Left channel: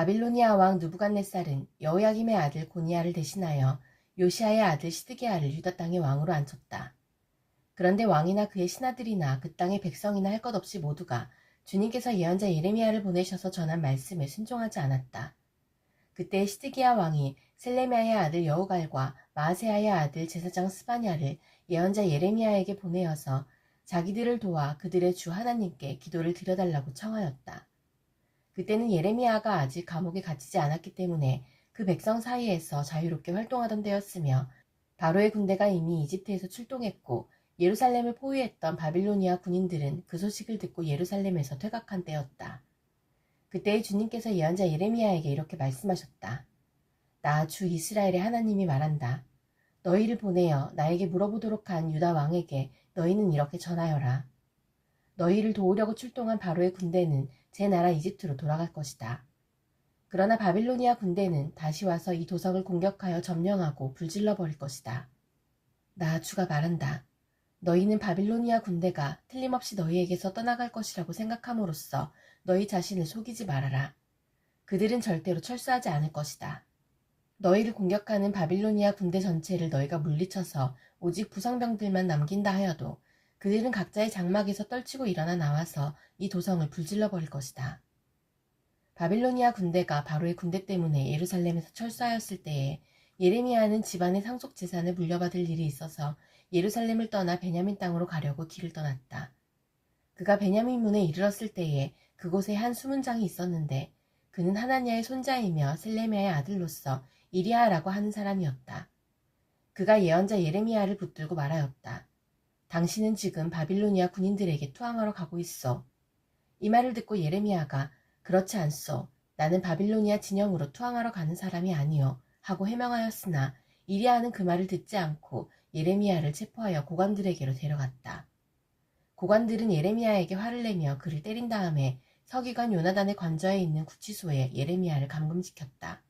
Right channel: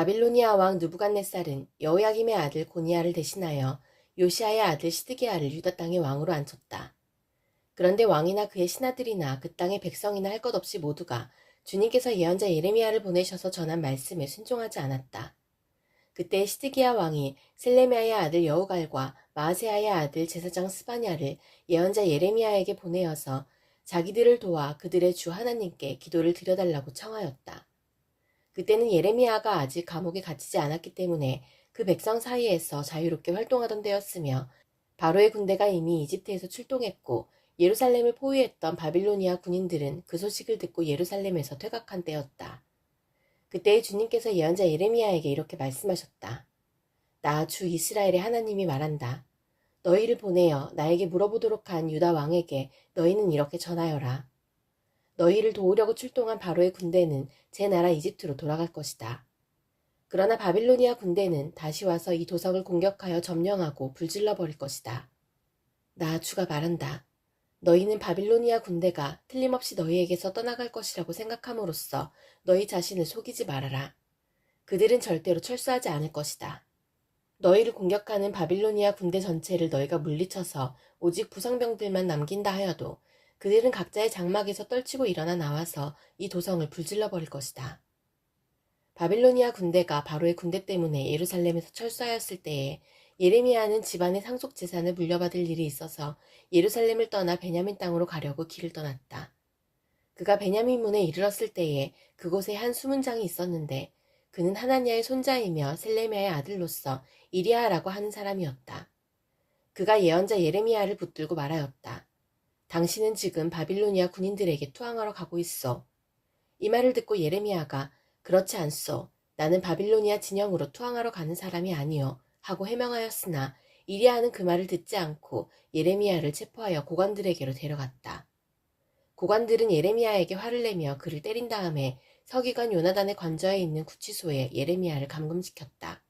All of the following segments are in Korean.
바빌로니아 왕 느부갓네살은 여호야김의 아들 고니야를 대신하여 요시아의 아들 시드기야를 유다 땅의 왕으로 앉혔다. 그런데 왕이나 그의 신하들이나 그 땅의 백성이나 할 것 없이 모두가 주님께서 예언자 예레미야를 보내셔서 전한 말씀에 순종하지 않았다. 그때 시드기야 왕이 셀레미야의 아들 여우갈과 마아세야의 아들 제사장 스바냐를 예언자 예레미야에게 보내어서 자기들을 도와 그들의 주 하나님께 기도를 드려달라고 청하였다. 그때는 예레미야가 아직 감옥에 갇히지 않았기 때문에 그 백성 사이에서 자유롭게 활동하던 때였으며 바로의 군대가 이미 이집트에서 출동했고 예루살렘을 포위했던 바빌로니아 군인들은 그 소식을 듣고 예루살렘에서 퇴각한 때였다. 그때 주님께서 예언자 예레미야에게 이렇게 말씀하셨다. 나 주 이스라엘의 하나님이 말한다. 너희를 보내어 나에게 물어보도록 한 유다 왕에게 너희는 이렇게 전하여라. 너희를 도우려고 출동한 바로의 군대는 제 나라 이집트로 돌아갈 것이다. 그러나 바빌로니아 군대는 다시 와서 이 도성을 공격하여 점령하고 불질러 버릴 것이다. 나 주가 말한다. 너희는 바빌로니아 군대가 틀림없이 너희에게서 떠나갈 것이라고 생각함으로써 너희 자신을 속이지 말아라. 그들은 절대로 철수하지 않을 것이다. 너희를 공격하는 바빌로니아 군대 전체를 너희가 물리쳐서 오직 부성병들만 남긴다 하여도 그들은 각자의 장막에서 떨치고 일어나 나와서 이 도성을 불질러 버릴 것이다. 바빌로니아 군대가 바로의 군대 때문에 예루살렘에서 철수하였을 때에 예레미야는 집안의 상속 재산을 물려받을 일이 있어서 예루살렘을 떠나 베냐민 땅으로 가려고 길을 떠났다. 그가 베냐민 문에 이르렀을 때에 그곳에 한 수문장이 있었는데 그는 하나냐의 손자이며 셀레미야의 아들로서 이리야라고 하는 사람이었다. 그가 예언자 예레미야를 붙들고 말하였다. 당신은 지금 바빌로니아 군인들에게 투항하러 가고 있어. 이 말을 듣고 예레미야가 그렇지 않소. 나는 바빌로니아 진영으로 투항하러 가는 사람이 아니요. 하고 해명하였으나 이리야는 그 말을 듣지 않고 예레미야를 체포하여 고관들에게로 데려갔다. 고관들은 예레미야에게 화를 내며 그를 때린 다음에 서기관 요나단의 관저에 있는 구치소에 예레미야를 감금시켰다.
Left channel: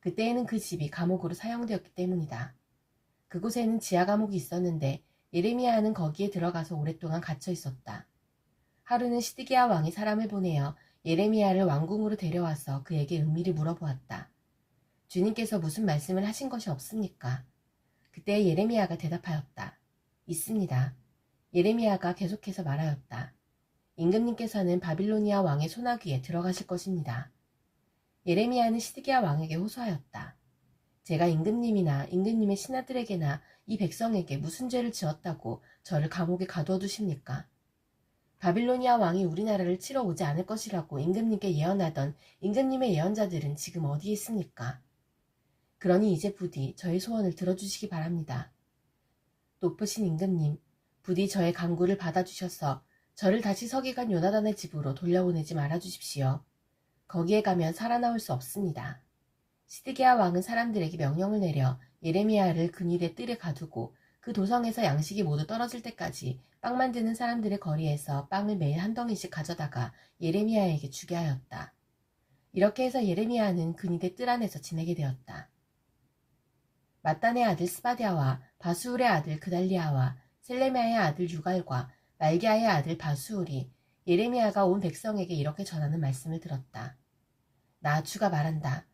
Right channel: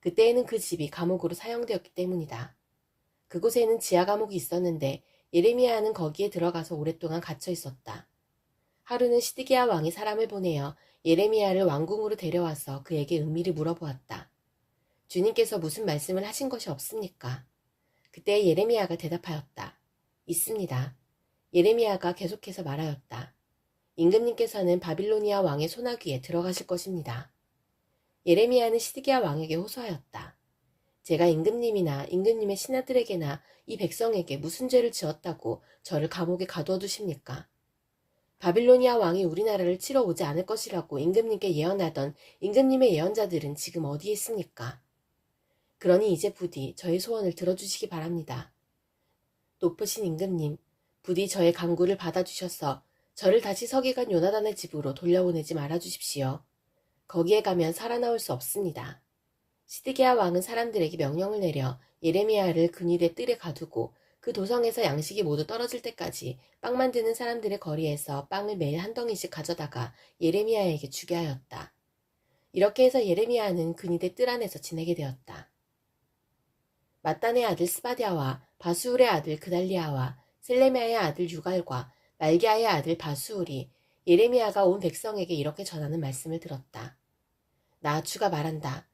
그때에는 그 집이 감옥으로 사용되었기 때문이다. 그곳에는 지하 감옥이 있었는데 예레미야는 거기에 들어가서 오랫동안 갇혀 있었다. 하루는 시드기야 왕이 사람을 보내어 예레미야를 왕궁으로 데려와서 그에게 은밀히 물어보았다. 주님께서 무슨 말씀을 하신 것이 없습니까? 그때 예레미야가 대답하였다. 있습니다. 예레미야가 계속해서 말하였다. 임금님께서는 바빌로니아 왕의 소나귀에 들어가실 것입니다. 예레미야는 시드기야 왕에게 호소하였다. 제가 임금님이나 임금님의 신하들에게나 이 백성에게 무슨 죄를 지었다고 저를 감옥에 가두어 두십니까? 바빌로니아 왕이 우리나라를 치러 오지 않을 것이라고 임금님께 예언하던 임금님의 예언자들은 지금 어디에 있습니까? 그러니 이제 부디 저의 소원을 들어주시기 바랍니다. 높으신 임금님, 부디 저의 간구를 받아주셔서 저를 다시 서기관 요나단의 집으로 돌려보내지 말아주십시오. 거기에 가면 살아나올 수 없습니다. 시드기야 왕은 사람들에게 명령을 내려 예레미야를 근위대 뜰에 가두고 그 도성에서 양식이 모두 떨어질 때까지 빵 만드는 사람들의 거리에서 빵을 매일 한 덩이씩 가져다가 예레미야에게 주게 하였다. 이렇게 해서 예레미야는 근위대 뜰 안에서 지내게 되었다. 마단의 아들 스바랴와 바수울의 아들 그달리아와 셀레미야의 아들 유갈과 말기야의 아들 바수울이 예레미야가 온 백성에게 이렇게 전하는 말씀을 들었다. 나 주가 말한다.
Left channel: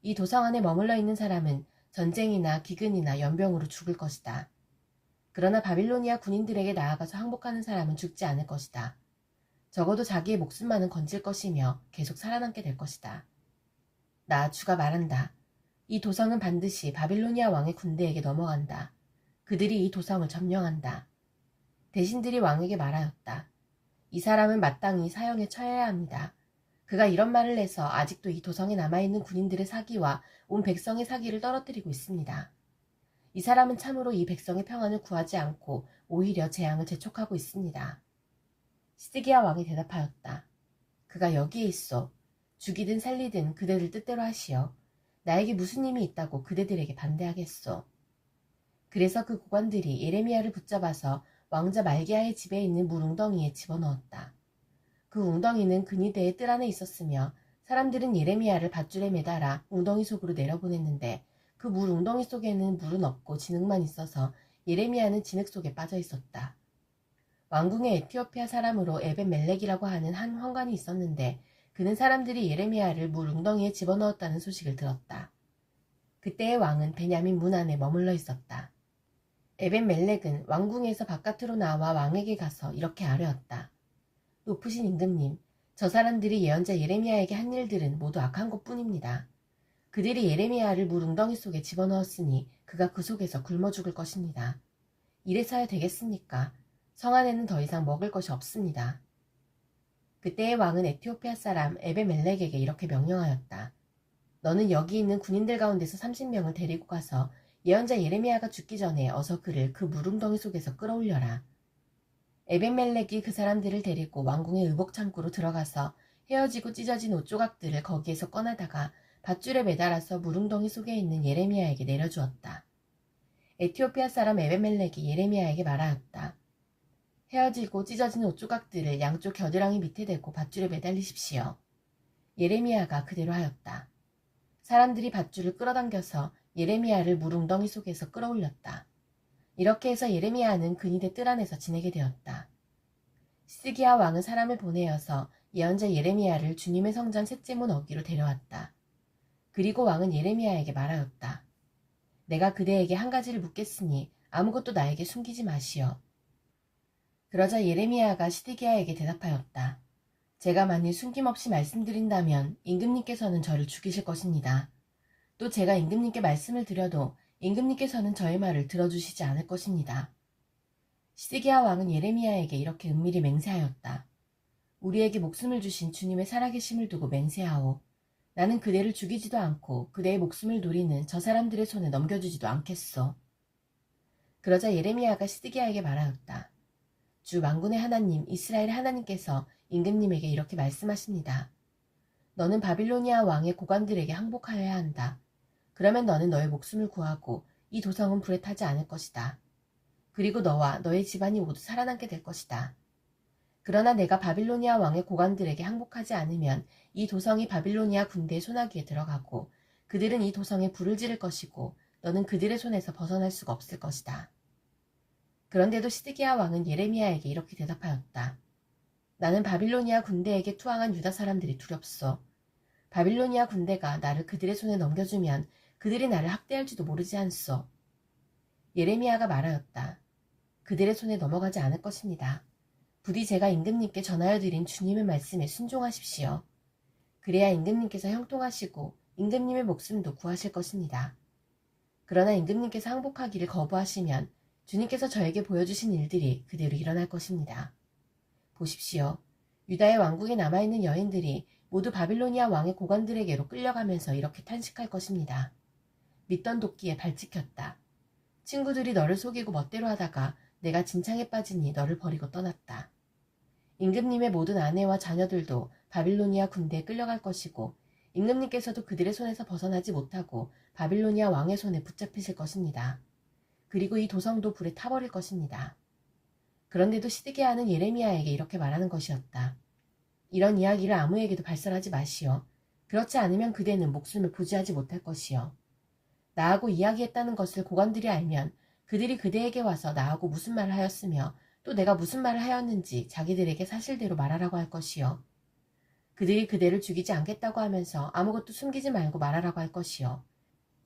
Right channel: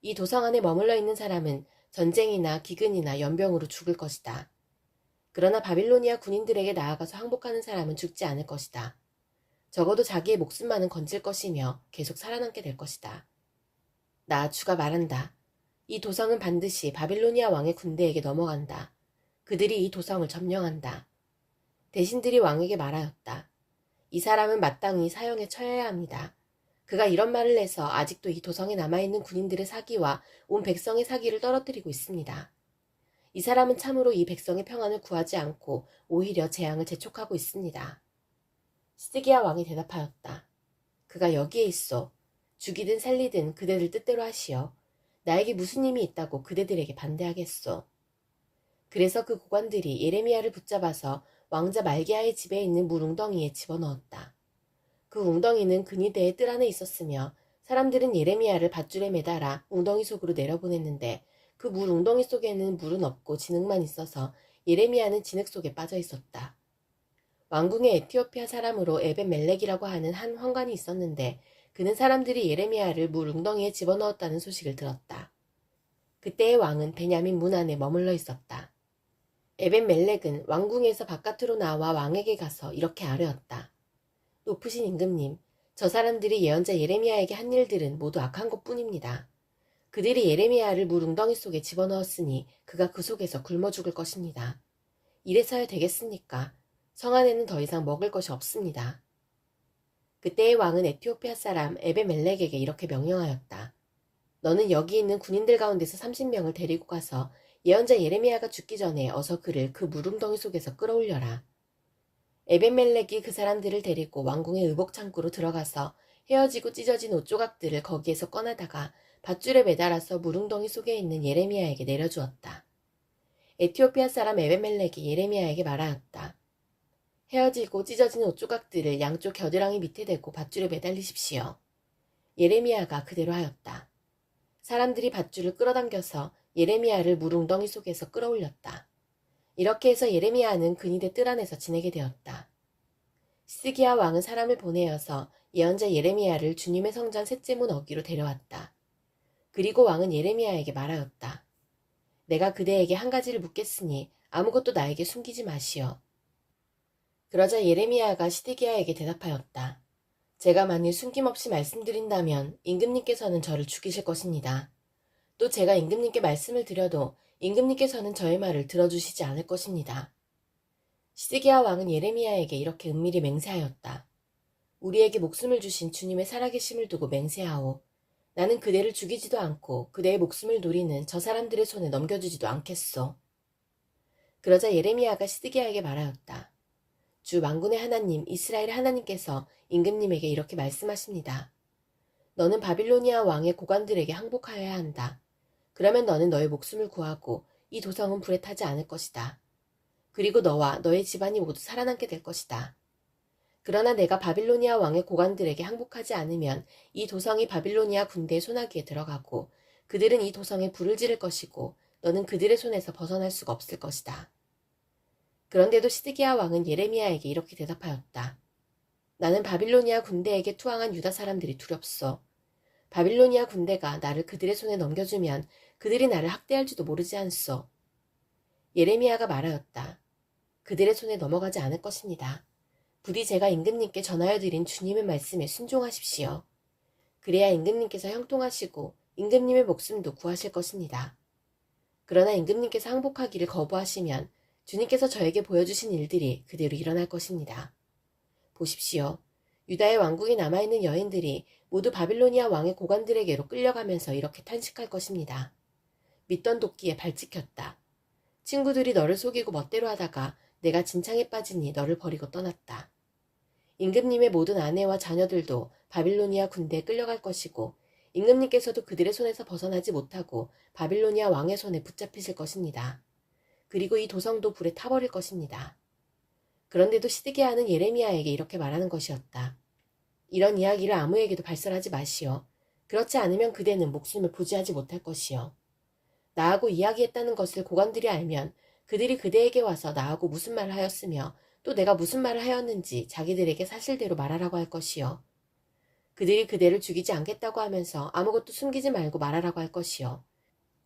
이 도성 안에 머물러 있는 사람은 전쟁이나 기근이나 연병으로 죽을 것이다. 그러나 바빌로니아 군인들에게 나아가서 항복하는 사람은 죽지 않을 것이다. 적어도 자기의 목숨만은 건질 것이며 계속 살아남게 될 것이다. 나 주가 말한다. 이 도성은 반드시 바빌로니아 왕의 군대에게 넘어간다. 그들이 이 도성을 점령한다. 대신들이 왕에게 말하였다. 이 사람은 마땅히 사형에 처해야 합니다. 그가 이런 말을 해서 아직도 이 도성에 남아있는 군인들의 사기와 온 백성의 사기를 떨어뜨리고 있습니다. 이 사람은 참으로 이 백성의 평안을 구하지 않고 오히려 재앙을 재촉하고 있습니다. 시드기야 왕이 대답하였다. 그가 여기에 있어. 죽이든 살리든 그대들 뜻대로 하시오. 나에게 무슨 힘이 있다고 그대들에게 반대하겠소. 그래서 그 고관들이 예레미야를 붙잡아서 왕자 말기야의 집에 있는 물 웅덩이에 집어넣었다. 그 웅덩이는 근위대의 뜰 안에 있었으며 사람들은 예레미야를 밧줄에 매달아 웅덩이 속으로 내려보냈는데 그 물 웅덩이 속에는 물은 없고 진흙만 있어서 예레미야는 진흙 속에 빠져 있었다. 왕궁에 에티오피아 사람으로 에벤 멜렉이라고 하는 한 환관이 있었는데 그는 사람들이 예레미야를 물 웅덩이에 집어넣었다는 소식을 들었다. 그때의 왕은 베냐민 문 안에 머물러 있었다. 에벤멜렉은 왕궁에서 바깥으로 나와 왕에게 가서 이렇게 아뢰었다. 높으신 임금님, 저 사람들이 예언자 예레미야에게 한 일들은 모두 악한 것뿐입니다. 그들이 예레미야를 물 웅덩이 속에 집어넣었으니 그가 그 속에서 굶어 죽을 것입니다. 이래서야 되겠습니까? 성 안에는 더 이상 먹을 것이 없습니다. 그때의 왕은 에티오피아 사람 에베멜렉에게 이렇게 명령하였다. 너는 여기 있는 군인들 가운데서 30명을 데리고 가서 예언자 예레미야가 죽기 전에 어서 그를 그 물웅덩이 속에서 끌어올려라. 에벤멜렉이 그 사람들을 데리고 왕궁의 의복창고로 들어가서 헤어지고 찢어진 옷조각들을 거기에서 꺼내다가 밧줄에 매달아서 물웅덩이 속에 있는 예레미야에게 내려주었다. 에티오피아 사람 에벤멜렉이 예레미야에게 말하였다. 헤어지고 찢어진 옷조각들을 양쪽 겨드랑이 밑에 대고 밧줄에 매달리십시오. 예레미야가 그대로 하였다. 사람들이 밧줄을 끌어당겨서 예레미야를 물웅덩이 속에서 끌어올렸다. 이렇게 해서 예레미야는 근위대 뜰 안에서 지내게 되었다. 시드기야 왕은 사람을 보내어서 예언자 예레미야를 주님의 성전 셋째 문 어귀로 데려왔다. 그리고 왕은 예레미야에게 말하였다. 내가 그대에게 한 가지를 묻겠으니 아무것도 나에게 숨기지 마시오. 그러자 예레미야가 시드기야에게 대답하였다. 제가 만일 숨김없이 말씀드린다면 임금님께서는 저를 죽이실 것입니다. 또 제가 임금님께 말씀을 드려도 임금님께서는 저의 말을 들어주시지 않을 것입니다. 시드기야 왕은 예레미야에게 이렇게 은밀히 맹세하였다. 우리에게 목숨을 주신 주님의 살아계심을 두고 맹세하오. 나는 그대를 죽이지도 않고 그대의 목숨을 노리는 저 사람들의 손에 넘겨주지도 않겠소. 그러자 예레미야가 시드기야에게 말하였다. 주 만군의 하나님 이스라엘의 하나님께서 임금님에게 이렇게 말씀하십니다. 너는 바빌로니아 왕의 고관들에게 항복하여야 한다. 그러면 너는 너의 목숨을 구하고 이 도성은 불에 타지 않을 것이다. 그리고 너와 너의 집안이 모두 살아남게 될 것이다. 그러나 내가 바빌로니아 왕의 고관들에게 항복하지 않으면 이 도성이 바빌로니아 군대의 손아귀에 들어가고 그들은 이 도성에 불을 지를 것이고 너는 그들의 손에서 벗어날 수가 없을 것이다. 그런데도 시드기야 왕은 예레미야에게 이렇게 대답하였다. 나는 바빌로니아 군대에게 투항한 유다 사람들이 두렵소. 바빌로니아 군대가 나를 그들의 손에 넘겨주면 그들이 나를 학대할지도 모르지 않소. 예레미야가 말하였다. 그들의 손에 넘어가지 않을 것입니다. 부디 제가 임금님께 전하여 드린 주님의 말씀에 순종하십시오. 그래야 임금님께서 형통하시고 임금님의 목숨도 구하실 것입니다. 그러나 임금님께서 항복하기를 거부하시면 주님께서 저에게 보여주신 일들이 그대로 일어날 것입니다. 보십시오. 유다의 왕국에 남아있는 여인들이 모두 바빌로니아 왕의 고관들에게로 끌려가면서 이렇게 탄식할 것입니다. 믿던 도끼에 발 찍혔다. 친구들이 너를 속이고 멋대로 하다가 내가 진창에 빠지니 너를 버리고 떠났다. 임금님의 모든 아내와 자녀들도 바빌로니아 군대에 끌려갈 것이고 임금님께서도 그들의 손에서 벗어나지 못하고 바빌로니아 왕의 손에 붙잡히실 것입니다. 그리고 이 도성도 불에 타버릴 것입니다. 그런데도 시드기야는 예레미야에게 이렇게 말하는 것이었다. 이런 이야기를 아무에게도 발설하지 마시오. 그렇지 않으면 그대는 목숨을 부지하지 못할 것이오. 나하고 이야기했다는 것을 고관들이 알면 그들이 그대에게 와서 나하고 무슨 말을 하였으며 또 내가 무슨 말을 하였는지 자기들에게 사실대로 말하라고 할 것이오. 그들이 그대를 죽이지 않겠다고 하면서 아무것도 숨기지 말고 말하라고 할 것이오.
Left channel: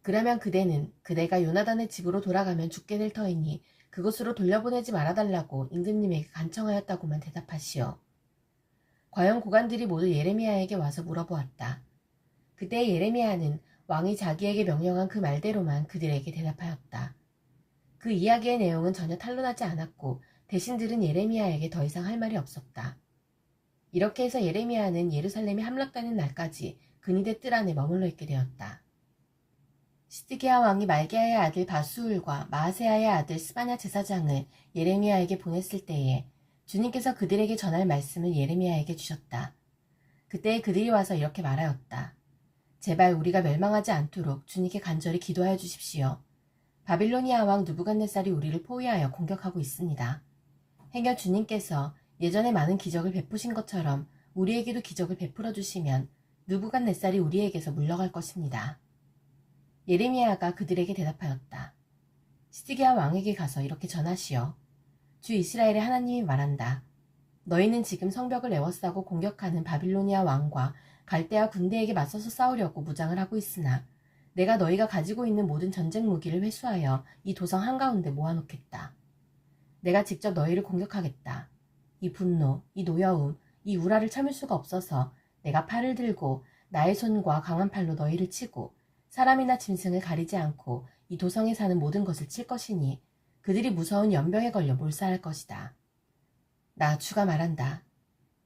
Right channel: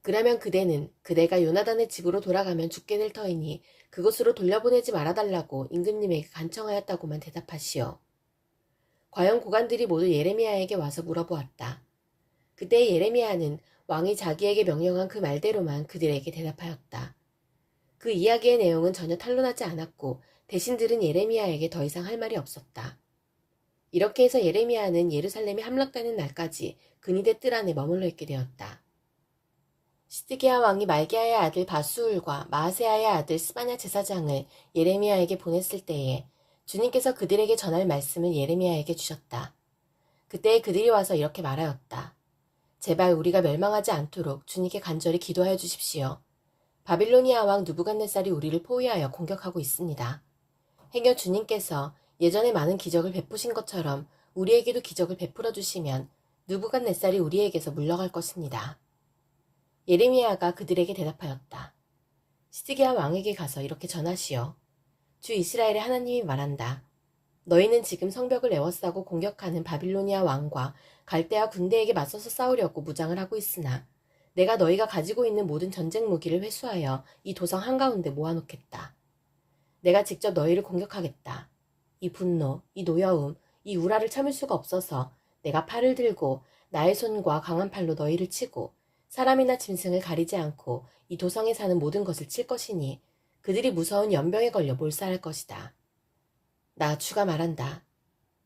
그러면 그대는 그대가 요나단의 집으로 돌아가면 죽게 될 터이니 그곳으로 돌려보내지 말아달라고 임금님에게 간청하였다고만 대답하시오. 과연 고관들이 모두 예레미야에게 와서 물어보았다. 그때 예레미야는 왕이 자기에게 명령한 그 말대로만 그들에게 대답하였다. 그 이야기의 내용은 전혀 탄로나지 않았고 대신 들은 예레미야에게 더 이상 할 말이 없었다. 이렇게 해서 예레미야는 예루살렘에 함락되는 날까지 근위대 뜰 안에 머물러 있게 되었다. 시드기야 왕이 말기야의 아들 바수울과 마아세야의 아들 스바냐 제사장을 예레미야에게 보냈을 때에 주님께서 그들에게 전할 말씀을 예레미야에게 주셨다. 그때 그들이 와서 이렇게 말하였다. 제발 우리가 멸망하지 않도록 주님께 간절히 기도하여 주십시오. 바빌로니아 왕 느부갓네살이 우리를 포위하여 공격하고 있습니다. 행여 주님께서 예전에 많은 기적을 베푸신 것처럼 우리에게도 기적을 베풀어 주시면 느부갓네살이 우리에게서 물러갈 것입니다. 예레미야가 그들에게 대답하였다. 시드기야 왕에게 가서 이렇게 전하시오. 주 이스라엘의 하나님이 말한다. 너희는 지금 성벽을 에워싸고 공격하는 바빌로니아 왕과 갈대아 군대에게 맞서서 싸우려고 무장을 하고 있으나 내가 너희가 가지고 있는 모든 전쟁 무기를 회수하여 이 도성 한가운데 모아놓겠다. 내가 직접 너희를 공격하겠다. 이 분노, 이 노여움, 이 우라를 참을 수가 없어서 내가 팔을 들고 나의 손과 강한 팔로 너희를 치고 사람이나 짐승을 가리지 않고 이 도성에 사는 모든 것을 칠 것이니 그들이 무서운 연병에 걸려 몰살할 것이다. 나 주가 말한다.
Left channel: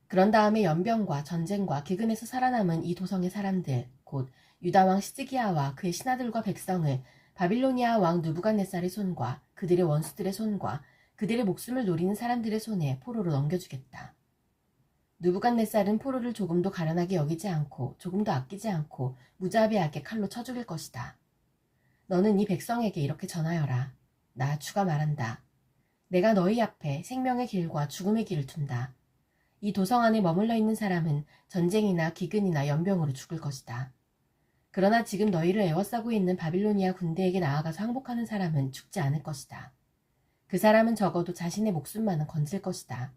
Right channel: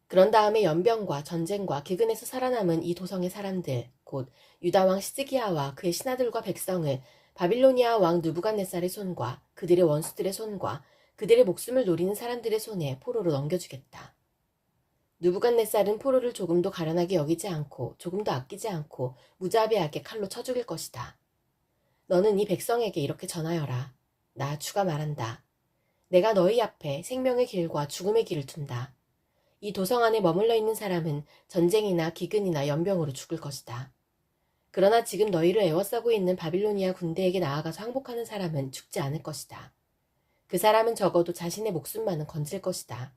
그런 다음에 연병과 전쟁과 기근에서 살아남은 이 도성의 사람들, 곧 유다왕 시드기야와 그의 신하들과 백성을 바빌로니아 왕 느부갓네살의 손과 그들의 원수들의 손과 그들의 목숨을 노리는 사람들의 손에 포로로 넘겨주겠다. 느부갓네살은 포로를 조금도 가련하게 여기지 않고 조금도 아끼지 않고 무자비하게 칼로 쳐 죽일 것이다. 너는 이 백성에게 이렇게 전하여라. 나 주가 말한다. 내가 너희 앞에 생명의 길과 죽음의 길을 둔다. 이 도성 안에 머물러 있는 사람은 전쟁이나 기근이나 연병으로 죽을 것이다. 그러나 지금 너희를 에워싸고 있는 바빌로니아 군대에게 나아가서 항복하는 사람은 죽지 않을 것이다. 그 사람은 적어도 자신의 목숨만은 건질 것이다.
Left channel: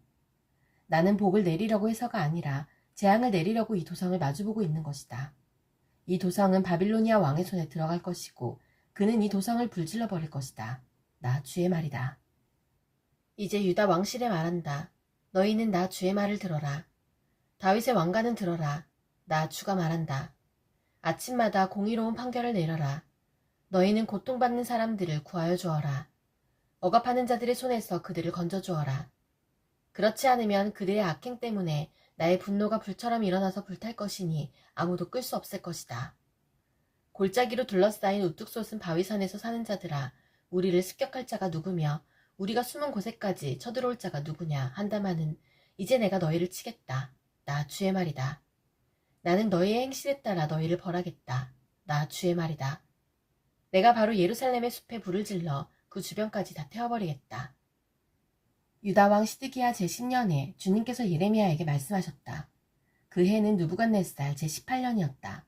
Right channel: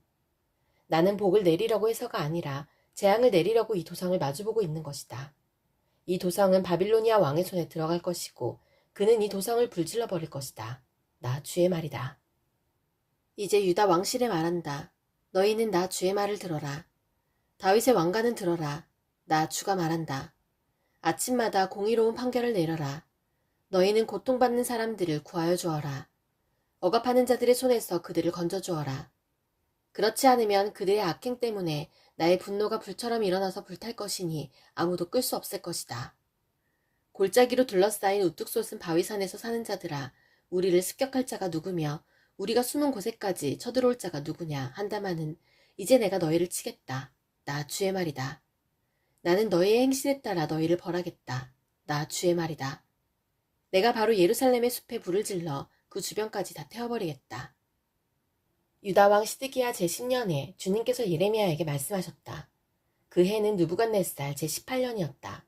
나는 복을 내리려고 해서가 아니라 재앙을 내리려고 이 도성을 마주보고 있는 것이다. 이 도성은 바빌로니아 왕의 손에 들어갈 것이고 그는 이 도성을 불질러 버릴 것이다. 나 주의 말이다. 이제 유다 왕실에 말한다. 너희는 나 주의 말을 들어라. 다윗의 왕가는 들어라. 나 주가 말한다. 아침마다 공의로운 판결을 내려라. 너희는 고통받는 사람들을 구하여 주어라. 억압하는 자들의 손에서 그들을 건져주어라. 그렇지 않으면 그들의 악행 때문에 나의 분노가 불처럼 일어나서 불탈 것이니 아무도 끌 수 없을 것이다. 골짜기로 둘러싸인 우뚝 솟은 바위산에서 사는 자들아, 우리를 습격할 자가 누구며 우리가 숨은 곳에까지 쳐들어올 자가 누구냐 한다마는 이제 내가 너희를 치겠다. 나 주의 말이다. 나는 너희의 행실에 따라 너희를 벌하겠다. 나 주의 말이다. 내가 바로 예루살렘의 숲에 불을 질러 그 주변까지 다 태워버리겠다. 유다왕 시드기야 제10년에 주님께서 예레미야에게 말씀하셨다. 그 해는 느부갓네살 제18년이었다.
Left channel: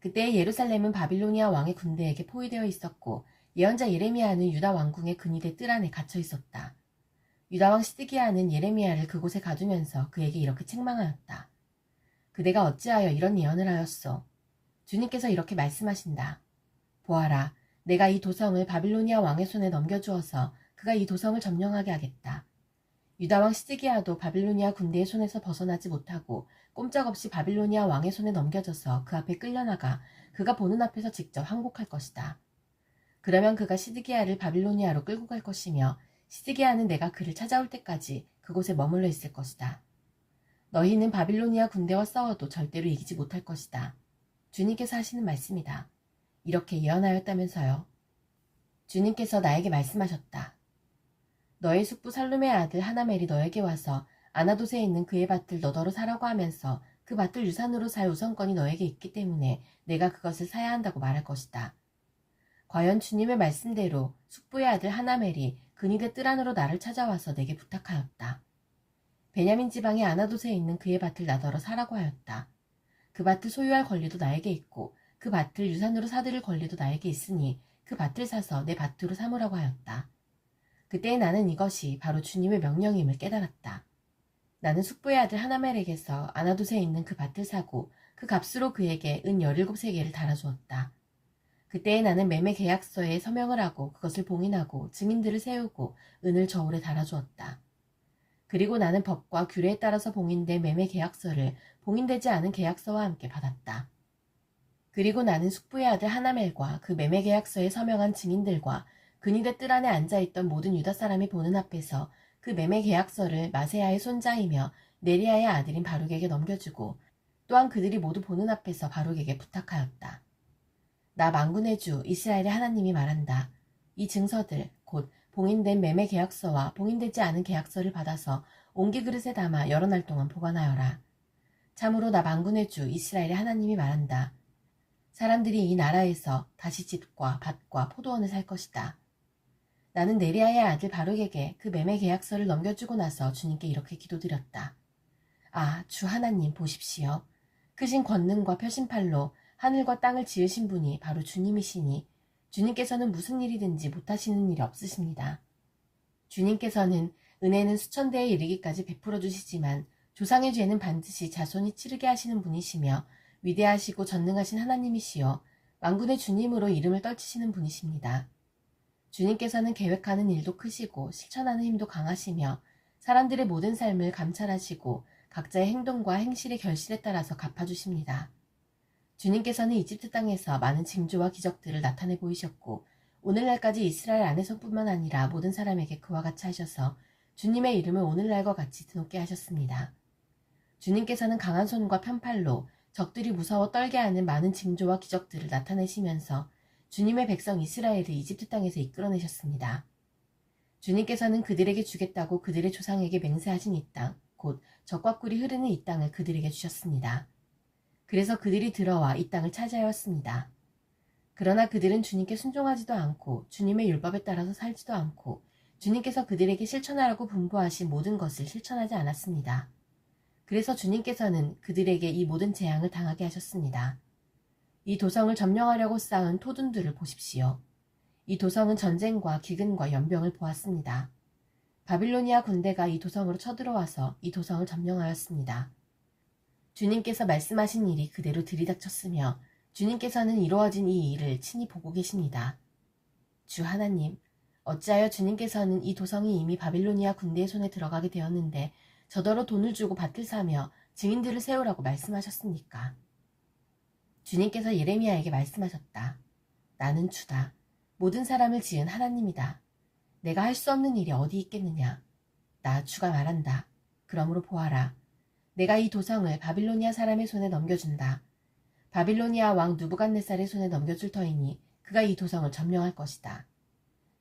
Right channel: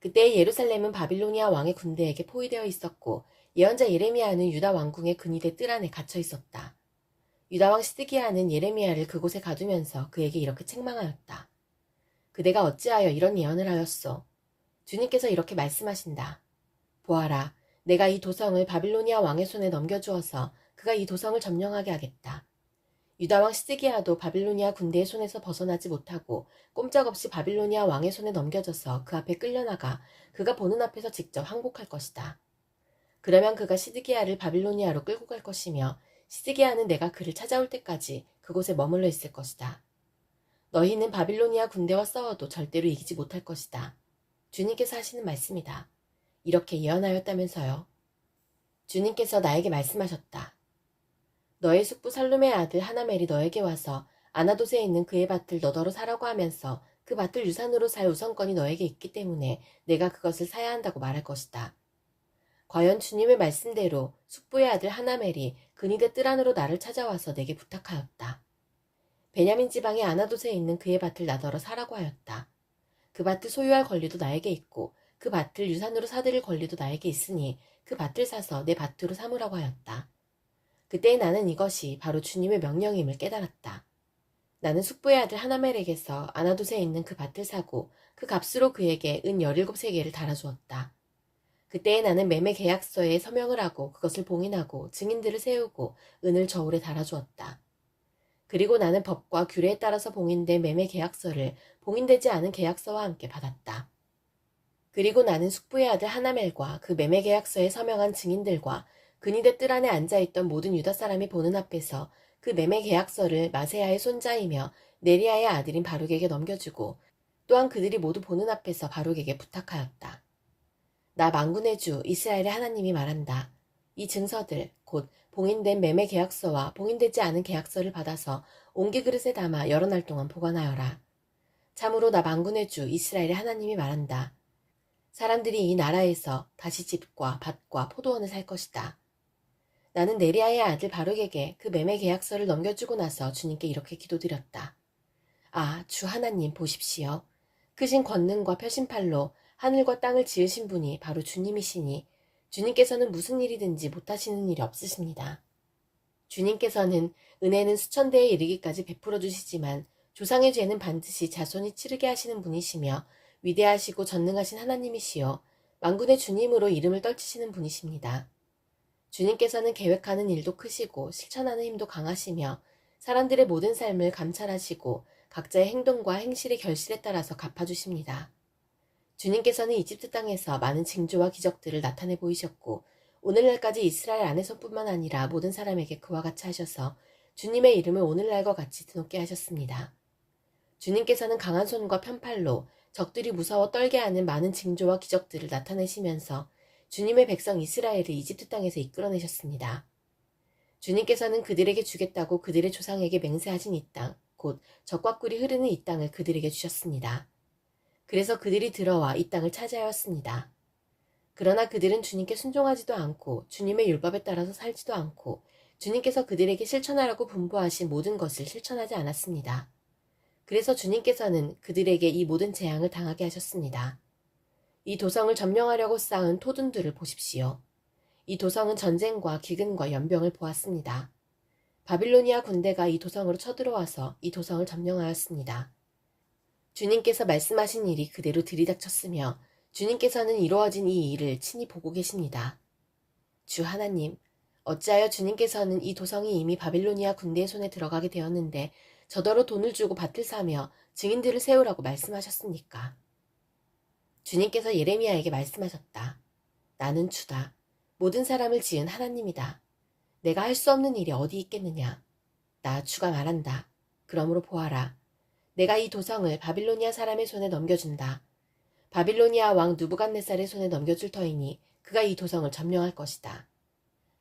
그때 예루살렘은 바빌로니아 왕의 군대에게 포위되어 있었고 예언자 예레미야는 유다 왕궁의 근위대 뜰 안에 갇혀 있었다. 유다왕 시드기야는 예레미야를 그곳에 가두면서 그에게 이렇게 책망하였다. 그대가 어찌하여 이런 예언을 하였소? 주님께서 이렇게 말씀하신다. 보아라, 내가 이 도성을 바빌로니아 왕의 손에 넘겨주어서 그가 이 도성을 점령하게 하겠다. 유다왕 시드기야도 바빌로니아 군대의 손에서 벗어나지 못하고 꼼짝없이 바빌로니아 왕의 손에 넘겨져서 그 앞에 끌려나가 그가 보는 앞에서 직접 항복할 것이다. 그러면 그가 시드기야를 바빌로니아로 끌고 갈 것이며 시드기야는 내가 그를 찾아올 때까지 그곳에 머물러 있을 것이다. 너희는 바빌로니아 군대와 싸워도 절대로 이기지 못할 것이다. 주님께서 하시는 말씀이다. 이렇게 예언하였다면서요. 주님께서 나에게 말씀하셨다. 너의 숙부 살룸의 아들 하나멜이 너에게 와서 아나돗에 있는 그의 밭을 너더러 사라고 하면서 그 밭을 유산으로 살 우선권이 너에게 있기 때문에 내가 그것을 사야 한다고 말할 것이다. 과연 주님의 말씀대로 숙부의 아들 하나멜이 근위대 뜰 안으로 나를 찾아와서 내게 부탁하였다. 베냐민 지방의 아나돗에 있는 그의 밭을 나더러 사라고 하였다. 그 밭을 소유할 권리도 나에게 있고 그 밭을 유산으로 사들일 권리도 나에게 있으니 그 밭을 사서 내 밭으로 삼으라고 하였다. 그때 나는 이것이 바로 주님의 명령임을 깨달았다. 나는 숙부의 아들 하나멜에게서 아나돗에 있는 그 밭을 사고 그 값으로 그에게 은 17세겔을 달아주었다. 그때에 나는 매매 계약서에 서명을 하고 그것을 봉인하고 증인들을 세우고 은을 저울에 달아주었다. 그리고 나는 법과 규례에 따라서 봉인된 매매 계약서를 봉인되지 않은 계약서와 함께 받았다. 그리고 나는 숙부의 아들 하나멜과 그 매매 계약서에 서명한 증인들과 근위대 뜰 안에 앉아있던 모든 유다 사람이 보는 앞에서 그 매매 계약서를 마세야의 손자이며 네리야의 아들인 바룩에게 넘겨주고 또한 그들이 모두 보는 앞에서 바룩에게 부탁하였다. 나 만군의 주 이스라엘의 하나님이 말한다. 이 증서들 곧 봉인된 매매 계약서와 봉인되지 않은 계약서를 받아서 옹기 그릇에 담아 여러 날 동안 보관하여라. 참으로 나 만군의 주 이스라엘의 하나님이 말한다. 사람들이 이 나라에서 다시 집과 밭과 포도원을 살 것이다. 나는 네리야의 아들 바룩에게 그 매매 계약서를 넘겨주고 나서 주님께 이렇게 기도드렸다. 아, 주 하나님 보십시오. 크신 권능과 펴신팔로 하늘과 땅을 지으신 분이 바로 주님이시니 주님께서는 무슨 일이든지 못하시는 일이 없으십니다. 주님께서는 은혜는 수천 대에 이르기까지 베풀어 주시지만 조상의 죄는 반드시 자손이 치르게 하시는 분이시며 위대하시고 전능하신 하나님이시여 만군의 주님으로 이름을 떨치시는 분이십니다. 주님께서는 계획하는 일도 크시고 실천하는 힘도 강하시며 사람들의 모든 삶을 감찰하시고 각자의 행동과 행실의 결실에 따라서 갚아주십니다. 주님께서는 이집트 땅에서 많은 징조와 기적들을 나타내 보이셨고 오늘날까지 이스라엘 안에서뿐만 아니라 모든 사람에게 그와 같이 하셔서 주님의 이름을 오늘날과 같이 드높게 하셨습니다. 주님께서는 강한 손과 편팔로 적들이 무서워 떨게 하는 많은 징조와 기적들을 나타내시면서 주님의 백성 이스라엘을 이집트 땅에서 이끌어내셨습니다. 주님께서는 그들에게 주겠다고 그들의 조상에게 맹세하신 이 땅, 곧 젖과 꿀이 흐르는 이 땅을 그들에게 주셨습니다. 그래서 그들이 들어와 이 땅을 차지하였습니다. 그러나 그들은 주님께 순종하지도 않고 주님의 율법에 따라서 살지도 않고 주님께서 그들에게 실천하라고 분부하신 모든 것을 실천하지 않았습니다. 그래서 주님께서는 그들에게 이 모든 재앙을 당하게 하셨습니다. 이 도성을 점령하려고 쌓은 토둔들을 보십시오. 이 도성은 전쟁과 기근과 연병을 보았습니다. 바빌로니아 군대가 이 도성으로 쳐들어와서 이 도성을 점령하였습니다. 주님께서 말씀하신 일이 그대로 들이닥쳤으며 주님께서는 이루어진 이 일을 친히 보고 계십니다. 주 하나님, 어찌하여 주님께서는 이 도성이 이미 바빌로니아 군대의 손에 들어가게 되었는데 저더러 돈을 주고 밭을 사며 증인들을 세우라고 말씀하셨습니까? 주님께서 예레미야에게 말씀하셨다. 나는 주다. 모든 사람을 지은 하나님이다. 내가 할 수 없는 일이 어디 있겠느냐. 나 주가 말한다. 그러므로 보아라. 내가 이 도성을 바빌로니아 사람의 손에 넘겨준다. 바빌로니아 왕 누부갓네살의 손에 넘겨줄 터이니 그가 이 도성을 점령할 것이다.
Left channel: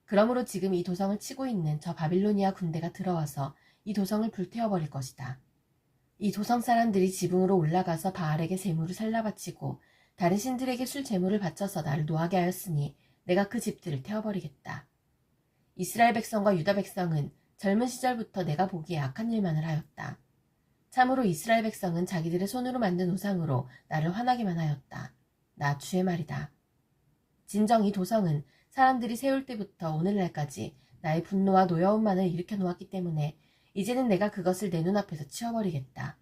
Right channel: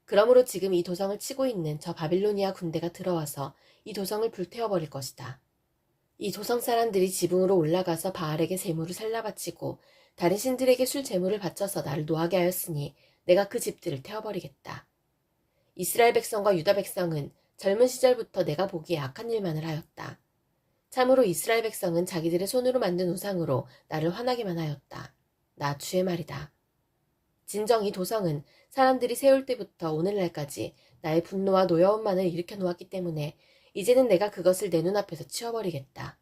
그러므로 지금 이 도성을 치고 있는 저 바빌로니아 군대가 들어와서 이 도성을 불태워버릴 것이다. 이 도성 사람들이 지붕으로 올라가서 바알에게 제물을 살라바치고 다른 신들에게 술 제물을 바쳐서 나를 노하게 하였으니 내가 그 집들을 태워버리겠다. 이스라엘 백성과 유다 백성은 젊은 시절부터 내가 보기에 악한 일만을 하였다. 참으로 이스라엘 백성은 자기들의 손으로 만든 우상으로 나를 화나게만 하였다. 나 주의 말이다. 진정 이 도성은 사람들이 세울 때부터 오늘날까지 나의 분노와 노여움만을 일으켜 놓았기 때문에 이제는 내가 그것을 내 눈앞에서 치워버리겠다.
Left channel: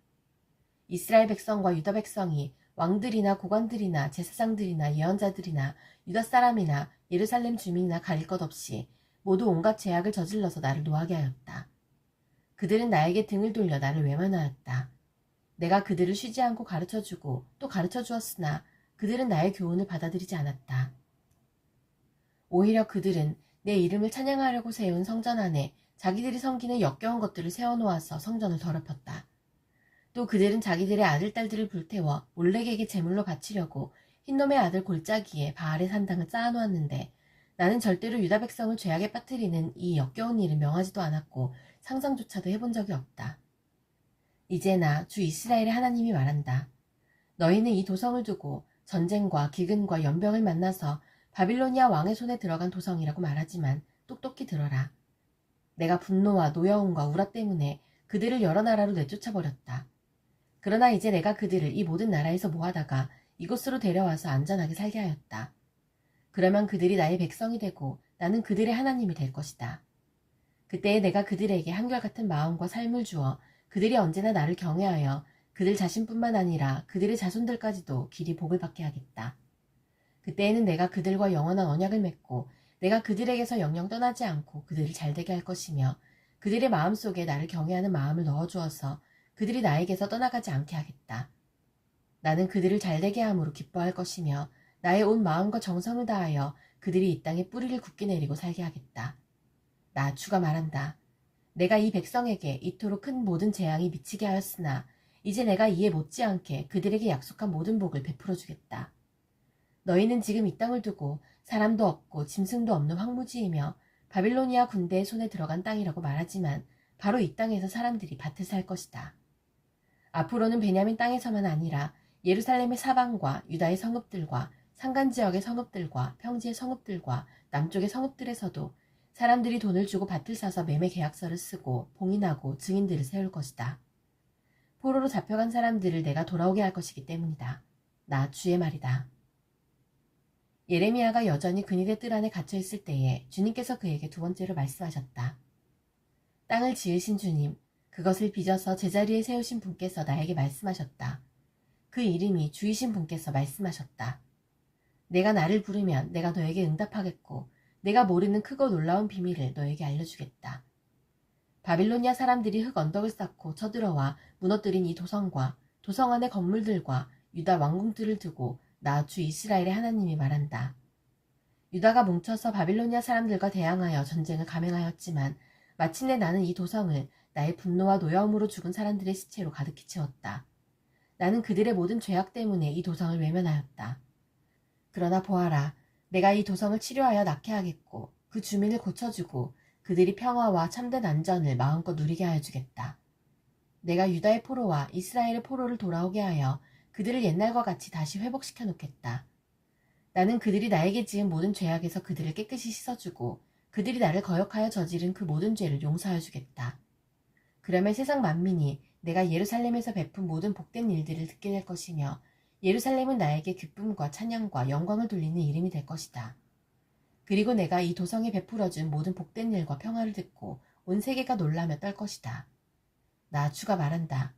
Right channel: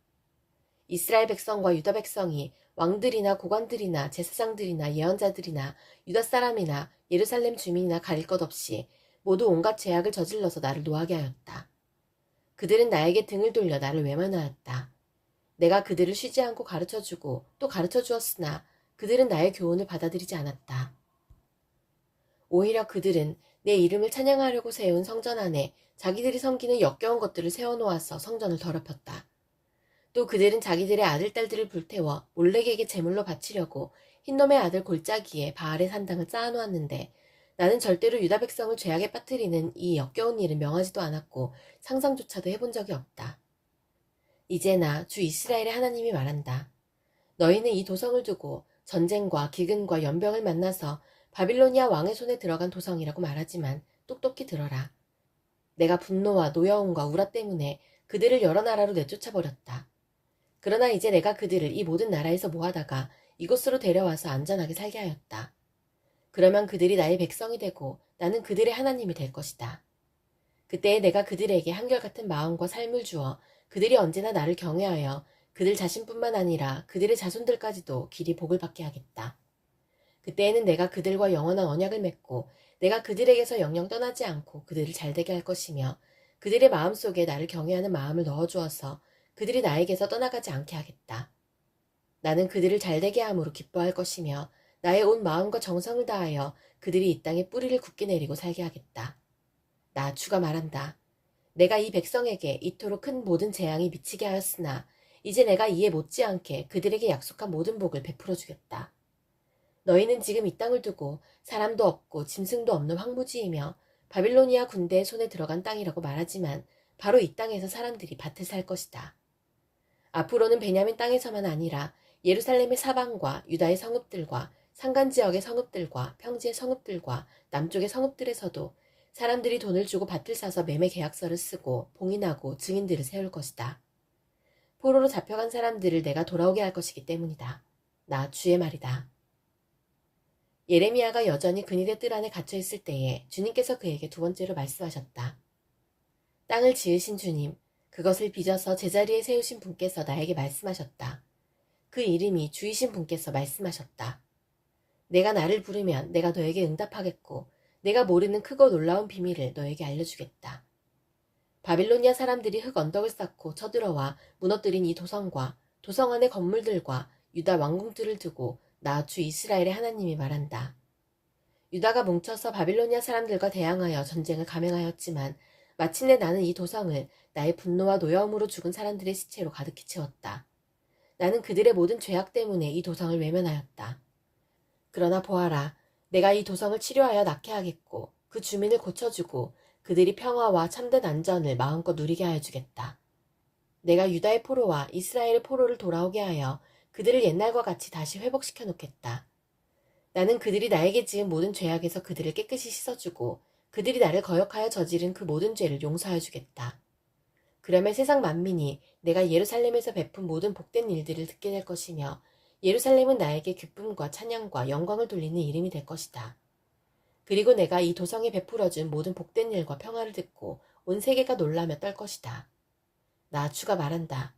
이스라엘 백성과 유다 백성이 왕들이나 고관들이나 제사장들이나 예언자들이나 유다 사람이나 예루살렘 주민이나 가릴 것 없이 모두 온갖 죄악을 저질러서 나를 노하게 하였다. 그들은 나에게 등을 돌려 나를 외면하였다. 내가 그들을 쉬지 않고 가르쳐주고 또 가르쳐 주었으나 그들은 나의 교훈을 받아들이지 않았다. 오히려 그들은 내 이름을 찬양하려고 세운 성전 안에 자기들이 섬기는 역겨운 것들을 세워놓아서 성전을 더럽혔다. 또 그들은 자기들의 아들, 딸들을 불태워 몰렉에게 제물로 바치려고 흰놈의 아들 골짜기에 바알의 산당을 쌓아놓았는데 나는 절대로 유다 백성을 죄악에 빠뜨리는 이 역겨운 일을 명하지도 않았고 상상조차도 해본 적이 없다. 이제 나 주 이스라엘의 하나님이 말한다. 너희는 이 도성을 두고 전쟁과 기근과 연병을 만나서 바빌로니아 왕의 손에 들어간 도성이라고 말하지만 똑똑히 들어라. 내가 분노와 노여움과 우라 때문에 그들을 여러 나라로 내쫓아버렸다. 그러나 이제 내가 그들을 이 모든 나라에서 모아다가 이곳으로 데려와서 안전하게 살게 하였다. 그러면 그들이 나의 백성이 되고 나는 그들의 하나님이 될 것이다. 그때에 내가 그들에게 한결같은 마음과 삶을 주어 그들이 언제나 나를 경외하여 그들 자신뿐만 아니라 그들의 자손들까지도 길이 복을 받게 하겠다. 그때에는 내가 그들과 영원한 언약을 맺고 내가 그들에게서 영영 떠나지 않고 그들을 잘되게 할 것이며 그들의 마음속에 나를 경외하는 마음을 넣어주어서 그들이 나에게서 떠나가지 않게 하겠다. 나는 그들을 잘되게 함으로 기뻐할 것이며 나의 온 마음과 정성을 다하여 그들이 이 땅에 뿌리를 굳게 내리고 살게 하겠다. 나 주가 말한다. 내가 이 백성에게 이토록 큰 모든 재앙이 미치게 하였으나 이제 내가 이에 못지않게 그들에게 약속한 모든 복을 베풀어 주겠다. 너희는 지금 이 땅을 두고 사람도 없고 짐승도 없는 황무지이며 바빌로니아 군대의 손에 들어간 땅이라고 말하지만 바로 이 땅에서 사람들이 밭을 살 것이다. 앞으로는 베냐민 땅에서만 아니라 예루살렘의 사방과 유다의 성읍들과 산간지역의 성읍들과 평지의 성읍들과 남쪽의 성읍들에서도 사람들이 돈을 주고 밭을 사서 매매 계약서를 쓰고 봉인하고 증인들을 세울 것이다. 포로로 잡혀간 사람들을 내가 돌아오게 할 것이기 때문이다. 나 주의 말이다. 예레미야가 여전히 근위대 뜰 안에 갇혀 있을 때에 주님께서 그에게 두 번째로 말씀하셨다. 땅을 지으신 주님, 그것을 빚어서 제자리에 세우신 분께서 나에게 말씀하셨다. 그 이름이 주이신 분께서 말씀하셨다. 내가 나를 부르면 내가 너에게 응답하겠고 내가 모르는 크고 놀라운 비밀을 너에게 알려주겠다. 바빌로니아 사람들이 흙 언덕을 쌓고 쳐들어와 무너뜨린 이 도성과 도성 안의 건물들과 유다 왕궁들을 두고 나 주 이스라엘의 하나님이 말한다. 유다가 뭉쳐서 바빌로니아 사람들과 대항하여 전쟁을 감행하였지만 마침내 나는 이 도성을 나의 분노와 노여움으로 죽은 사람들의 시체로 가득히 채웠다. 나는 그들의 모든 죄악 때문에 이 도성을 외면하였다. 그러나 보아라, 내가 이 도성을 치료하여 낫게 하겠고 그 주민을 고쳐주고 그들이 평화와 참된 안전을 마음껏 누리게 하여 주겠다. 내가 유다의 포로와 이스라엘의 포로를 돌아오게 하여 그들을 옛날과 같이 다시 회복시켜 놓겠다. 나는 그들이 나에게 지은 모든 죄악에서 그들을 깨끗이 씻어주고 그들이 나를 거역하여 저지른 그 모든 죄를 용서하여 주겠다. 그러면 세상 만민이 내가 예루살렘에서 베푼 모든 복된 일들을 듣게 될 것이며 예루살렘은 나에게 기쁨과 찬양과 영광을 돌리는 이름이 될 것이다. 그리고 내가 이 도성에 베풀어준 모든 복된 일과 평화를 듣고 온 세계가 놀라며 떨 것이다. 나 주가 말한다.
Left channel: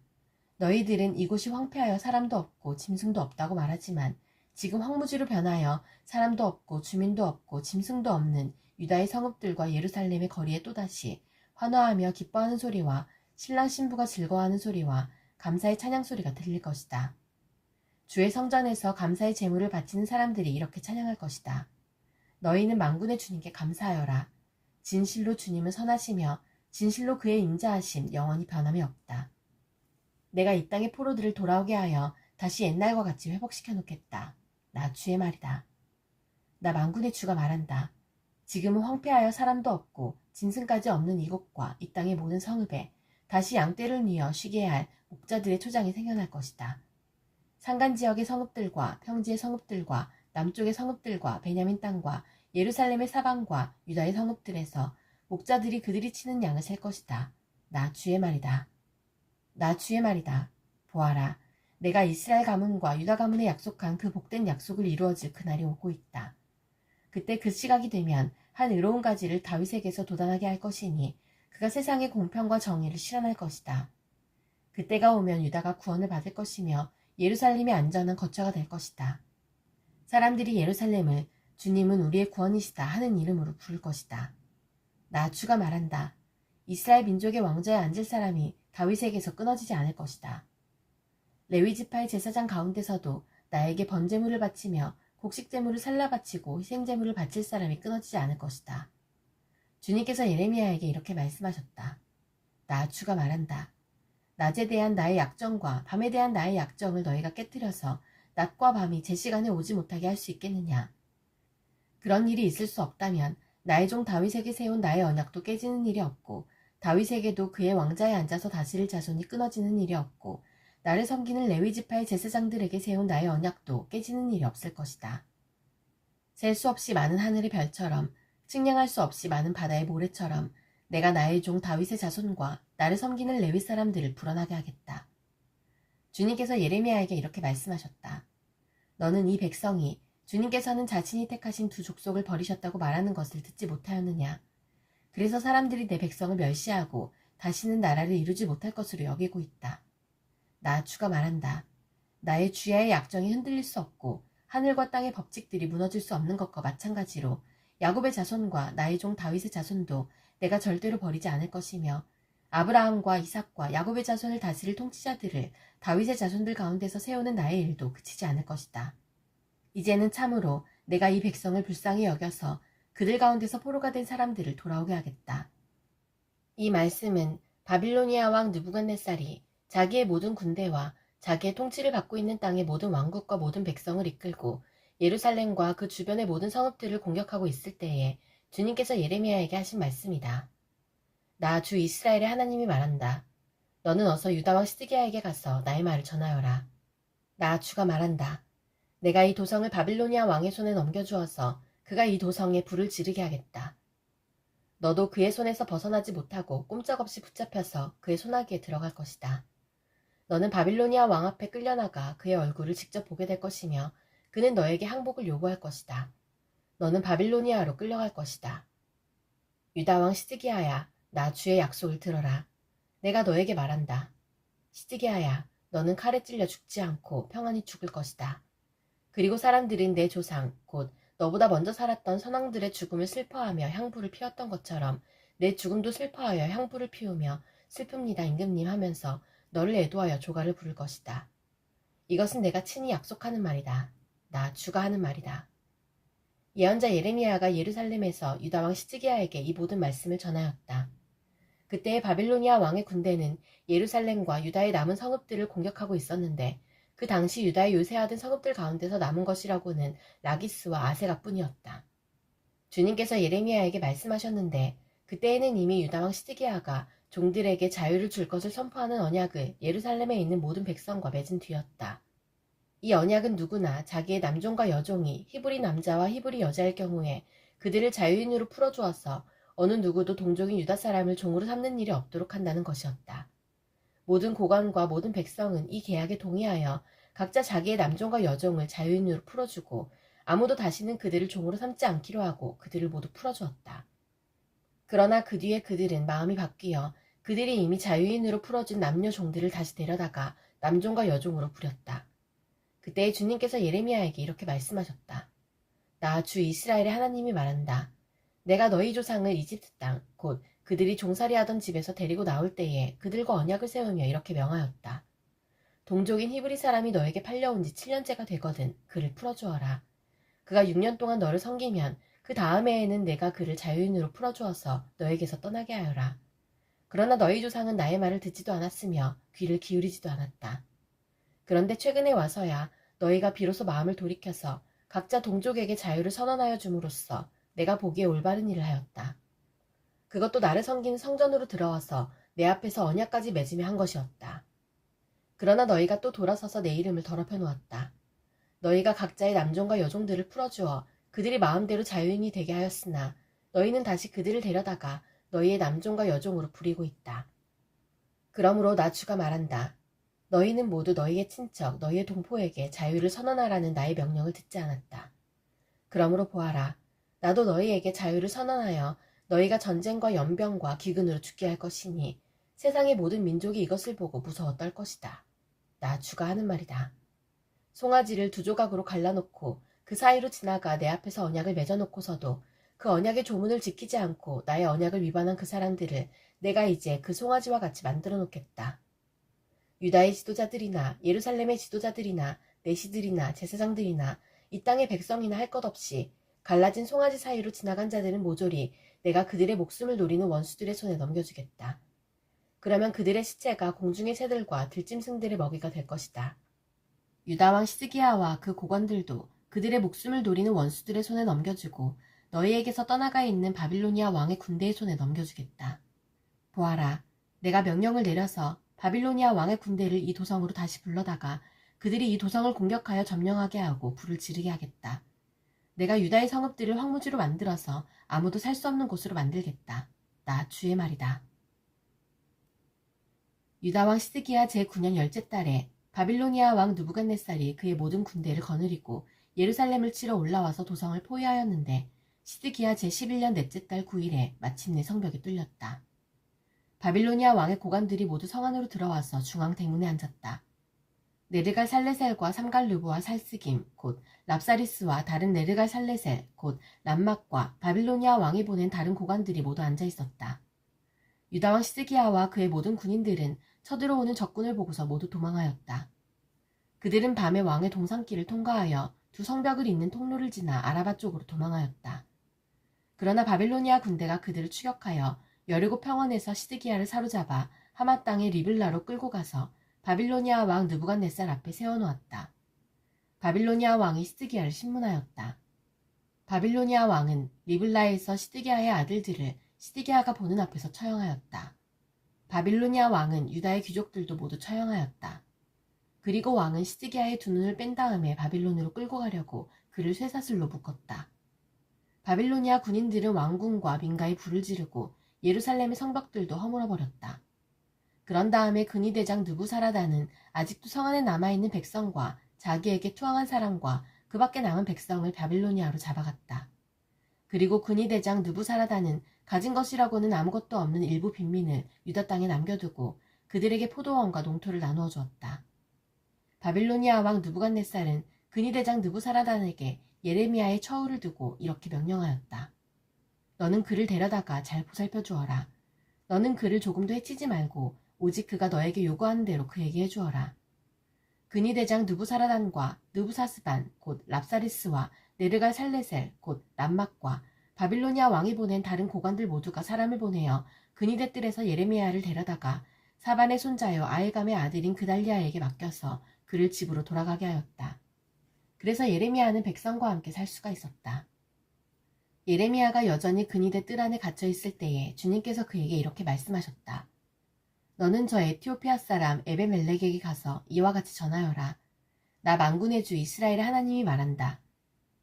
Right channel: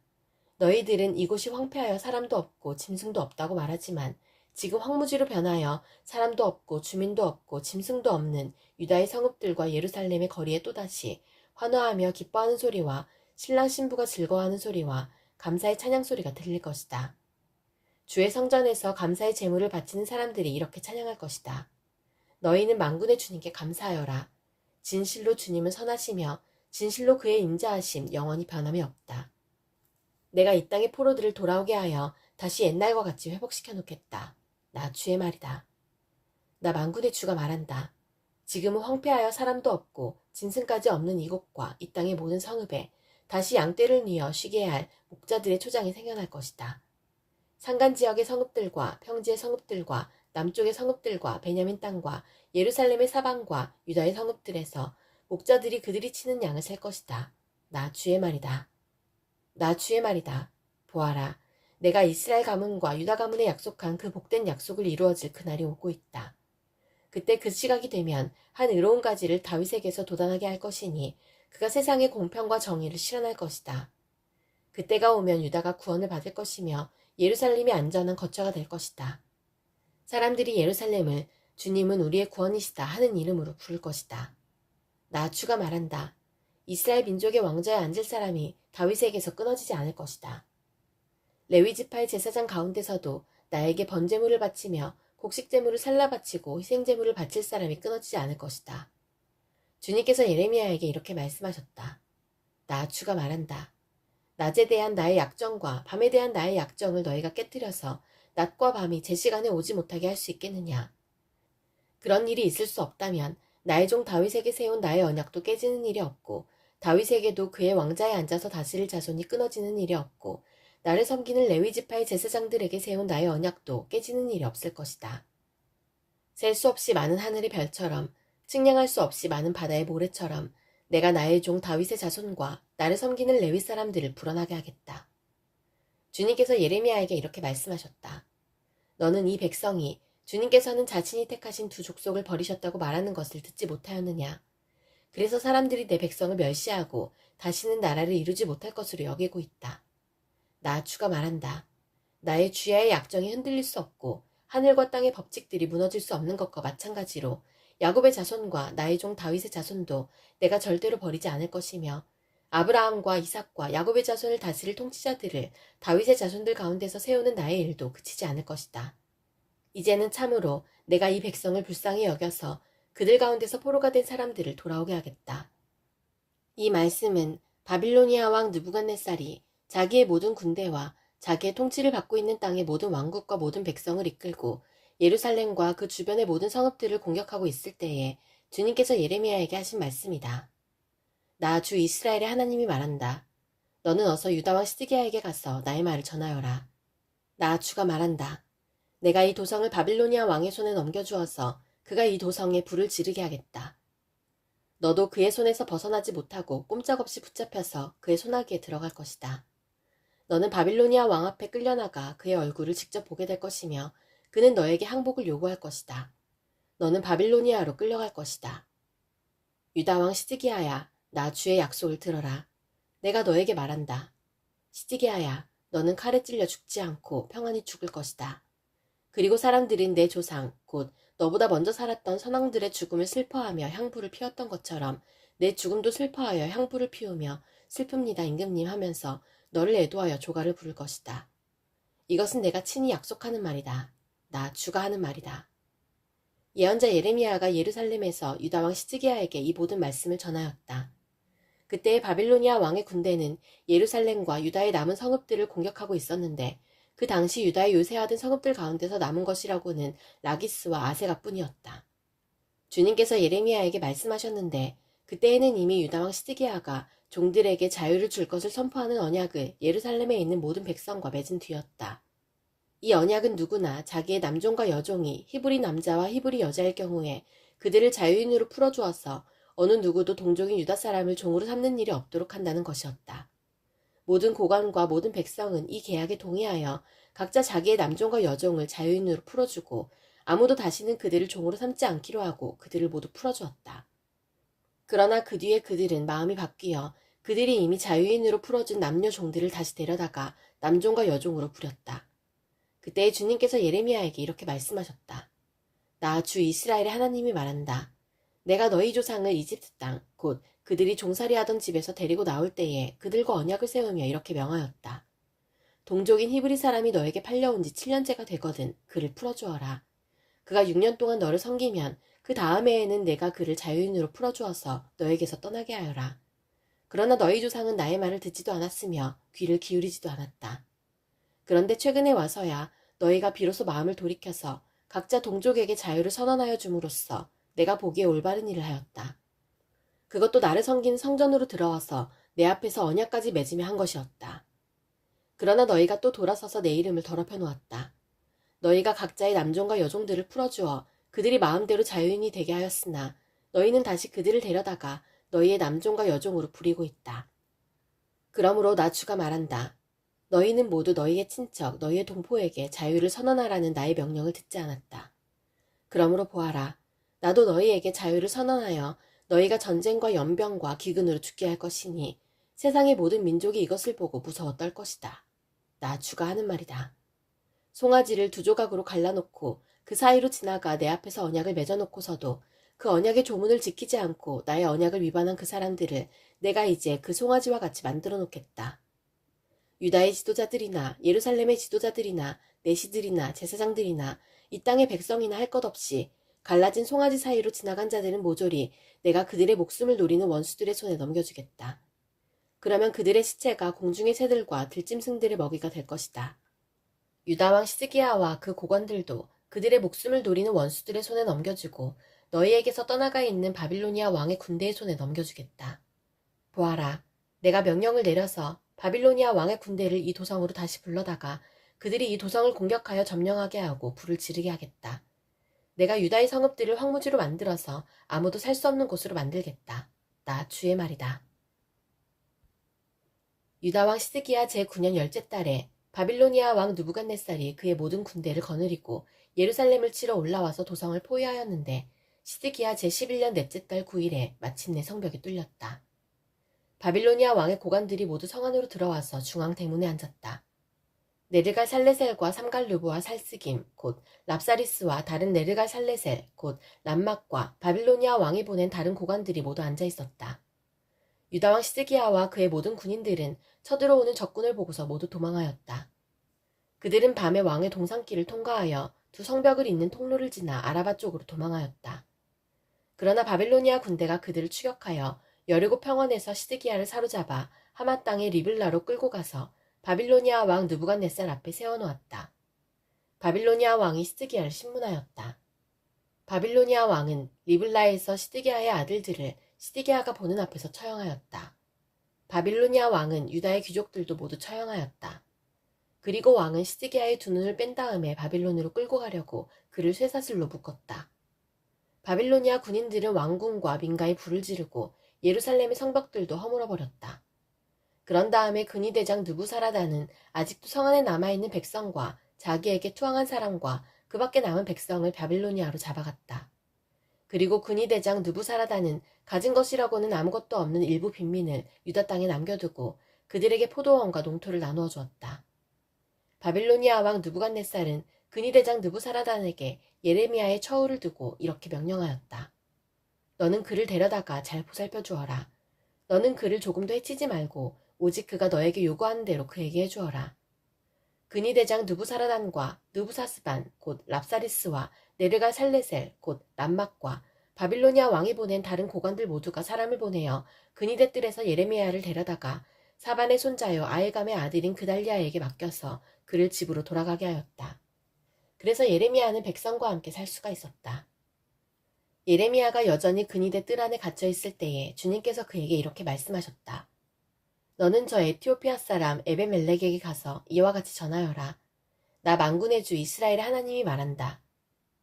너희들은 이곳이 황폐하여 사람도 없고 짐승도 없다고 말하지만 지금 황무지로 변하여 사람도 없고 주민도 없고 짐승도 없는 유다의 성읍들과 예루살렘의 거리에 또다시 환호하며 기뻐하는 소리와 신랑 신부가 즐거워하는 소리와 감사의 찬양 소리가 들릴 것이다. 주의 성전에서 감사의 제물을 바치는 사람들이 이렇게 찬양할 것이다. 너희는 만군의 주님께 감사하여라. 진실로 주님은 선하시며 진실로 그의 인자하심 영원히 변함이 없다. 내가 이 땅의 포로들을 돌아오게 하여 다시 옛날과 같이 회복시켜 놓겠다. 나 주의 말이다. 나 만군의 주가 말한다. 지금은 황폐하여 사람도 없고 짐승까지 없는 이곳과 이 땅의 모든 성읍에 다시 양떼를 뉘어 쉬게 할 목자들의 초장이 생겨날 것이다. 산간 지역의 성읍들과 평지의 성읍들과 남쪽의 성읍들과 베냐민 땅과 예루살렘의 사방과 유다의 성읍들에서 목자들이 그들이 치는 양을 셀 것이다. 나 주의 말이다. 나 주의 말이다. 보아라, 내가 이스라엘 가문과 유다 가문에 약속한 그 복된 약속을 이루어질 그날이 오고 있다. 그때 그 시각이 되면 한 의로운 가지를 다윗에게서 돋아나게 할 것이니 그가 세상의 공평과 정의를 실현할 것이다. 그때가 오면 유다가 구원을 받을 것이며 예루살렘이 안전한 거처가 될 것이다. 사람들이 예루살렘을 주님은 우리의 구원이시다 하는 이름으로 부를 것이다. 나 주가 말한다. 이스라엘 민족의 왕좌에 앉을 사람이 다윗에게서 끊어지지 않을 것이다. 레위 지파의 제사장 가운데서도 나에게 번제물을 바치며 곡식제물을 살라 바치고 희생제물을 바칠 사람이 끊어지지 않을 것이다. 주님께서 예레미야에게 이렇게 말씀하셨다. 나 주가 말한다. 낮에 대한 나의 약정과 밤에 대한 나의 약정을 너희가 깨뜨려서 낮과 밤이 제 시간에 오지 못하게 할 수 있겠느냐. 그런 일이 있을 수 없다면 나의 종 다윗에게 세운 나의 언약도 깨지는 일이 없고 다윗에게도 그의 왕자에 앉아서 다스릴 자손이 끊어지는 일이 없고 나를 섬기는 레위 지파의 제사장들에게 세운 나의 언약도 깨지는 일이 없을 것이다. 셀 수 없이 많은 하늘의 별처럼 측량할 수 없이 많은 바다의 모래처럼 내가 나의 종 다윗의 자손과 나를 섬기는 레위 사람들을 불어나게 하겠다. 주님께서 예레미야에게 이렇게 말씀하셨다. 너는 이 백성이 주님께서는 자신이 택하신 두 족속을 버리셨다고 말하는 것을 듣지 못하였느냐. 그래서 사람들이 내 백성을 멸시하고 다시는 나라를 이루지 못할 것으로 여기고 있다. 나 주가 말한다. 나의 주야의 약정이 흔들릴 수 없고 하늘과 땅의 법칙들이 무너질 수 없는 것과 마찬가지로 야곱의 자손과 나의 종 다윗의 자손도 내가 절대로 버리지 않을 것이며 아브라함과 이삭과 야곱의 자손을 다스릴 통치자들을 다윗의 자손들 가운데서 세우는 나의 일도 그치지 않을 것이다. 이제는 참으로 내가 이 백성을 불쌍히 여겨서 그들 가운데서 포로가 된 사람들을 돌아오게 하겠다. 이 말씀은 바빌로니아 왕 느부갓네살이 자기의 모든 군대와 자기의 통치를 받고 있는 땅의 모든 왕국과 모든 백성을 이끌고 예루살렘과 그 주변의 모든 성읍들을 공격하고 있을 때에 주님께서 예레미야에게 하신 말씀이다. 나 주 이스라엘의 하나님이 말한다. 너는 어서 유다 왕 시드기야에게 가서 나의 말을 전하여라. 나 주가 말한다. 내가 이 도성을 바빌로니아 왕의 손에 넘겨주어서 그가 이 도성에 불을 지르게 하겠다. 너도 그의 손에서 벗어나지 못하고 꼼짝없이 붙잡혀서 그의 손아귀에 들어갈 것이다. 너는 바빌로니아 왕 앞에 끌려나가 그의 얼굴을 직접 보게 될 것이며 그는 너에게 항복을 요구할 것이다. 너는 바빌로니아로 끌려갈 것이다. 유다 왕 시드기야야, 나 주의 약속을 들어라. 내가 너에게 말한다. 시드기야야, 너는 칼에 찔려 죽지 않고 평안히 죽을 것이다. 그리고 사람들은 내 조상, 곧 너보다 먼저 살았던 선왕들의 죽음을 슬퍼하며 향부를 피웠던 것처럼 내 죽음도 슬퍼하여 향부를 피우며 슬픕니다 임금님 하면서 너를 애도하여 조가를 부를 것이다. 이것은 내가 친히 약속하는 말이다. 나 주가 하는 말이다. 예언자 예레미야가 예루살렘에서 유다왕 시드기야에게 이 모든 말씀을 전하였다. 그때의 바빌로니아 왕의 군대는 예루살렘과 유다의 남은 성읍들을 공격하고 있었는데 그 당시 유다의 요새하던 성읍들 가운데서 남은 것이라고는 라기스와 아세가뿐이었다. 주님께서 예레미야에게 말씀하셨는데 그때에는 이미 유다왕 시드기야가 종들에게 자유를 줄 것을 선포하는 언약을 예루살렘에 있는 모든 백성과 맺은 뒤였다. 이 언약은 누구나 자기의 남종과 여종이 히브리 남자와 히브리 여자일 경우에 그들을 자유인으로 풀어주어서 어느 누구도 동족인 유다 사람을 종으로 삼는 일이 없도록 한다는 것이었다. 모든 고관과 모든 백성은 이 계약에 동의하여 각자 자기의 남종과 여종을 자유인으로 풀어주고 아무도 다시는 그들을 종으로 삼지 않기로 하고 그들을 모두 풀어주었다. 그러나 그 뒤에 그들은 마음이 바뀌어 그들이 이미 자유인으로 풀어준 남녀 종들을 다시 데려다가 남종과 여종으로 부렸다. 그때 주님께서 예레미야에게 이렇게 말씀하셨다. 나 주 이스라엘의 하나님이 말한다. 내가 너희 조상을 이집트 땅, 곧 그들이 종살이하던 집에서 데리고 나올 때에 그들과 언약을 세우며 이렇게 명하였다. 동족인 히브리 사람이 너에게 팔려온 지 7년째가 되거든 그를 풀어주어라. 그가 6년 동안 너를 섬기면 그 다음 해에는 내가 그를 자유인으로 풀어주어서 너에게서 떠나게 하여라. 그러나 너희 조상은 나의 말을 듣지도 않았으며 귀를 기울이지도 않았다. 그런데 최근에 와서야 너희가 비로소 마음을 돌이켜서 각자 동족에게 자유를 선언하여 줌으로써 내가 보기에 올바른 일을 하였다. 그것도 나를 섬기는 성전으로 들어와서 내 앞에서 언약까지 맺으며 한 것이었다. 그러나 너희가 또 돌아서서 내 이름을 더럽혀 놓았다. 너희가 각자의 남종과 여종들을 풀어주어 그들이 마음대로 자유인이 되게 하였으나 너희는 다시 그들을 데려다가 너희의 남종과 여종으로 부리고 있다. 그러므로 나 주가 말한다. 너희는 모두 너희의 친척, 너희의 동포에게 자유를 선언하라는 나의 명령을 듣지 않았다. 그러므로 보아라. 나도 너희에게 자유를 선언하여 너희가 전쟁과 연병과 기근으로 죽게 할 것이니 세상의 모든 민족이 이것을 보고 무서워 떨 것이다. 나 주가 하는 말이다. 송아지를 두 조각으로 갈라놓고 그 사이로 지나가 내 앞에서 언약을 맺어놓고서도 그 언약의 조문을 지키지 않고 나의 언약을 위반한 그 사람들을 내가 이제 그 송아지와 같이 만들어 놓겠다. 유다의 지도자들이나 예루살렘의 지도자들이나 내시들이나 제사장들이나 이 땅의 백성이나 할 것 없이 갈라진 송아지 사이로 지나간 자들은 모조리 내가 그들의 목숨을 노리는 원수들의 손에 넘겨주겠다. 그러면 그들의 시체가 공중의 새들과 들짐승들의 먹이가 될 것이다. 유다왕 시드기야와 그 고관들도 그들의 목숨을 노리는 원수들의 손에 넘겨주고 너희에게서 떠나가 있는 바빌로니아 왕의 군대의 손에 넘겨주겠다. 보아라, 내가 명령을 내려서 바빌로니아 왕의 군대를 이 도성으로 다시 불러다가 그들이 이 도성을 공격하여 점령하게 하고 불을 지르게 하겠다. 내가 유다의 성읍들을 황무지로 만들어서 아무도 살 수 없는 곳으로 만들겠다. 나 주의 말이다. 유다왕 시드기야 제9년 열째 달에 바빌로니아 왕 느부갓네살이 그의 모든 군대를 거느리고 예루살렘을 치러 올라와서 도성을 포위하였는데 시드기야 제11년 넷째 달 9일에 마침내 성벽이 뚫렸다. 바빌로니아 왕의 고관들이 모두 성 안으로 들어와서 중앙 대문에 앉았다. 네르갈 살레셀과 삼갈르브와 살스김 곧 랍사리스와 다른 네르갈 살레셀 곧 람막과 바빌로니아 왕이 보낸 다른 고관들이 모두 앉아 있었다. 유다왕 시드기야와 그의 모든 군인들은 쳐들어오는 적군을 보고서 모두 도망하였다. 그들은 밤에 왕의 동산길을 통과하여 두 성벽을 잇는 통로를 지나 아라바 쪽으로 도망하였다. 그러나 바빌로니아 군대가 그들을 추격하여 여리고 평원에서 시드기야를 사로잡아 하마 땅의 리블라로 끌고 가서 바빌로니아 왕 느부갓네살 앞에 세워놓았다. 바빌로니아 왕이 시드기야를 신문하였다. 바빌로니아 왕은 리블라에서 시드기야의 아들들을 시드기야가 보는 앞에서 처형하였다. 바빌로니아 왕은 유다의 귀족들도 모두 처형하였다. 그리고 왕은 시드기야의 두 눈을 뺀 다음에 바빌론으로 끌고 가려고 그를 쇠사슬로 묶었다. 바빌로니아 군인들은 왕궁과 민가에 불을 지르고 예루살렘의 성벽들도 허물어버렸다. 그런 다음에 근위대장 느부사라단은 아직도 성 안에 남아있는 백성과 자기에게 투항한 사람과 그 밖에 남은 백성을 바빌로니아로 잡아갔다. 그리고 근위대장 느부사라단은 가진 것이라고는 아무것도 없는 일부 빈민을 유다 땅에 남겨두고 그들에게 포도원과 농토를 나누어 주었다. 바빌로니아 왕 느부갓네살은 근위 대장 느부사라단에게 예레미야의 처우를 두고 이렇게 명령하였다. 너는 그를 데려다가 잘 보살펴 주어라. 너는 그를 조금도 해치지 말고 오직 그가 너에게 요구하는 대로 그에게 해주어라. 근위 대장 느부사라단과 느부사스반 곧 랍사리스와 네르가 살레셀 곧 람막과 바빌로니아 왕이 보낸 다른 고관들 모두가 사람을 보내어 근위대 뜰에서 예레미야를 데려다가 사반의 손자여 아엘감의 아들인 그달리아에게 맡겨서 그를 집으로 돌아가게 하였다. 그래서 예레미야는 백성과 함께 살 수가 있었다. 예레미야가 여전히 근위대 뜰 안에 갇혀 있을 때에 주님께서 그에게 이렇게 말씀하셨다. 너는 저 에티오피아 사람 에베멜렉에게 가서 이와 같이 전하여라. 나 만군의 주 이스라엘의 하나님이 말한다.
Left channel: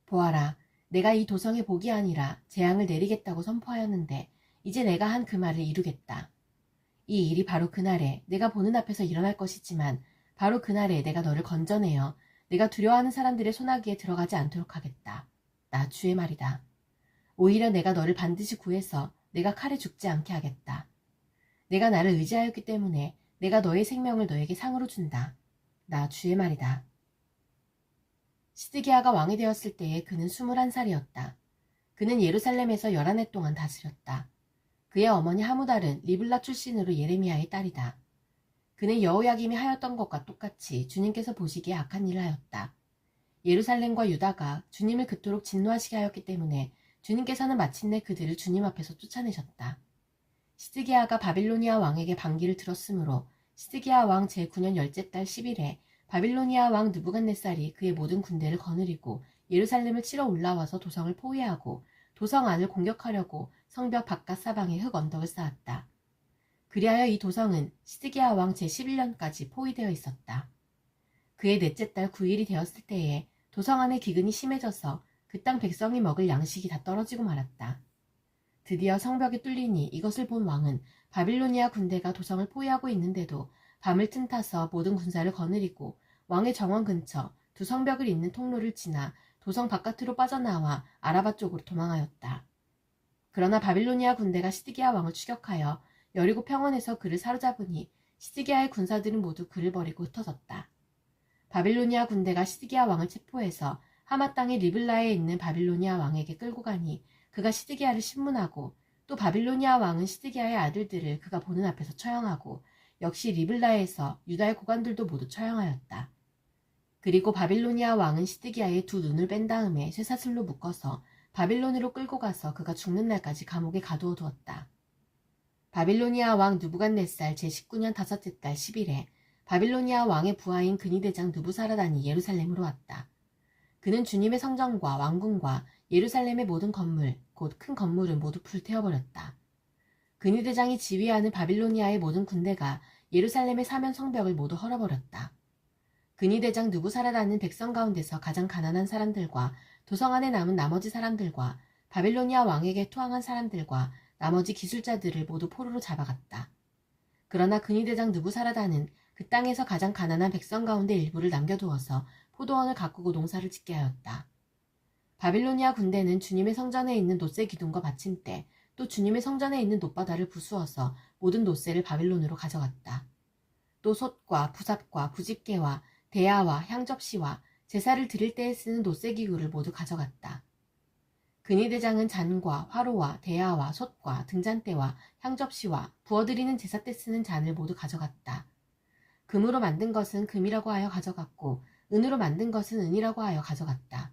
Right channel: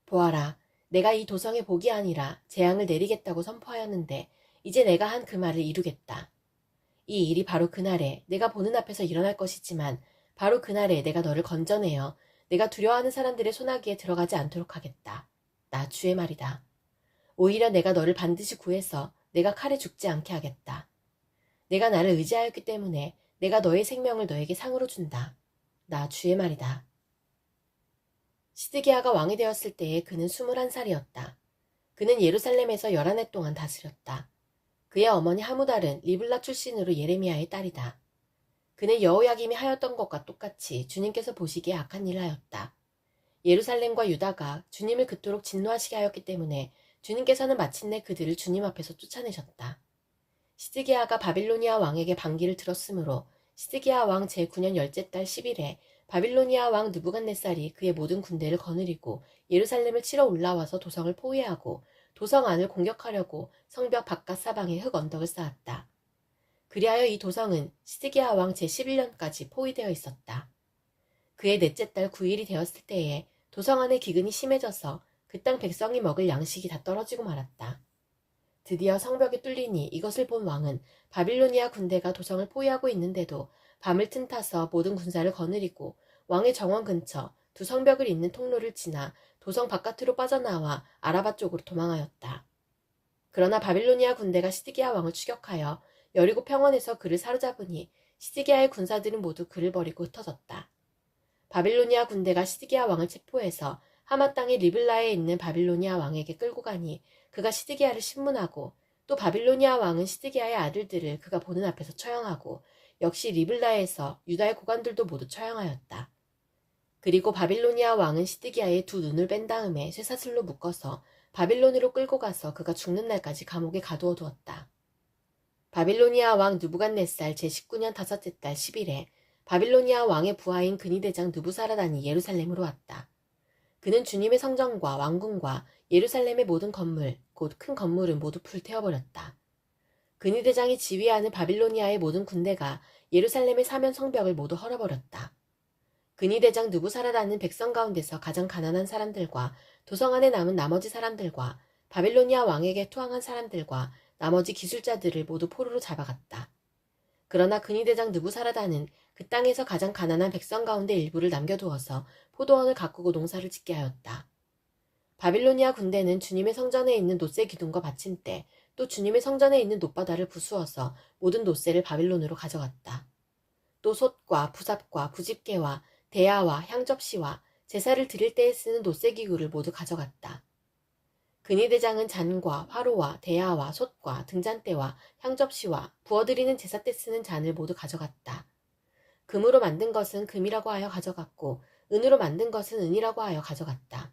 보아라, 내가 이 도성에 복이 아니라 재앙을 내리겠다고 선포하였는데 이제 내가 한 그 말을 이루겠다. 이 일이 바로 그날에 내가 보는 앞에서 일어날 것이지만 바로 그날에 내가 너를 건져내어 내가 두려워하는 사람들의 소나기에 들어가지 않도록 하겠다. 나 주의 말이다. 오히려 내가 너를 반드시 구해서 내가 칼에 죽지 않게 하겠다. 내가 나를 의지하였기 때문에 내가 너의 생명을 너에게 상으로 준다. 나 주의 말이다. 시드기야가 왕이 되었을 때에 그는 21살이었다. 그는 예루살렘에서 11해 동안 다스렸다. 그의 어머니 하무달은 리블라 출신으로 예레미야의 딸이다. 그는 여호야김이 하였던 것과 똑같이 주님께서 보시기에 악한 일을 하였다. 예루살렘과 유다가 주님을 그토록 진노하시게 하였기 때문에 주님께서는 마침내 그들을 주님 앞에서 쫓아내셨다. 시드기야가 바빌로니아 왕에게 반기를 들었으므로 시드기야 왕 제9년 열째 달 10일에 바빌로니아 왕 느부갓네살이 그의 모든 군대를 거느리고 예루살렘을 치러 올라와서 도성을 포위하고 도성 안을 공격하려고 성벽 바깥 사방에 흙 언덕을 쌓았다. 그리하여 이 도성은 시드기야 왕 제11년까지 포위되어 있었다. 그의 넷째 달 9일이 되었을 때에 도성 안의 기근이 심해져서 그 땅 백성이 먹을 양식이 다 떨어지고 말았다. 드디어 성벽이 뚫리니 이것을 본 왕은 바빌로니아 군대가 도성을 포위하고 있는데도 밤을 틈타서 모든 군사를 거느리고 왕의 정원 근처 두 성벽을 잇는 통로를 지나 도성 바깥으로 빠져나와 아라바 쪽으로 도망하였다. 그러나 바빌로니아 군대가 시드기야 왕을 추격하여 여리고 평원에서 그를 사로잡으니 시드기야의 군사들은 모두 그를 버리고 흩어졌다. 바빌로니아 군대가 시드기야 왕을 체포해서 하마 땅의 리블라에 있는 바빌로니아 왕에게 끌고 가니 그가 시드기야를 신문하고 또 바빌로니아 왕은 시드기야의 아들들을 그가 보는 앞에서 처형하고 역시 리블라에서 유다의 고관들도 모두 처형하였다. 그리고 바빌로니아 왕은 시드기야의 두 눈을 뺀 다음에 쇠사슬로 묶어서 바빌론으로 끌고 가서 그가 죽는 날까지 감옥에 가두어 두었다. 바빌로니아 왕 느부갓네살 제19년 다섯째 달 10일에 바빌로니아 왕의 부하인 근위대장 느부사라단이 예루살렘으로 왔다. 그는 주님의 성전과 왕궁과 예루살렘의 모든 건물, 곧 큰 건물은 모두 불태워버렸다. 근위대장이 지휘하는 바빌로니아의 모든 군대가 예루살렘의 사면 성벽을 모두 헐어버렸다. 근위대장 느부사라단은 백성 가운데서 가장 가난한 사람들과 도성 안에 남은 나머지 사람들과 바빌로니아 왕에게 투항한 사람들과 나머지 기술자들을 모두 포로로 잡아갔다. 그러나 근위대장 느부사라단은 그 땅에서 가장 가난한 백성 가운데 일부를 남겨두어서 포도원을 가꾸고 농사를 짓게 하였다. 바빌로니아 군대는 주님의 성전에 있는 놋새 기둥과 받침대, 또 주님의 성전에 있는 놋바다를 부수어서 모든 놋새를 바빌론으로 가져갔다. 또 솥과 부삽과 부집개와 대야와 향접시와 제사를 드릴 때에 쓰는 놋새 기구를 모두 가져갔다. 근위대장은 잔과 화로와 대야와 솥과 등잔대와 향접시와 부어드리는 제사 때 쓰는 잔을 모두 가져갔다. 금으로 만든 것은 금이라고 하여 가져갔고 은으로 만든 것은 은이라고 하여 가져갔다.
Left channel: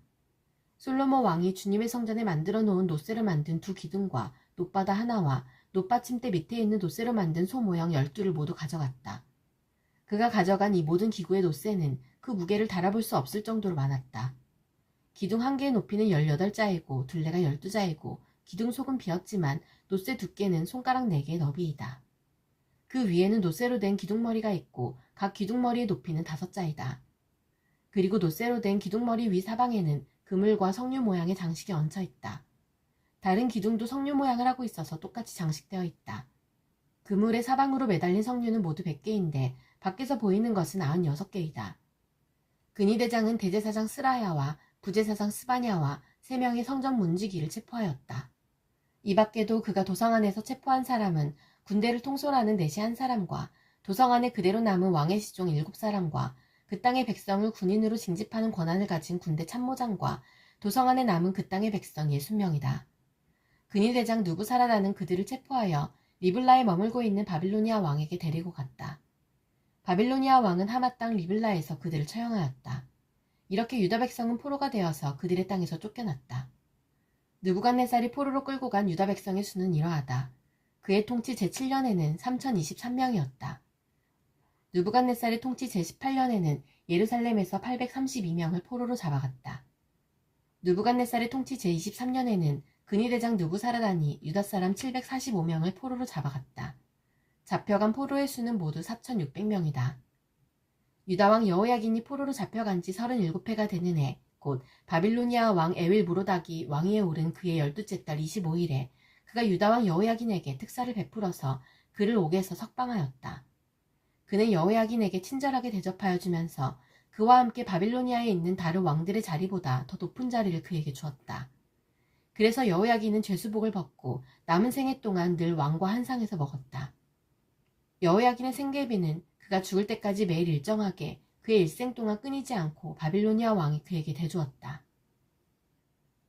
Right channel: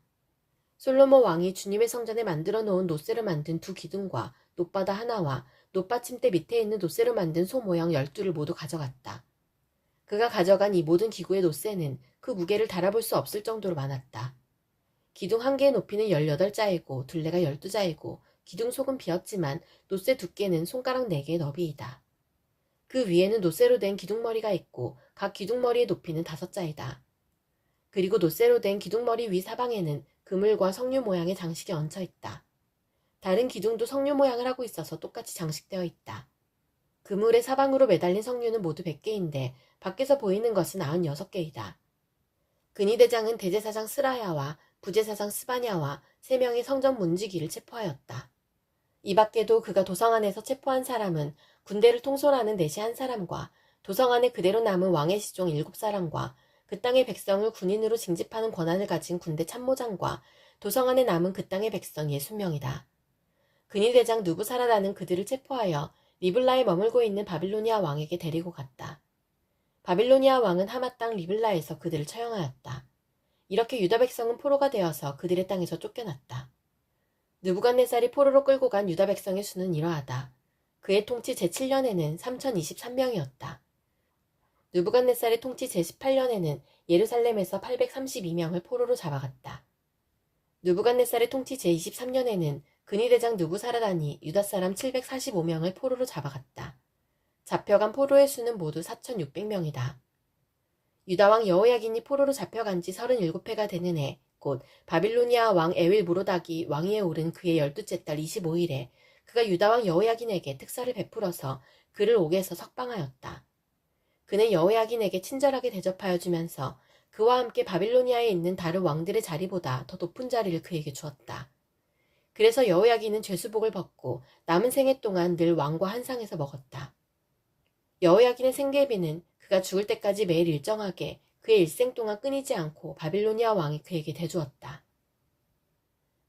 솔로몬 왕이 주님의 성전에 만들어 놓은 놋새로 만든 두 기둥과 놋바다 하나와 놋받침대 밑에 있는 놋새로 만든 소 모형 12를 모두 가져갔다. 그가 가져간 이 모든 기구의 놋새는 그 무게를 달아볼 수 없을 정도로 많았다. 기둥 한 개의 높이는 18자이고 둘레가 12자이고 기둥 속은 비었지만 놋새 두께는 손가락 4개의 너비이다. 그 위에는 놋새로 된 기둥머리가 있고 각 기둥머리의 높이는 5자이다. 그리고 놋새로 된 기둥머리 위 사방에는 그물과 석류 모양의 장식이 얹혀 있다. 다른 기둥도 석류 모양을 하고 있어서 똑같이 장식되어 있다. 그물의 사방으로 매달린 석류는 모두 100개인데 밖에서 보이는 것은 96개이다. 근위대장은 대제사장 스라야와 부제사장 스바냐와 3명의 성전 문지기를 체포하였다. 이 밖에도 그가 도성 안에서 체포한 사람은 군대를 통솔하는 내시 한 사람과 도성 안에 그대로 남은 왕의 시종 7사람과 그 땅의 백성을 군인으로 징집하는 권한을 가진 군대 참모장과 도성 안에 남은 그 땅의 백성 60명이다. 근위대장 누부사라다는 그들을 체포하여 리블라에 머물고 있는 바빌로니아 왕에게 데리고 갔다. 바빌로니아 왕은 하마 땅 리블라에서 그들을 처형하였다. 이렇게 유다 백성은 포로가 되어서 그들의 땅에서 쫓겨났다. 느부갓네살이 포로로 끌고 간 유다 백성의 수는 이러하다. 그의 통치 제7년에는 3023명이었다. 느부갓네살의 통치 제18년에는 예루살렘에서 832명을 포로로 잡아갔다. 느부갓네살의 통치 제23년에는 근위대장 느부사라단이 유다 사람 745명을 포로로 잡아갔다. 잡혀간 포로의 수는 모두 4600명이다. 유다왕 여호야긴이 포로로 잡혀간 지 37해가 되는 해, 곧 바빌로니아 왕 에윌 무로닥이 왕위에 오른 그의 12째 달 25일에 그가 유다왕 여호야긴에게 특사를 베풀어서 그를 옥에서 석방하였다. 그는 여호야긴에게 친절하게 대접하여 주면서 그와 함께 바빌로니아에 있는 다른 왕들의 자리보다 더 높은 자리를 그에게 주었다. 그래서 여호야긴은 죄수복을 벗고 남은 생애 동안 늘 왕과 한 상에서 먹었다. 여호야긴의 생계비는 그가 죽을 때까지 매일 일정하게 그의 일생 동안 끊이지 않고 바빌로니아 왕이 그에게 대주었다.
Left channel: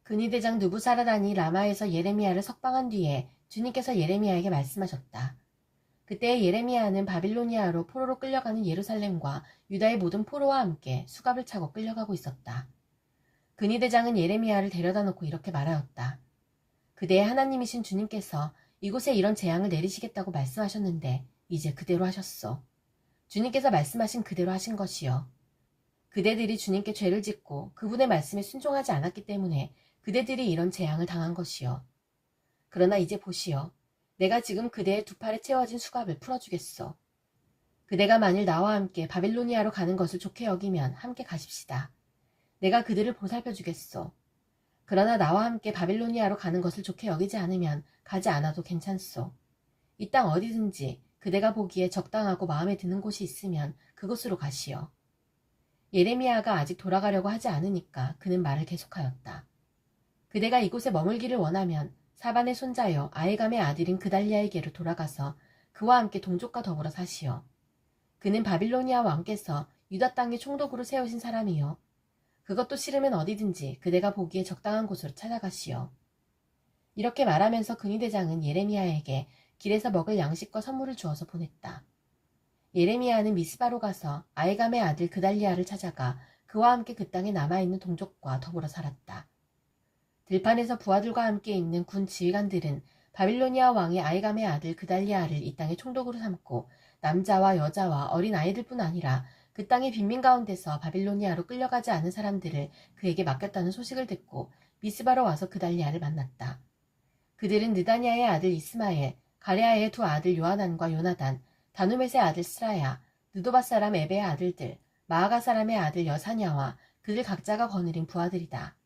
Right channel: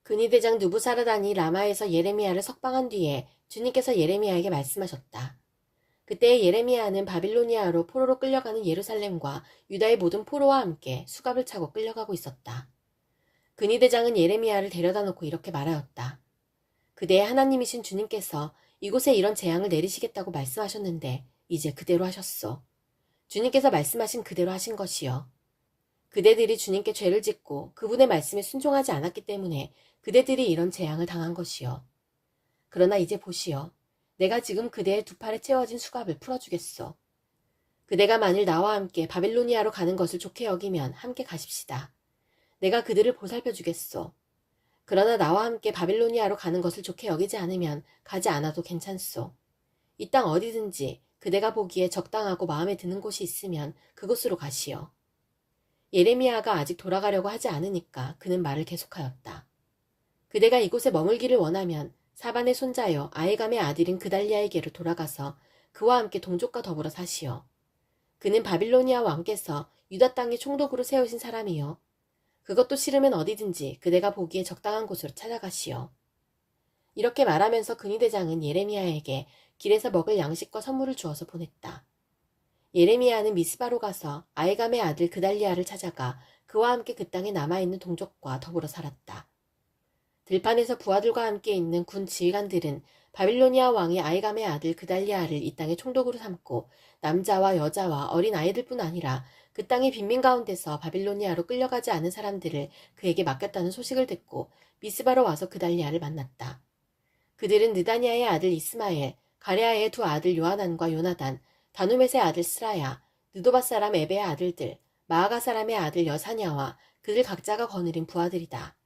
근위대장 누부사라단이 라마에서 예레미야를 석방한 뒤에 주님께서 예레미야에게 말씀하셨다. 그때 예레미야는 바빌로니아로 포로로 끌려가는 예루살렘과 유다의 모든 포로와 함께 수갑을 차고 끌려가고 있었다. 근위대장은 예레미야를 데려다 놓고 이렇게 말하였다. 그대의 하나님이신 주님께서 이곳에 이런 재앙을 내리시겠다고 말씀하셨는데 이제 그대로 하셨소. 주님께서 말씀하신 그대로 하신 것이요. 그대들이 주님께 죄를 짓고 그분의 말씀에 순종하지 않았기 때문에 그대들이 이런 재앙을 당한 것이요. 그러나 이제 보시오. 내가 지금 그대의 두 팔에 채워진 수갑을 풀어주겠소. 그대가 만일 나와 함께 바빌로니아로 가는 것을 좋게 여기면 함께 가십시다. 내가 그들을 보살펴 주겠소. 그러나 나와 함께 바빌로니아로 가는 것을 좋게 여기지 않으면 가지 않아도 괜찮소. 이 땅 어디든지 그대가 보기에 적당하고 마음에 드는 곳이 있으면 그곳으로 가시오. 예레미야가 아직 돌아가려고 하지 않으니까 그는 말을 계속하였다. 그대가 이곳에 머물기를 원하면 사반의 손자여 아히감의 아들인 그달리아에게로 돌아가서 그와 함께 동족과 더불어 사시오. 그는 바빌로니아 왕께서 유다 땅에 총독으로 세우신 사람이요. 그것도 싫으면 어디든지 그대가 보기에 적당한 곳으로 찾아가시오. 이렇게 말하면서 근위대장은 예레미야에게 길에서 먹을 양식과 선물을 주어서 보냈다. 예레미야는 미스바로 가서 아히감의 아들 그달리아를 찾아가 그와 함께 그 땅에 남아있는 동족과 더불어 살았다. 들판에서 부하들과 함께 있는 군 지휘관들은 바빌로니아 왕이 아히감의 아들 그달리아를 이 땅의 총독으로 삼고 남자와 여자와 어린 아이들뿐 아니라 그 땅의 빈민 가운데서 바빌로니아로 끌려가지 않은 사람들을 그에게 맡겼다는 소식을 듣고 미스바로 와서 그달리아를 만났다. 그들은 느다니아의 아들 이스마엘, 가레아의 두 아들 요하난과 요나단, 다누멧의 아들 스라야, 느도바 사람 에베의 아들들, 마아가 사람의 아들 여사냐와 그들 각자가 거느린 부하들이다.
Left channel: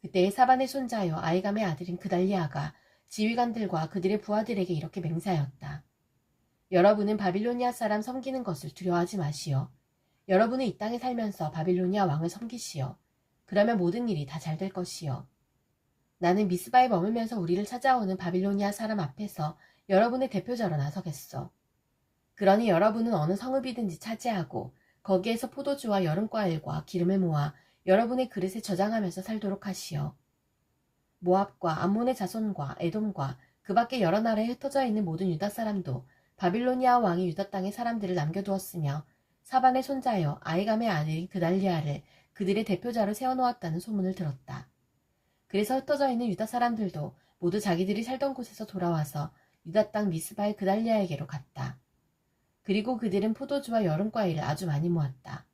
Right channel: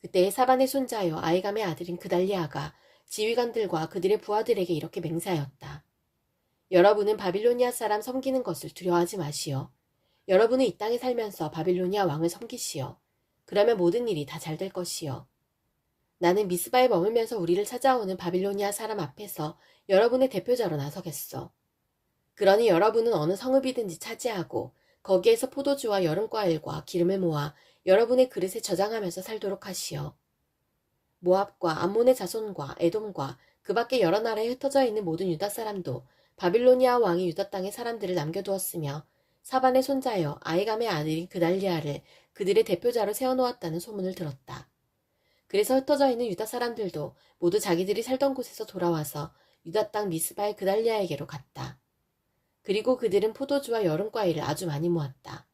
그때 사반의 손자여 아히감의 아들인 그달리아가 지휘관들과 그들의 부하들에게 이렇게 맹세하였다. 여러분은 바빌로니아 사람 섬기는 것을 두려워하지 마시오. 여러분은 이 땅에 살면서 바빌로니아 왕을 섬기시오. 그러면 모든 일이 다 잘 될 것이요. 나는 미스바에 머물면서 우리를 찾아오는 바빌로니아 사람 앞에서 여러분의 대표자로 나서겠소. 그러니 여러분은 어느 성읍이든지 차지하고 거기에서 포도주와 여름과일과 기름을 모아 여러분의 그릇에 저장하면서 살도록 하시오. 모압과 암몬의 자손과 에돔과 그 밖에 여러 나라에 흩어져 있는 모든 유다 사람도 바빌로니아 왕이 유다 땅에 사람들을 남겨두었으며 사반의 손자여 아히감의 아들인 그달리아를 그들의 대표자로 세워놓았다는 소문을 들었다. 그래서 흩어져 있는 유다 사람들도 모두 자기들이 살던 곳에서 돌아와서 유다 땅 미스바의 그달리아에게로 갔다. 그리고 그들은 포도주와 여름과일을 아주 많이 모았다.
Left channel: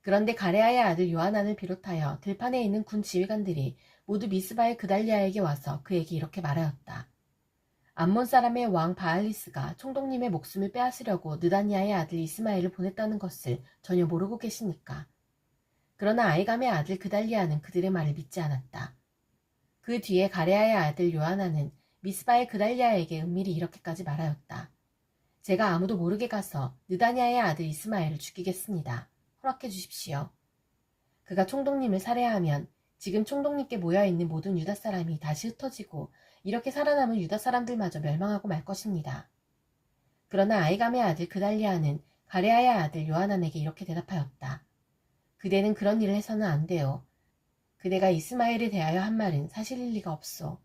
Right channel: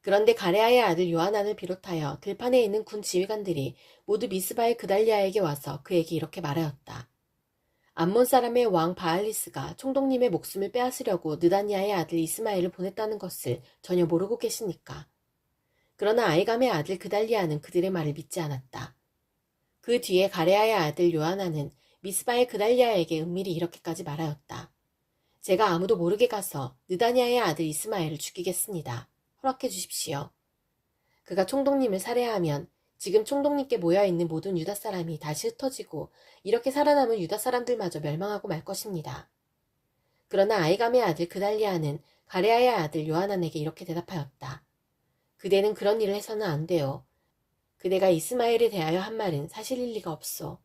그런데 가레아의 아들 요하난을 비롯하여 들판에 있는 군 지휘관들이 모두 미스바의 그달리아에게 와서 그에게 이렇게 말하였다. 암몬 사람의 왕 바알리스가 총독님의 목숨을 빼앗으려고 느다니아의 아들 이스마엘을 보냈다는 것을 전혀 모르고 계십니까? 그러나 아히감의 아들 그달리아는 그들의 말을 믿지 않았다. 그 뒤에 가레아의 아들 요하난은 미스바의 그달리아에게 은밀히 이렇게까지 말하였다. 제가 아무도 모르게 가서 느다니아의 아들 이스마엘을 죽이겠습니다. 허락해 주십시오. 그가 총독님을 살해하면 지금 총독님께 모여있는 모든 유다 사람이 다시 흩어지고 이렇게 살아남은 유다 사람들마저 멸망하고 말 것입니다. 그러나 아이감의 아들 그달리아는 가레아의 아들 요하난에게 이렇게 대답하였다. 그대는 그런 일을 해서는 안 돼요. 그대가 이스마엘에 대하여 한 말은 사실일 리가 없소.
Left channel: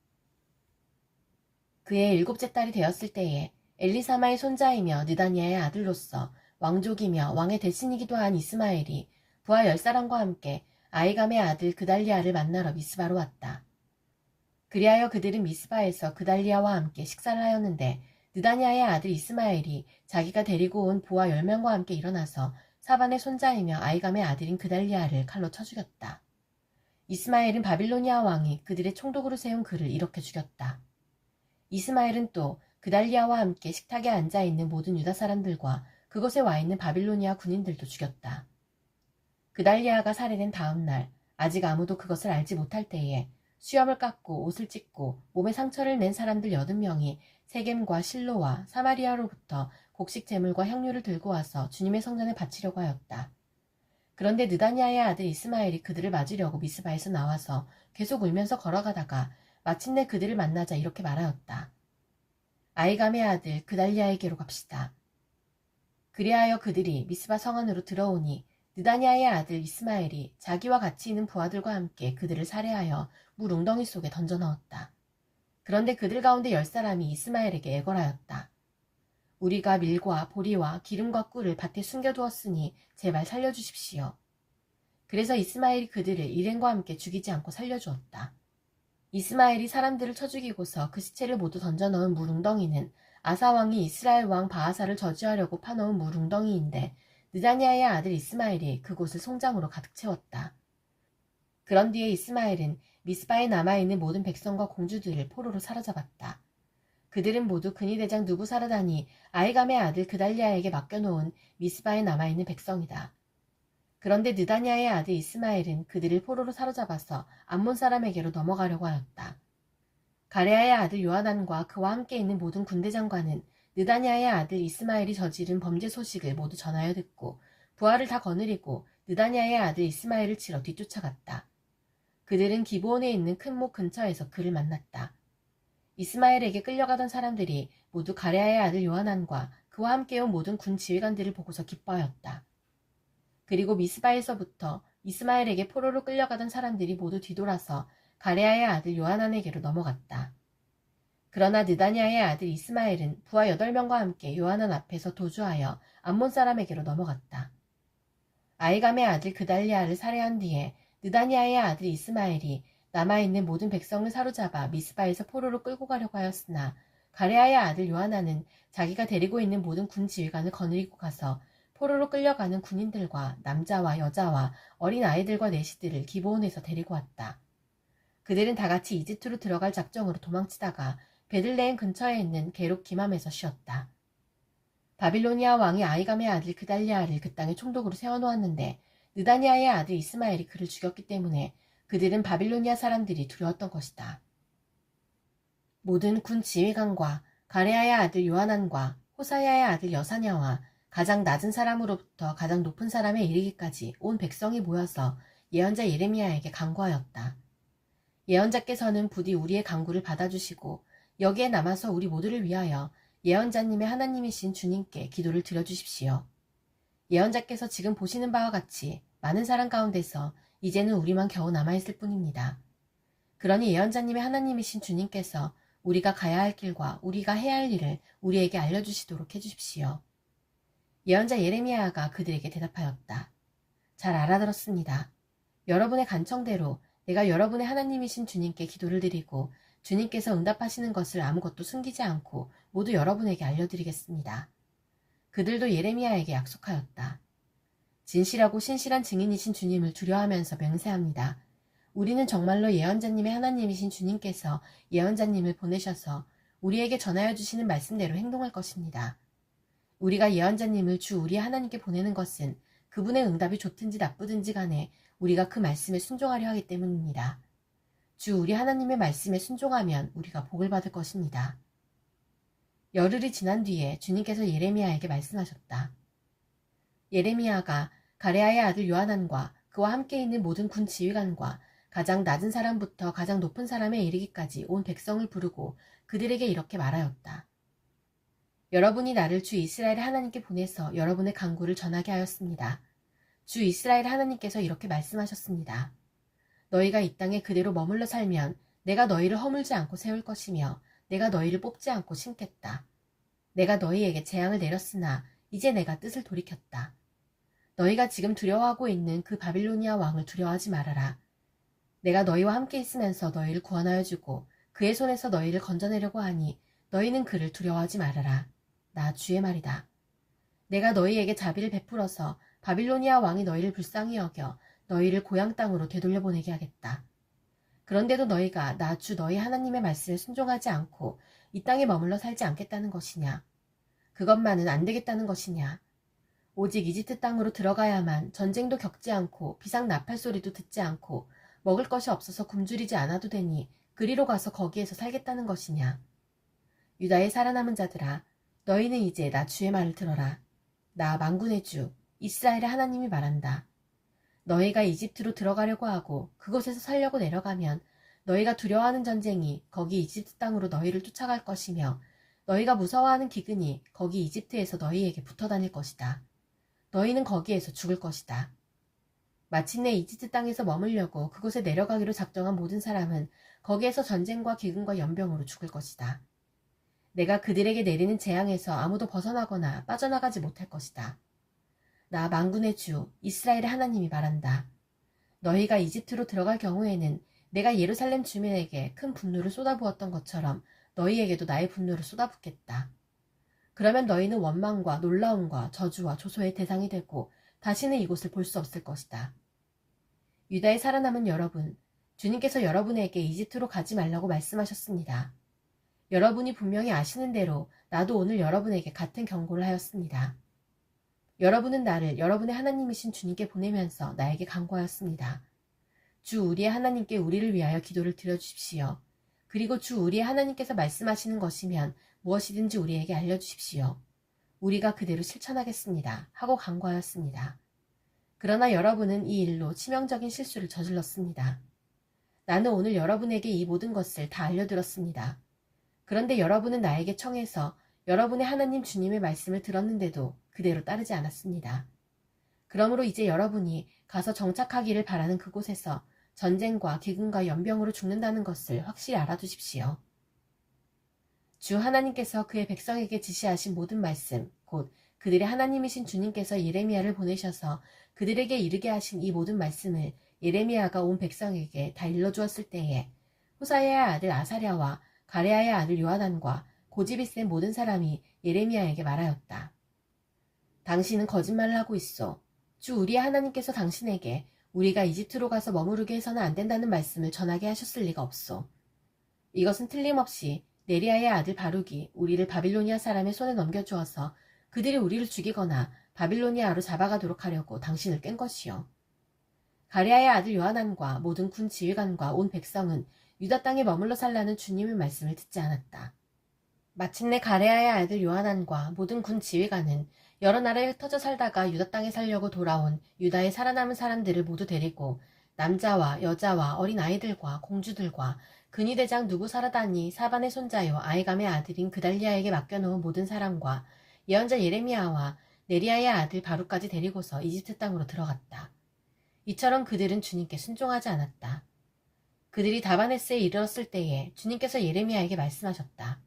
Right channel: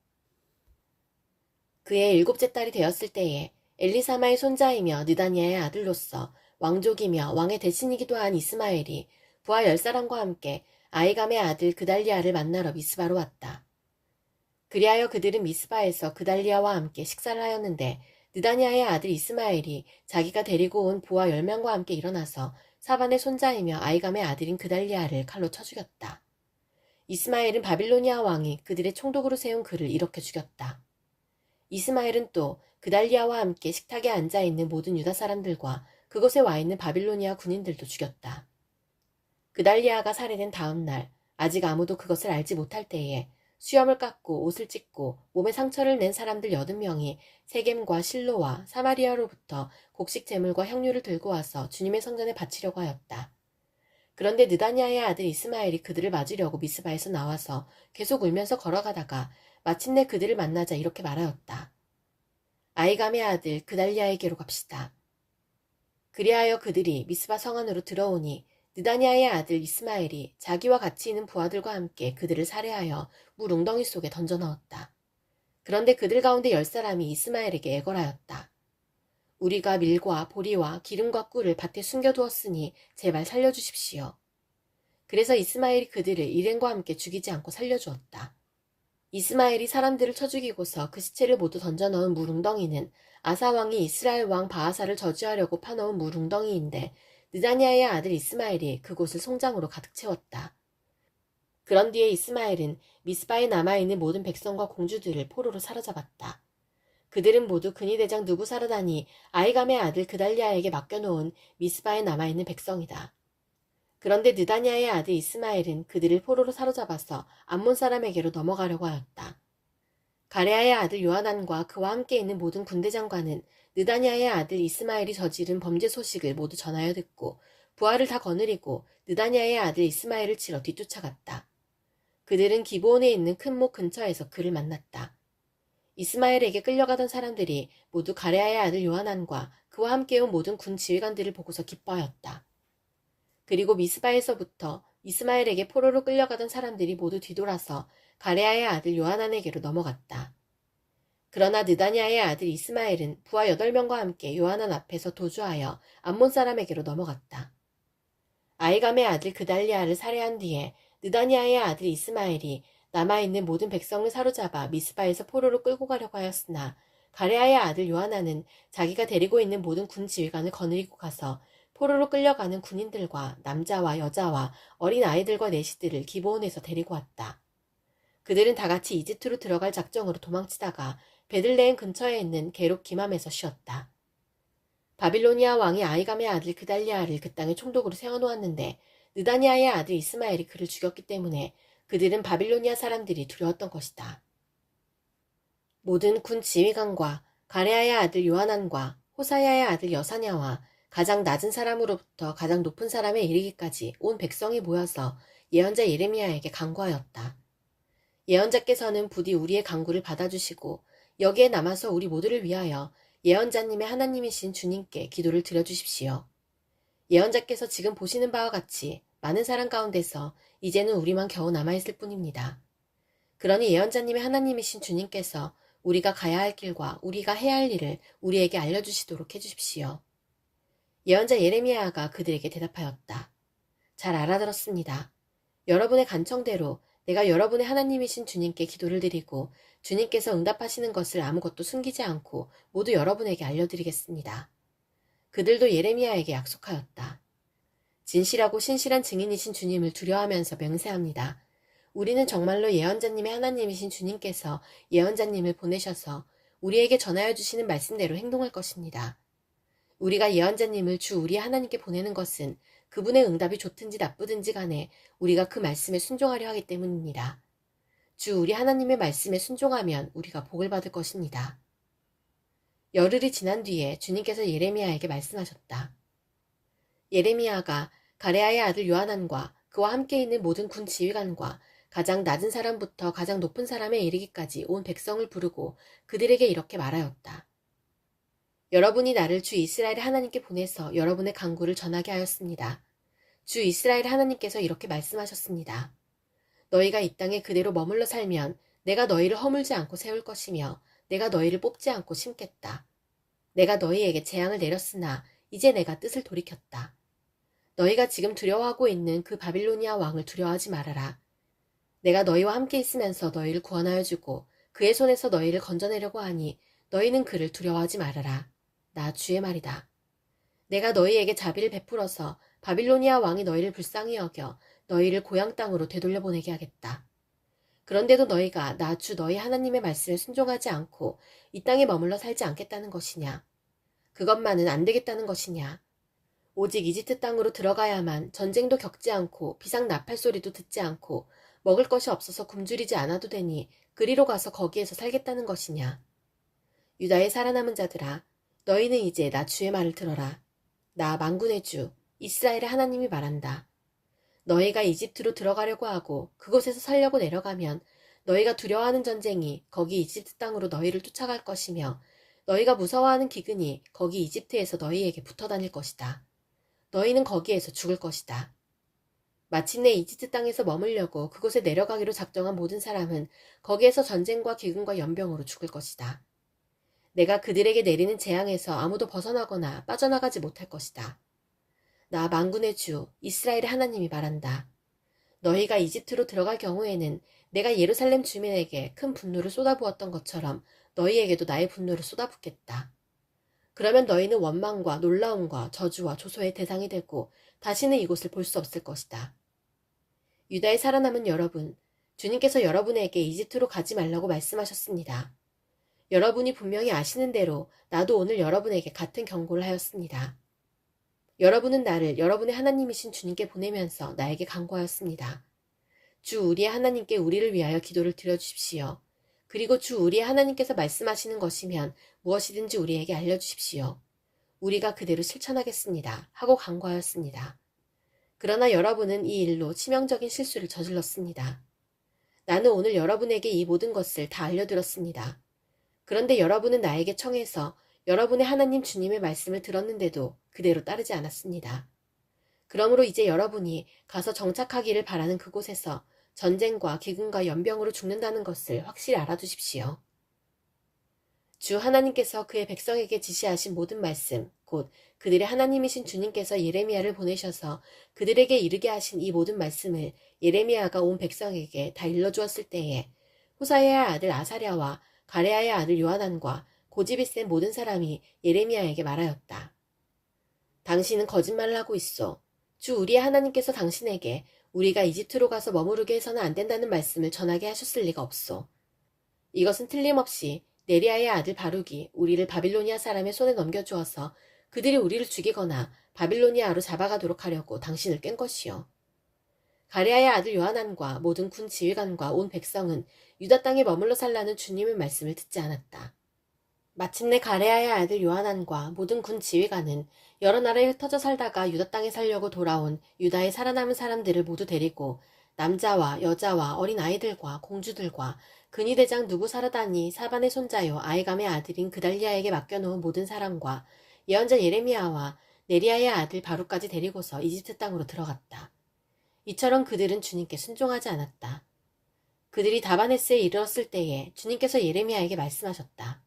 그의 7째 딸이 되었을 때에 엘리사마의 손자이며 느다니아의 아들로서 왕족이며 왕의 대신이기도 한 이스마엘이 부하 10사람과 함께 아이감의 아들 그달리아를 만나러 미스바로 왔다. 그리하여 그들은 미스바에서 그달리아와 함께 식사를 하였는데 느다니아의 아들 이스마엘이 자기가 데리고 온 부하 10명과 함께 일어나서 사반의 손자이며 아이감의 아들인 그달리아를 칼로 쳐 죽였다. 이스마엘은 바빌로니아 왕이 그들의 총독으로 세운 그를 이렇게 죽였다. 이스마엘은 또 그달리아와 함께 식탁에 앉아있는 모든 유다 사람들과 그곳에 와있는 바빌로니아 군인들도 죽였다. 그달리아가 살해된 다음 날 아직 아무도 그것을 알지 못할 때에 수염을 깎고 옷을 찢고 몸에 상처를 낸 사람들 80명이 세겜과 실로와 사마리아로부터 곡식 제물과 향료를 들고 와서 주님의 성전에 바치려고 하였다. 그런데 느다니아의 아들 이스마엘이 그들을 맞으려고 미스바에서 나와서 계속 울면서 걸어가다가 마침내 그들을 만나자 이렇게 말하였다. 아이감의 아들 그달리아에게로 갑시다. 그리하여 그들이 미스바 성안으로 들어오니 느다니아의 아들 이스마엘이 자기와 같이 있는 부하들과 함께 그들을 살해하여 물 웅덩이 속에 던져 넣었다. 그런데 그들 가운데 10사람이 이스마엘에게 애걸하였다. 우리가 밀과 보리와 기름과 꿀을 밭에 숨겨두었으니 제발 살려주십시오. 그래서 이스마엘이 그들을 일행과 함께 죽이지 않고 살려주었다. 이스마엘이 사람들을 쳐 죽이고서 그 시체를 모두 던져넣은 물웅덩이는 아사왕이 이스라엘 왕 바하사를 저주하려고 파놓은 물웅덩이인데 느다니아의 아들 이스마엘이 그곳을 송장으로 가득 채웠다. 그런 뒤에 이스마엘은 미스바에 남아있는 모든 백성과 공주들을 포로로 사로잡았다. 그들은 모두 근위대장 누부사르단이 아이감의 아들 그달리아에게 맡겨놓은 미스바에 남아있는 백성이다. 그런데 느다니아의 아들 이스마엘은 그들을 포로로 사로잡아서 암몬 사람에게로 넘어가려고 하였다. 가레아의 아들 요하난과 그와 함께 있는 모든 군대 장관은 느다니아의 아들 이스마엘이 저지른 범죄 소식을 모두 전하여 듣고 부하를 다 거느리고 느다니아의 아들 이스마엘을 치러 뒤쫓아갔다. 그들은 기브온에 있는 큰 목 근처에서 그를 만났다. 이스마엘에게 끌려가던 사람들이 모두 가레아의 아들 요하난과 그와 함께 온 모든 군 지휘관들을 보고서 기뻐하였다. 그리고 미스바에서부터 이스마엘에게 포로로 끌려가던 사람들이 모두 뒤돌아서 가레아의 아들 요하난에게로 넘어갔다. 그러나 느다니아의 아들 이스마엘은 부하 8명과 함께 요하난 앞에서 도주하여 암몬 사람에게로 넘어갔다. 아이감의 아들 그달리아를 살해한 뒤에 느다니아의 아들 이스마엘이 남아있는 모든 백성을 사로잡아 미스바에서 포로로 끌고 가려고 하였으나 가레아의 아들 요하난은 자기가 데리고 있는 모든 군 지휘관을 거느리고 가서 포로로 끌려가는 군인들과 남자와 여자와 어린 아이들과 내시들을 기브온에서 데리고 왔다. 그들은 다같이 이집트로 들어갈 작정으로 도망치다가 베들레헴 근처에 있는 게롭 기맘에서 쉬었다. 바빌로니아 왕이 아이감의 아들 그달리아를 그 땅의 총독으로 세워놓았는데 느다니아의 아들 이스마엘이 그를 죽였기 때문에 그들은 바빌로니아 사람들이 두려웠던 것이다. 모든 군 지휘관과 가레아의 아들 요하난과 호사야의 아들 여사냐와 가장 낮은 사람으로부터 가장 높은 사람에 이르기까지 온 백성이 모여서 예언자 예레미야에게 간구하였다. 예언자께서는 부디 우리의 간구를 받아주시고 여기에 남아서 우리 모두를 위하여 예언자님의 하나님이신 주님께 기도를 드려주십시오. 예언자께서 지금 보시는 바와 같이 많은 사람 가운데서 이제는 우리만 겨우 남아있을 뿐입니다. 그러니 예언자님의 하나님이신 주님께서 우리가 가야 할 길과 우리가 해야 할 일을 우리에게 알려주시도록 해주십시오. 예언자 예레미야가 그들에게 대답하였다. 잘 알아들었습니다. 여러분의 간청대로 내가 여러분의 하나님이신 주님께 기도를 드리고 주님께서 응답하시는 것을 아무것도 숨기지 않고 모두 여러분에게 알려드리겠습니다. 그들도 예레미야에게 약속하였다. 진실하고 신실한 증인이신 주님을 두려워하면서 맹세합니다. 우리는 정말로 예언자님의 하나님이신 주님께서 예언자님을 보내셔서 우리에게 전하여 주시는 말씀대로 행동할 것입니다. 우리가 예언자님을 주 우리 하나님께 보내는 것은 그분의 응답이 좋든지 나쁘든지 간에 우리가 그 말씀에 순종하려 하기 때문입니다. 주 우리 하나님의 말씀에 순종하면 우리가 복을 받을 것입니다. 열흘이 지난 뒤에 주님께서 예레미야에게 말씀하셨다. 예레미야가 가레아의 아들 요하난과 그와 함께 있는 모든 군 지휘관과 가장 낮은 사람부터 가장 높은 사람에 이르기까지 온 백성을 부르고 그들에게 이렇게 말하였다. 여러분이 나를 주 이스라엘 하나님께 보내서 여러분의 간구를 전하게 하였습니다. 주 이스라엘 하나님께서 이렇게 말씀하셨습니다. 너희가 이 땅에 그대로 머물러 살면 내가 너희를 허물지 않고 세울 것이며 내가 너희를 뽑지 않고 심겠다. 내가 너희에게 재앙을 내렸으나 이제 내가 뜻을 돌이켰다. 너희가 지금 두려워하고 있는 그 바빌로니아 왕을 두려워하지 말아라. 내가 너희와 함께 있으면서 너희를 구원하여 주고 그의 손에서 너희를 건져내려고 하니 너희는 그를 두려워하지 말아라. 나 주의 말이다. 내가 너희에게 자비를 베풀어서 바빌로니아 왕이 너희를 불쌍히 여겨 너희를 고향 땅으로 되돌려 보내게 하겠다. 그런데도 너희가 나 주 너희 하나님의 말씀을 순종하지 않고 이 땅에 머물러 살지 않겠다는 것이냐? 그것만은 안 되겠다는 것이냐? 오직 이집트 땅으로 들어가야만 전쟁도 겪지 않고 비상 나팔 소리도 듣지 않고 먹을 것이 없어서 굶주리지 않아도 되니 그리로 가서 거기에서 살겠다는 것이냐? 유다의 살아남은 자들아, 너희는 이제 나 주의 말을 들어라. 나 만군의 주 이스라엘의 하나님이 말한다. 너희가 이집트로 들어가려고 하고 그곳에서 살려고 내려가면 너희가 두려워하는 전쟁이 거기 이집트 땅으로 너희를 쫓아갈 것이며 너희가 무서워하는 기근이 거기 이집트에서 너희에게 붙어 다닐 것이다. 너희는 거기에서 죽을 것이다. 마침내 이집트 땅에서 머물려고 그곳에 내려가기로 작정한 모든 사람은 거기에서 전쟁과 기근과 연병으로 죽을 것이다. 내가 그들에게 내리는 재앙에서 아무도 벗어나거나 빠져나가지 못할 것이다. 나 만군의 주 이스라엘의 하나님이 말한다. 너희가 이집트로 들어갈 경우에는 내가 예루살렘 주민에게 큰 분노를 쏟아부었던 것처럼 너희에게도 나의 분노를 쏟아붓겠다. 그러면 너희는 원망과 놀라움과 저주와 조소의 대상이 되고 다시는 이곳을 볼 수 없을 것이다. 유다에 살아남은 여러분, 주님께서 여러분에게 이집트로 가지 말라고 말씀하셨습니다. 여러분이 분명히 아시는 대로 나도 오늘 여러분에게 같은 경고를 하였습니다. 여러분은 나를 여러분의 하나님이신 주님께 보내면서 나에게 간구하였습니다. 주 우리의 하나님께 우리를 위하여 기도를 드려주십시오. 그리고 주 우리의 하나님께서 말씀하시는 것이면 무엇이든지 우리에게 알려주십시오. 우리가 그대로 실천하겠습니다. 하고 간구하였습니다. 그러나 여러분은 이 일로 치명적인 실수를 저질렀습니다. 나는 오늘 여러분에게 이 모든 것을 다 알려드렸습니다. 그런데 여러분은 나에게 청해서 여러분의 하나님 주님의 말씀을 들었는데도 그대로 따르지 않았습니다. 그러므로 이제 여러분이 가서 정착하기를 바라는 그곳에서 전쟁과 기근과 연병으로 죽는다는 것을 확실히 알아두십시오. 주 하나님께서 그의 백성에게 지시하신 모든 말씀, 곧 그들의 하나님이신 주님께서 예레미야를 보내셔서 그들에게 이르게 하신 이 모든 말씀을 예레미야가 온 백성에게 다 일러주었을 때에 호사야의 아들 아사랴와 가레아의 아들 요하난과 고집이 센 모든 사람이 예레미야에게 말하였다. 당신은 거짓말을 하고 있어. 주 우리의 하나님께서 당신에게 우리가 이집트로 가서 머무르게 해서는 안 된다는 말씀을 전하게 하셨을 리가 없어. 이것은 틀림없이 네리아의 아들 바룩이 우리를 바빌로니아 사람의 손에 넘겨주어서 그들이 우리를 죽이거나 바빌로니아로 잡아가도록 하려고 당신을 깬 것이요. 가레아의 아들 요하난과 모든 군 지휘관과 온 백성은 유다 땅에 머물러 살라는 주님의 말씀을 듣지 않았다. 마침내 가레아의 아들 요하난과 모든 군 지휘관은 여러 나라에 흩어져 살다가 유다 땅에 살려고 돌아온 유다에 살아남은 사람들을 모두 데리고 남자와 여자와 어린 아이들과 공주들과 근위대장 누부사라다니 사반의 손자요 아이감의 아들인 그달리아에게 맡겨놓은 모든 사람과 예언자 예레미야와 네리아의 아들 바룩까지 데리고서 이집트 땅으로 들어갔다. 이처럼 그들은 주님께 순종하지 않았다. 그들이 다바네스에 이르렀을 때에 주님께서 예레미야에게 말씀하셨다.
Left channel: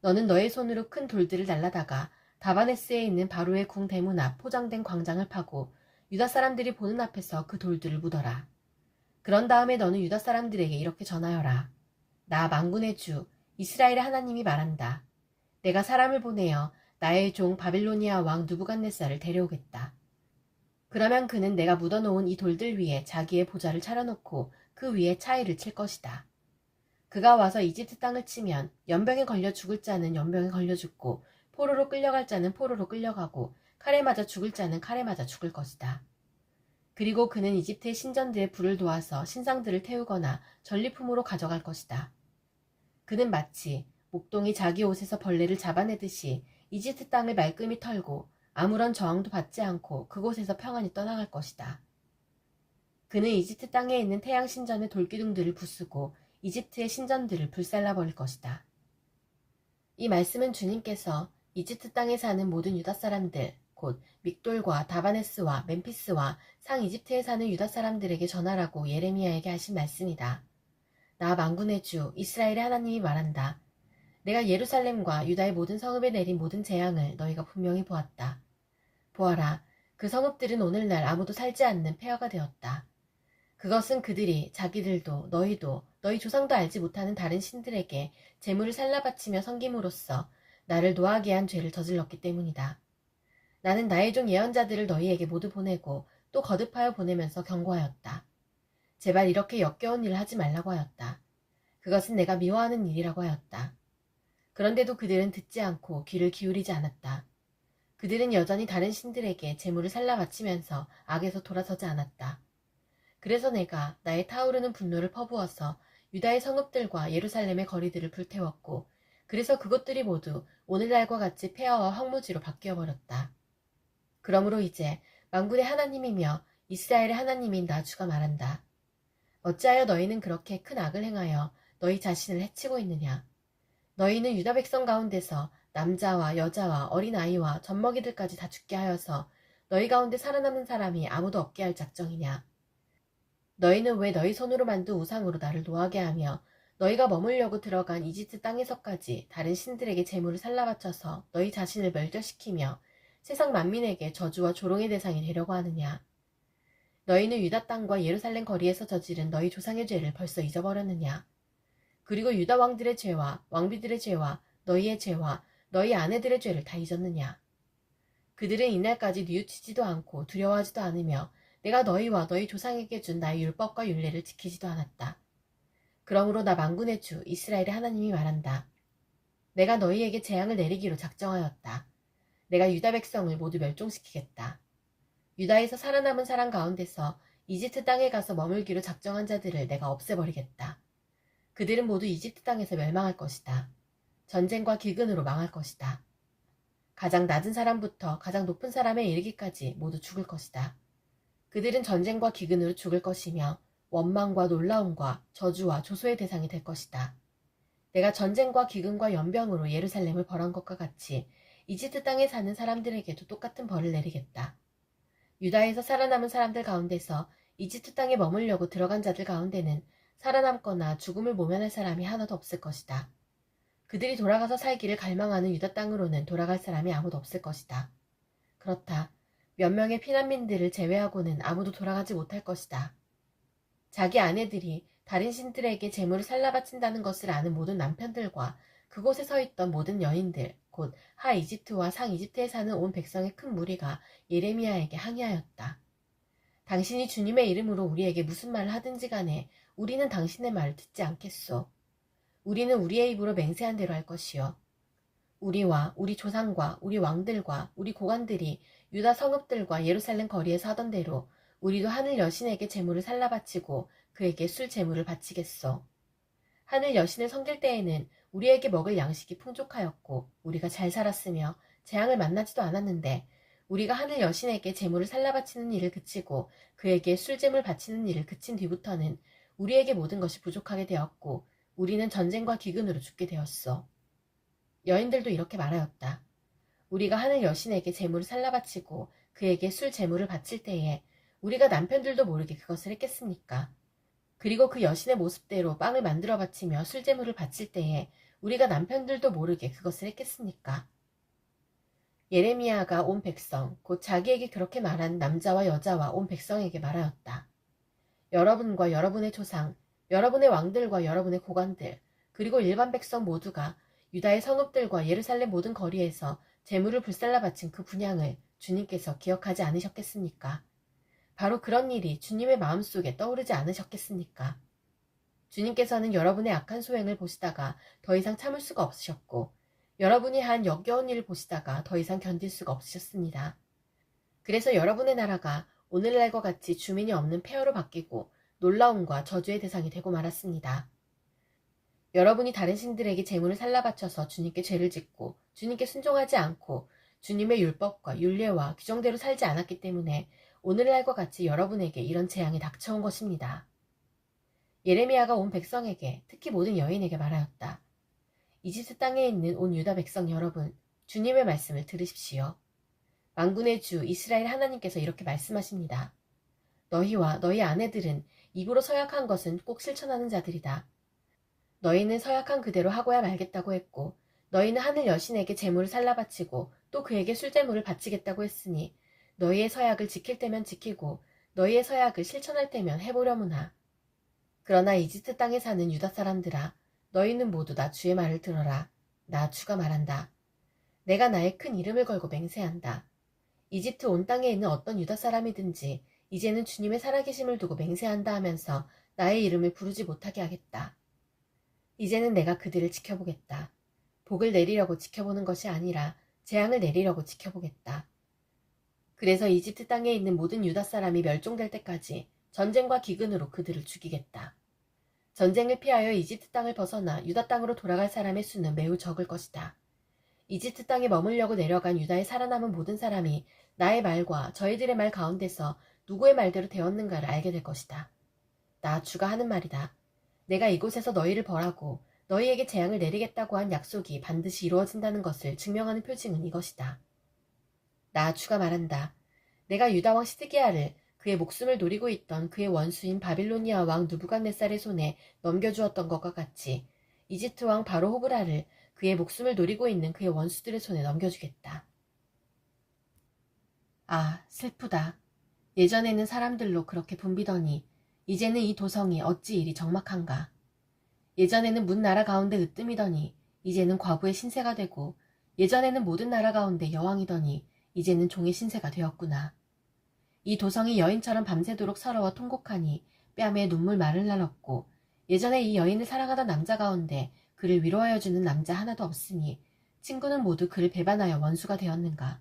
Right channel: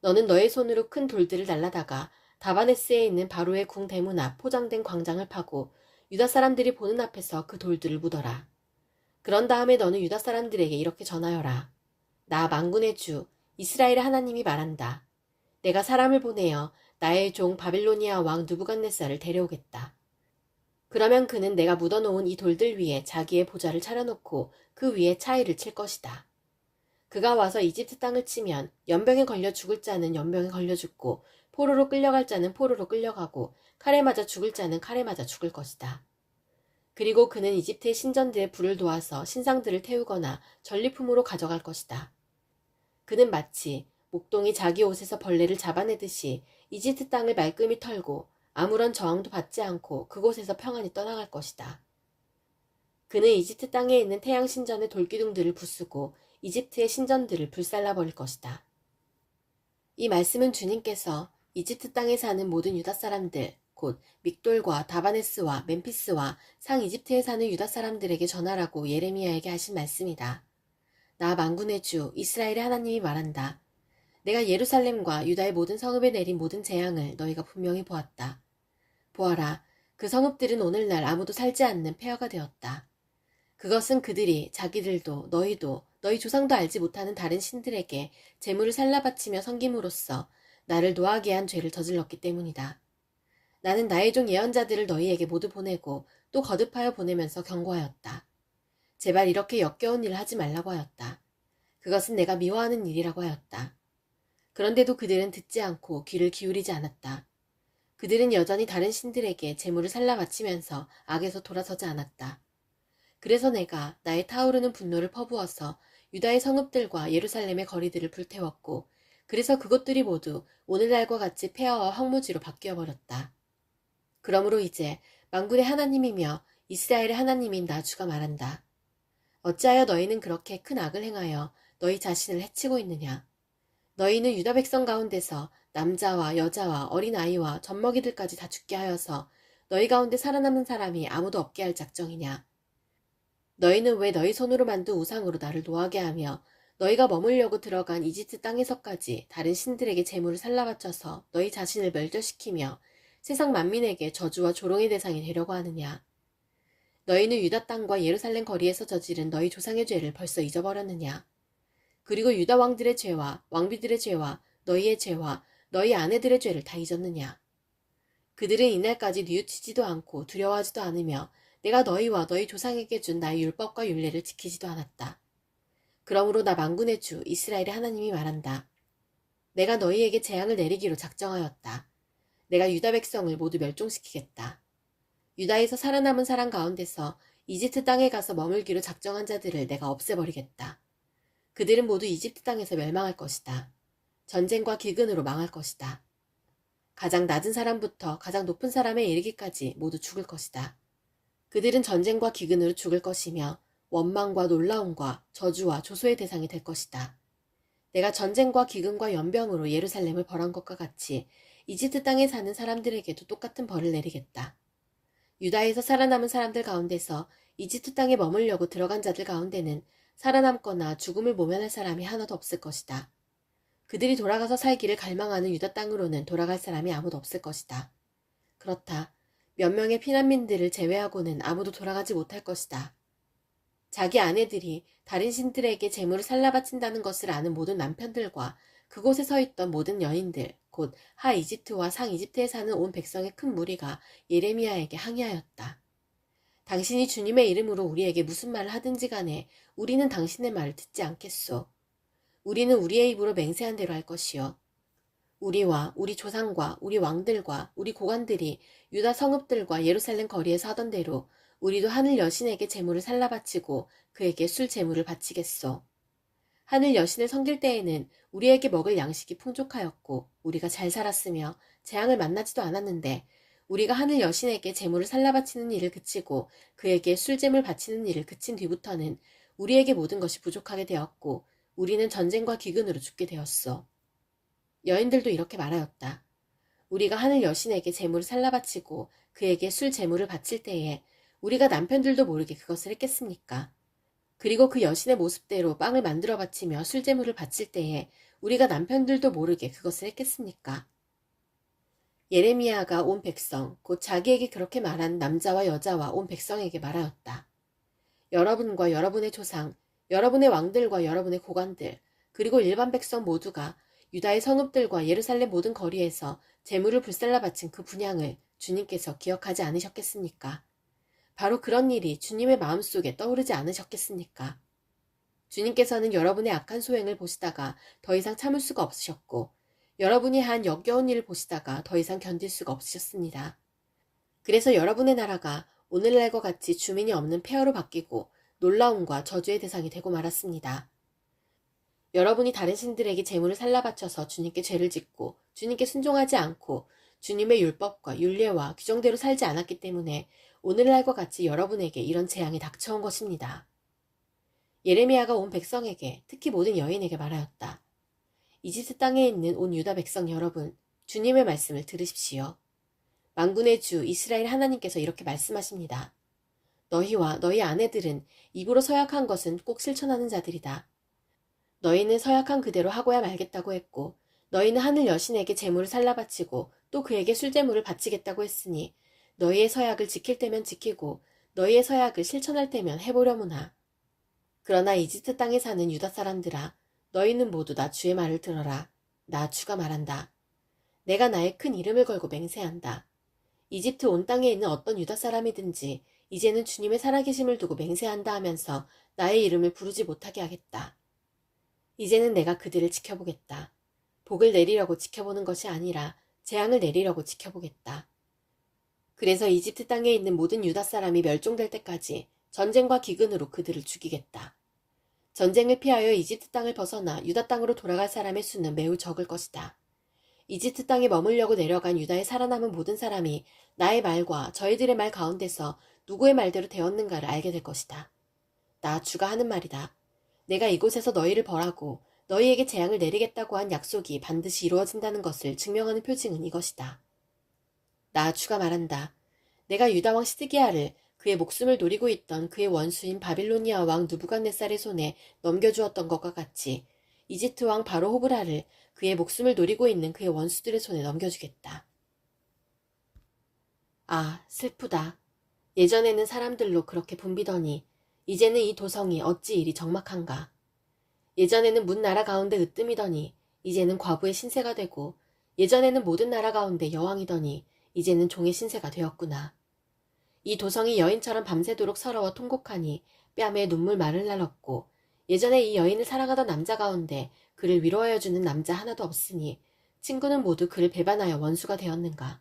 너는 너의 손으로 큰 돌들을 날라다가 다바네스에 있는 바로의 궁 대문 앞 포장된 광장을 파고 유다 사람들이 보는 앞에서 그 돌들을 묻어라. 그런 다음에 너는 유다 사람들에게 이렇게 전하여라. 나 만군의 주 이스라엘의 하나님이 말한다. 내가 사람을 보내어 나의 종 바빌로니아 왕 느부갓네살을 데려오겠다. 그러면 그는 내가 묻어놓은 이 돌들 위에 자기의 보좌를 차려놓고 그 위에 차이를 칠 것이다. 그가 와서 이집트 땅을 치면 연병에 걸려 죽을 자는 연병에 걸려 죽고 포로로 끌려갈 자는 포로로 끌려가고 칼에 맞아 죽을 자는 칼에 맞아 죽을 것이다. 그리고 그는 이집트의 신전들에 불을 도와서 신상들을 태우거나 전리품으로 가져갈 것이다. 그는 마치 목동이 자기 옷에서 벌레를 잡아내듯이 이집트 땅을 말끔히 털고 아무런 저항도 받지 않고 그곳에서 평안히 떠나갈 것이다. 그는 이집트 땅에 있는 태양 신전의 돌기둥들을 부수고 이집트의 신전들을 불살라버릴 것이다. 이 말씀은 주님께서 이집트 땅에 사는 모든 유다 사람들, 곧 믹돌과 다바네스와 멤피스와 상이집트에 사는 유다 사람들에게 전하라고 예레미야에게 하신 말씀이다. 나 만군의 주 이스라엘의 하나님이 말한다. 내가 예루살렘과 유다의 모든 성읍에 내린 모든 재앙을 너희가 분명히 보았다. 보아라, 그 성읍들은 오늘날 아무도 살지 않는 폐허가 되었다. 그것은 그들이 자기들도 너희도 너희 조상도 알지 못하는 다른 신들에게 재물을 살라바치며 섬김으로써 나를 노하게 한 죄를 저질렀기 때문이다. 나는 나의 종 예언자들을 너희에게 모두 보내고 또 거듭하여 보내면서 경고하였다. 제발 이렇게 역겨운 일을 하지 말라고 하였다. 그것은 내가 미워하는 일이라고 하였다. 그런데도 그들은 듣지 않고 귀를 기울이지 않았다. 그들은 여전히 다른 신들에게 재물을 살라바치면서 악에서 돌아서지 않았다. 그래서 내가 나의 타오르는 분노를 퍼부어서 유다의 성읍들과 예루살렘의 거리들을 불태웠고 그래서 그곳들이 모두 오늘날과 같이 폐허와 황무지로 바뀌어버렸다. 그러므로 이제 만군의 하나님이며 이스라엘의 하나님인 나 주가 말한다. 어찌하여 너희는 그렇게 큰 악을 행하여 너희 자신을 해치고 있느냐. 너희는 유다 백성 가운데서 남자와 여자와 어린아이와 젖먹이들까지 다 죽게 하여서 너희 가운데 살아남은 사람이 아무도 없게 할 작정이냐. 너희는 왜 너희 손으로 만든 우상으로 나를 노하게 하며 너희가 머물려고 들어간 이집트 땅에서까지 다른 신들에게 재물을 살라바쳐서 너희 자신을 멸절시키며 세상 만민에게 저주와 조롱의 대상이 되려고 하느냐. 너희는 유다 땅과 예루살렘 거리에서 저지른 너희 조상의 죄를 벌써 잊어버렸느냐. 그리고 유다 왕들의 죄와 왕비들의 죄와 너희의 죄와 너희 아내들의 죄를 다 잊었느냐. 그들은 이날까지 뉘우치지도 않고 두려워하지도 않으며 내가 너희와 너희 조상에게 준 나의 율법과 율례를 지키지도 않았다. 그러므로 나 만군의 주 이스라엘의 하나님이 말한다. 내가 너희에게 재앙을 내리기로 작정하였다. 내가 유다 백성을 모두 멸종시키겠다. 유다에서 살아남은 사람 가운데서 이집트 땅에 가서 머물기로 작정한 자들을 내가 없애버리겠다. 그들은 모두 이집트 땅에서 멸망할 것이다. 전쟁과 기근으로 망할 것이다. 가장 낮은 사람부터 가장 높은 사람에 이르기까지 모두 죽을 것이다. 그들은 전쟁과 기근으로 죽을 것이며 원망과 놀라움과 저주와 조소의 대상이 될 것이다. 내가 전쟁과 기근과 연병으로 예루살렘을 벌한 것과 같이 이집트 땅에 사는 사람들에게도 똑같은 벌을 내리겠다. 유다에서 살아남은 사람들 가운데서 이집트 땅에 머물려고 들어간 자들 가운데는 살아남거나 죽음을 모면할 사람이 하나도 없을 것이다. 그들이 돌아가서 살기를 갈망하는 유다 땅으로는 돌아갈 사람이 아무도 없을 것이다. 그렇다. 몇 명의 피난민들을 제외하고는 아무도 돌아가지 못할 것이다. 자기 아내들이 다른 신들에게 재물을 살라바친다는 것을 아는 모든 남편들과 그곳에 서 있던 모든 여인들, 곧 하 이집트와 상 이집트에 사는 온 백성의 큰 무리가 예레미야에게 항의하였다. 당신이 주님의 이름으로 우리에게 무슨 말을 하든지 간에 우리는 당신의 말을 듣지 않겠소. 우리는 우리의 입으로 맹세한 대로 할 것이요. 우리와 우리 조상과 우리 왕들과 우리 고관들이 유다 성읍들과 예루살렘 거리에서 하던 대로 우리도 하늘 여신에게 제물을 살라바치고 그에게 술 제물을 바치겠소. 하늘 여신을 섬길 때에는 우리에게 먹을 양식이 풍족하였고 우리가 잘 살았으며 재앙을 만나지도 않았는데 우리가 하늘 여신에게 제물을 살라바치는 일을 그치고 그에게 술 제물 바치는 일을 그친 뒤부터는 우리에게 모든 것이 부족하게 되었고 우리는 전쟁과 기근으로 죽게 되었소. 여인들도 이렇게 말하였다. 우리가 하늘 여신에게 제물을 살라바치고 그에게 술 제물을 바칠 때에 우리가 남편들도 모르게 그것을 했겠습니까? 그리고 그 여신의 모습대로 빵을 만들어 바치며 술 제물을 바칠 때에 우리가 남편들도 모르게 그것을 했겠습니까? 예레미야가 온 백성, 곧 자기에게 그렇게 말한 남자와 여자와 온 백성에게 말하였다. 여러분과 여러분의 조상, 여러분의 왕들과 여러분의 고관들, 그리고 일반 백성 모두가 유다의 성읍들과 예루살렘 모든 거리에서 재물을 불살라 바친 그 분향을 주님께서 기억하지 않으셨겠습니까? 바로 그런 일이 주님의 마음속에 떠오르지 않으셨겠습니까? 주님께서는 여러분의 악한 소행을 보시다가 더 이상 참을 수가 없으셨고 여러분이 한 역겨운 일을 보시다가 더 이상 견딜 수가 없으셨습니다. 그래서 여러분의 나라가 오늘날과 같이 주민이 없는 폐허로 바뀌고 놀라움과 저주의 대상이 되고 말았습니다. 여러분이 다른 신들에게 재물을 살라바쳐서 주님께 죄를 짓고 주님께 순종하지 않고 주님의 율법과 율례와 규정대로 살지 않았기 때문에 오늘날과 같이 여러분에게 이런 재앙이 닥쳐온 것입니다. 예레미야가 온 백성에게, 특히 모든 여인에게 말하였다. 이집트 땅에 있는 온 유다 백성 여러분, 주님의 말씀을 들으십시오. 만군의 주 이스라엘 하나님께서 이렇게 말씀하십니다. 너희와 너희 아내들은 입으로 서약한 것은 꼭 실천하는 자들이다. 너희는 서약한 그대로 하고야 말겠다고 했고, 너희는 하늘 여신에게 제물을 살라바치고 또 그에게 술제물을 바치겠다고 했으니 너희의 서약을 지킬 때면 지키고 너희의 서약을 실천할 때면 해보려무나. 그러나 이집트 땅에 사는 유다 사람들아, 너희는 모두 나 주의 말을 들어라. 나 주가 말한다. 내가 나의 큰 이름을 걸고 맹세한다. 이집트 온 땅에 있는 어떤 유다 사람이든지 이제는 주님의 살아계심을 두고 맹세한다 하면서 나의 이름을 부르지 못하게 하겠다. 이제는 내가 그들을 지켜보겠다. 복을 내리려고 지켜보는 것이 아니라 재앙을 내리려고 지켜보겠다. 그래서 이집트 땅에 있는 모든 유다 사람이 멸종될 때까지 전쟁과 기근으로 그들을 죽이겠다. 전쟁을 피하여 이집트 땅을 벗어나 유다 땅으로 돌아갈 사람의 수는 매우 적을 것이다. 이집트 땅에 머물려고 내려간 유다에 살아남은 모든 사람이 나의 말과 저희들의 말 가운데서 누구의 말대로 되었는가를 알게 될 것이다. 나 주가 하는 말이다. 내가 이곳에서 너희를 벌하고 너희에게 재앙을 내리겠다고 한 약속이 반드시 이루어진다는 것을 증명하는 표징은 이것이다. 나 주가 말한다. 내가 유다 왕 시드기야를 그의 목숨을 노리고 있던 그의 원수인 바빌로니아 왕 느부갓네살의 손에 넘겨주었던 것과 같이 이집트 왕 바로 호브라를 그의 목숨을 노리고 있는 그의 원수들의 손에 넘겨주겠다. 아, 슬프다. 예전에는 사람들로 그렇게 붐비더니 이제는 이 도성이 어찌 이리 적막한가. 예전에는 문 나라 가운데 으뜸이더니 이제는 과부의 신세가 되고, 예전에는 모든 나라 가운데 여왕이더니 이제는 종의 신세가 되었구나. 이 도성이 여인처럼 밤새도록 서러워 통곡하니 뺨에 눈물 마를 날 없고, 예전에 이 여인을 사랑하던 남자 가운데 그를 위로하여주는 남자 하나도 없으니 친구는 모두 그를 배반하여 원수가 되었는가.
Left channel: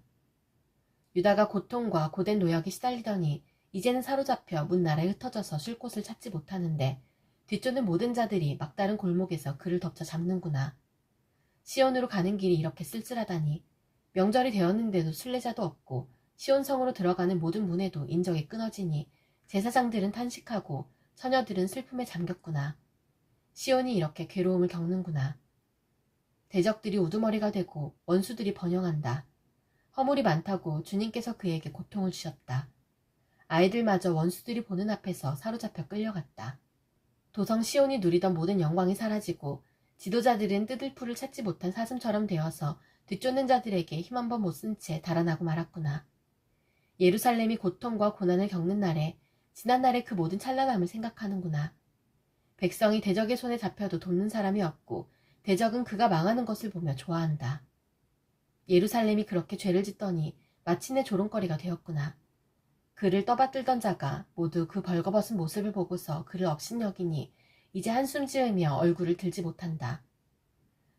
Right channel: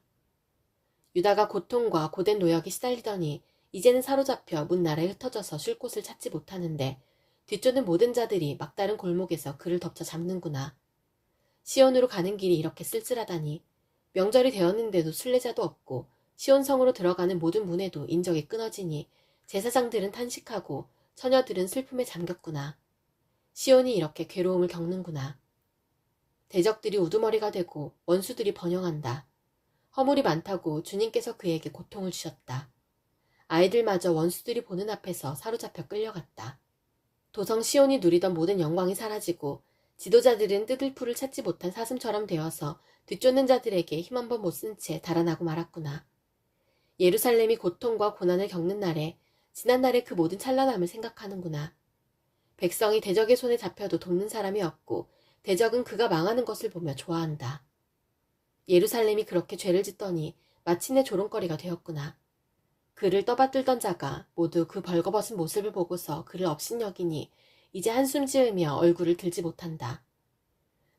유다가 고통과 고된 노역에 시달리더니 이제는 사로잡혀 문 나라에 흩어져서 쉴 곳을 찾지 못하는데 뒤쫓는 모든 자들이 막다른 골목에서 그를 덮쳐 잡는구나. 시온으로 가는 길이 이렇게 쓸쓸하다니. 명절이 되었는데도 순례자도 없고 시온성으로 들어가는 모든 문에도 인적이 끊어지니 제사장들은 탄식하고 처녀들은 슬픔에 잠겼구나. 시온이 이렇게 괴로움을 겪는구나. 대적들이 우두머리가 되고 원수들이 번영한다. 허물이 많다고 주님께서 그에게 고통을 주셨다. 아이들마저 원수들이 보는 앞에서 사로잡혀 끌려갔다. 도성 시온이 누리던 모든 영광이 사라지고 지도자들은 뜯을 풀을 찾지 못한 사슴처럼 되어서 뒤쫓는 자들에게 힘 한 번 못 쓴 채 달아나고 말았구나. 예루살렘이 고통과 고난을 겪는 날에 지난날의 그 모든 찬란함을 생각하는구나. 백성이 대적의 손에 잡혀도 돕는 사람이 없고 대적은 그가 망하는 것을 보며 좋아한다. 예루살렘이 그렇게 죄를 짓더니 마침내 조롱거리가 되었구나. 그를 떠받들던 자가 모두 그 벌거벗은 모습을 보고서 그를 업신여기니 이제 한숨 지으며 얼굴을 들지 못한다.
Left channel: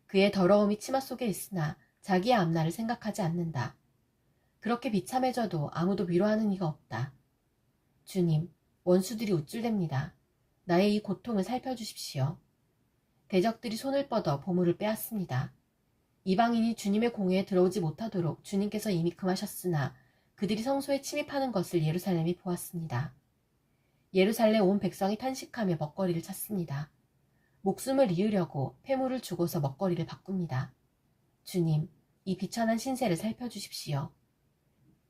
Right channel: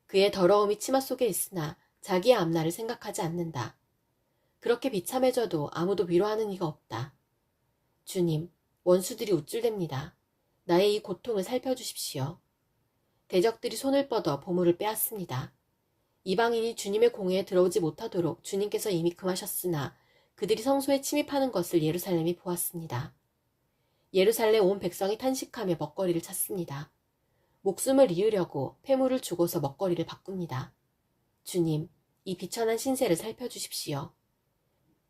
그의 더러움이 치마 속에 있으나 자기의 앞날을 생각하지 않는다. 그렇게 비참해져도 아무도 위로하는 이가 없다. 주님, 원수들이 우쭐댑니다. 나의 이 고통을 살펴주십시오. 대적들이 손을 뻗어 보물을 빼앗습니다. 이방인이 주님의 공회에 들어오지 못하도록 주님께서 이미 금하셨으나 그들이 성소에 침입하는 것을 예루살렘이 보았습니다. 예루살렘 온 백성이 탄식하며 먹거리를 찾습니다. 목숨을 이으려고 폐물을 주고서 먹거리를 바꿉니다. 주님, 이 비천한 신세를 살펴주십시오.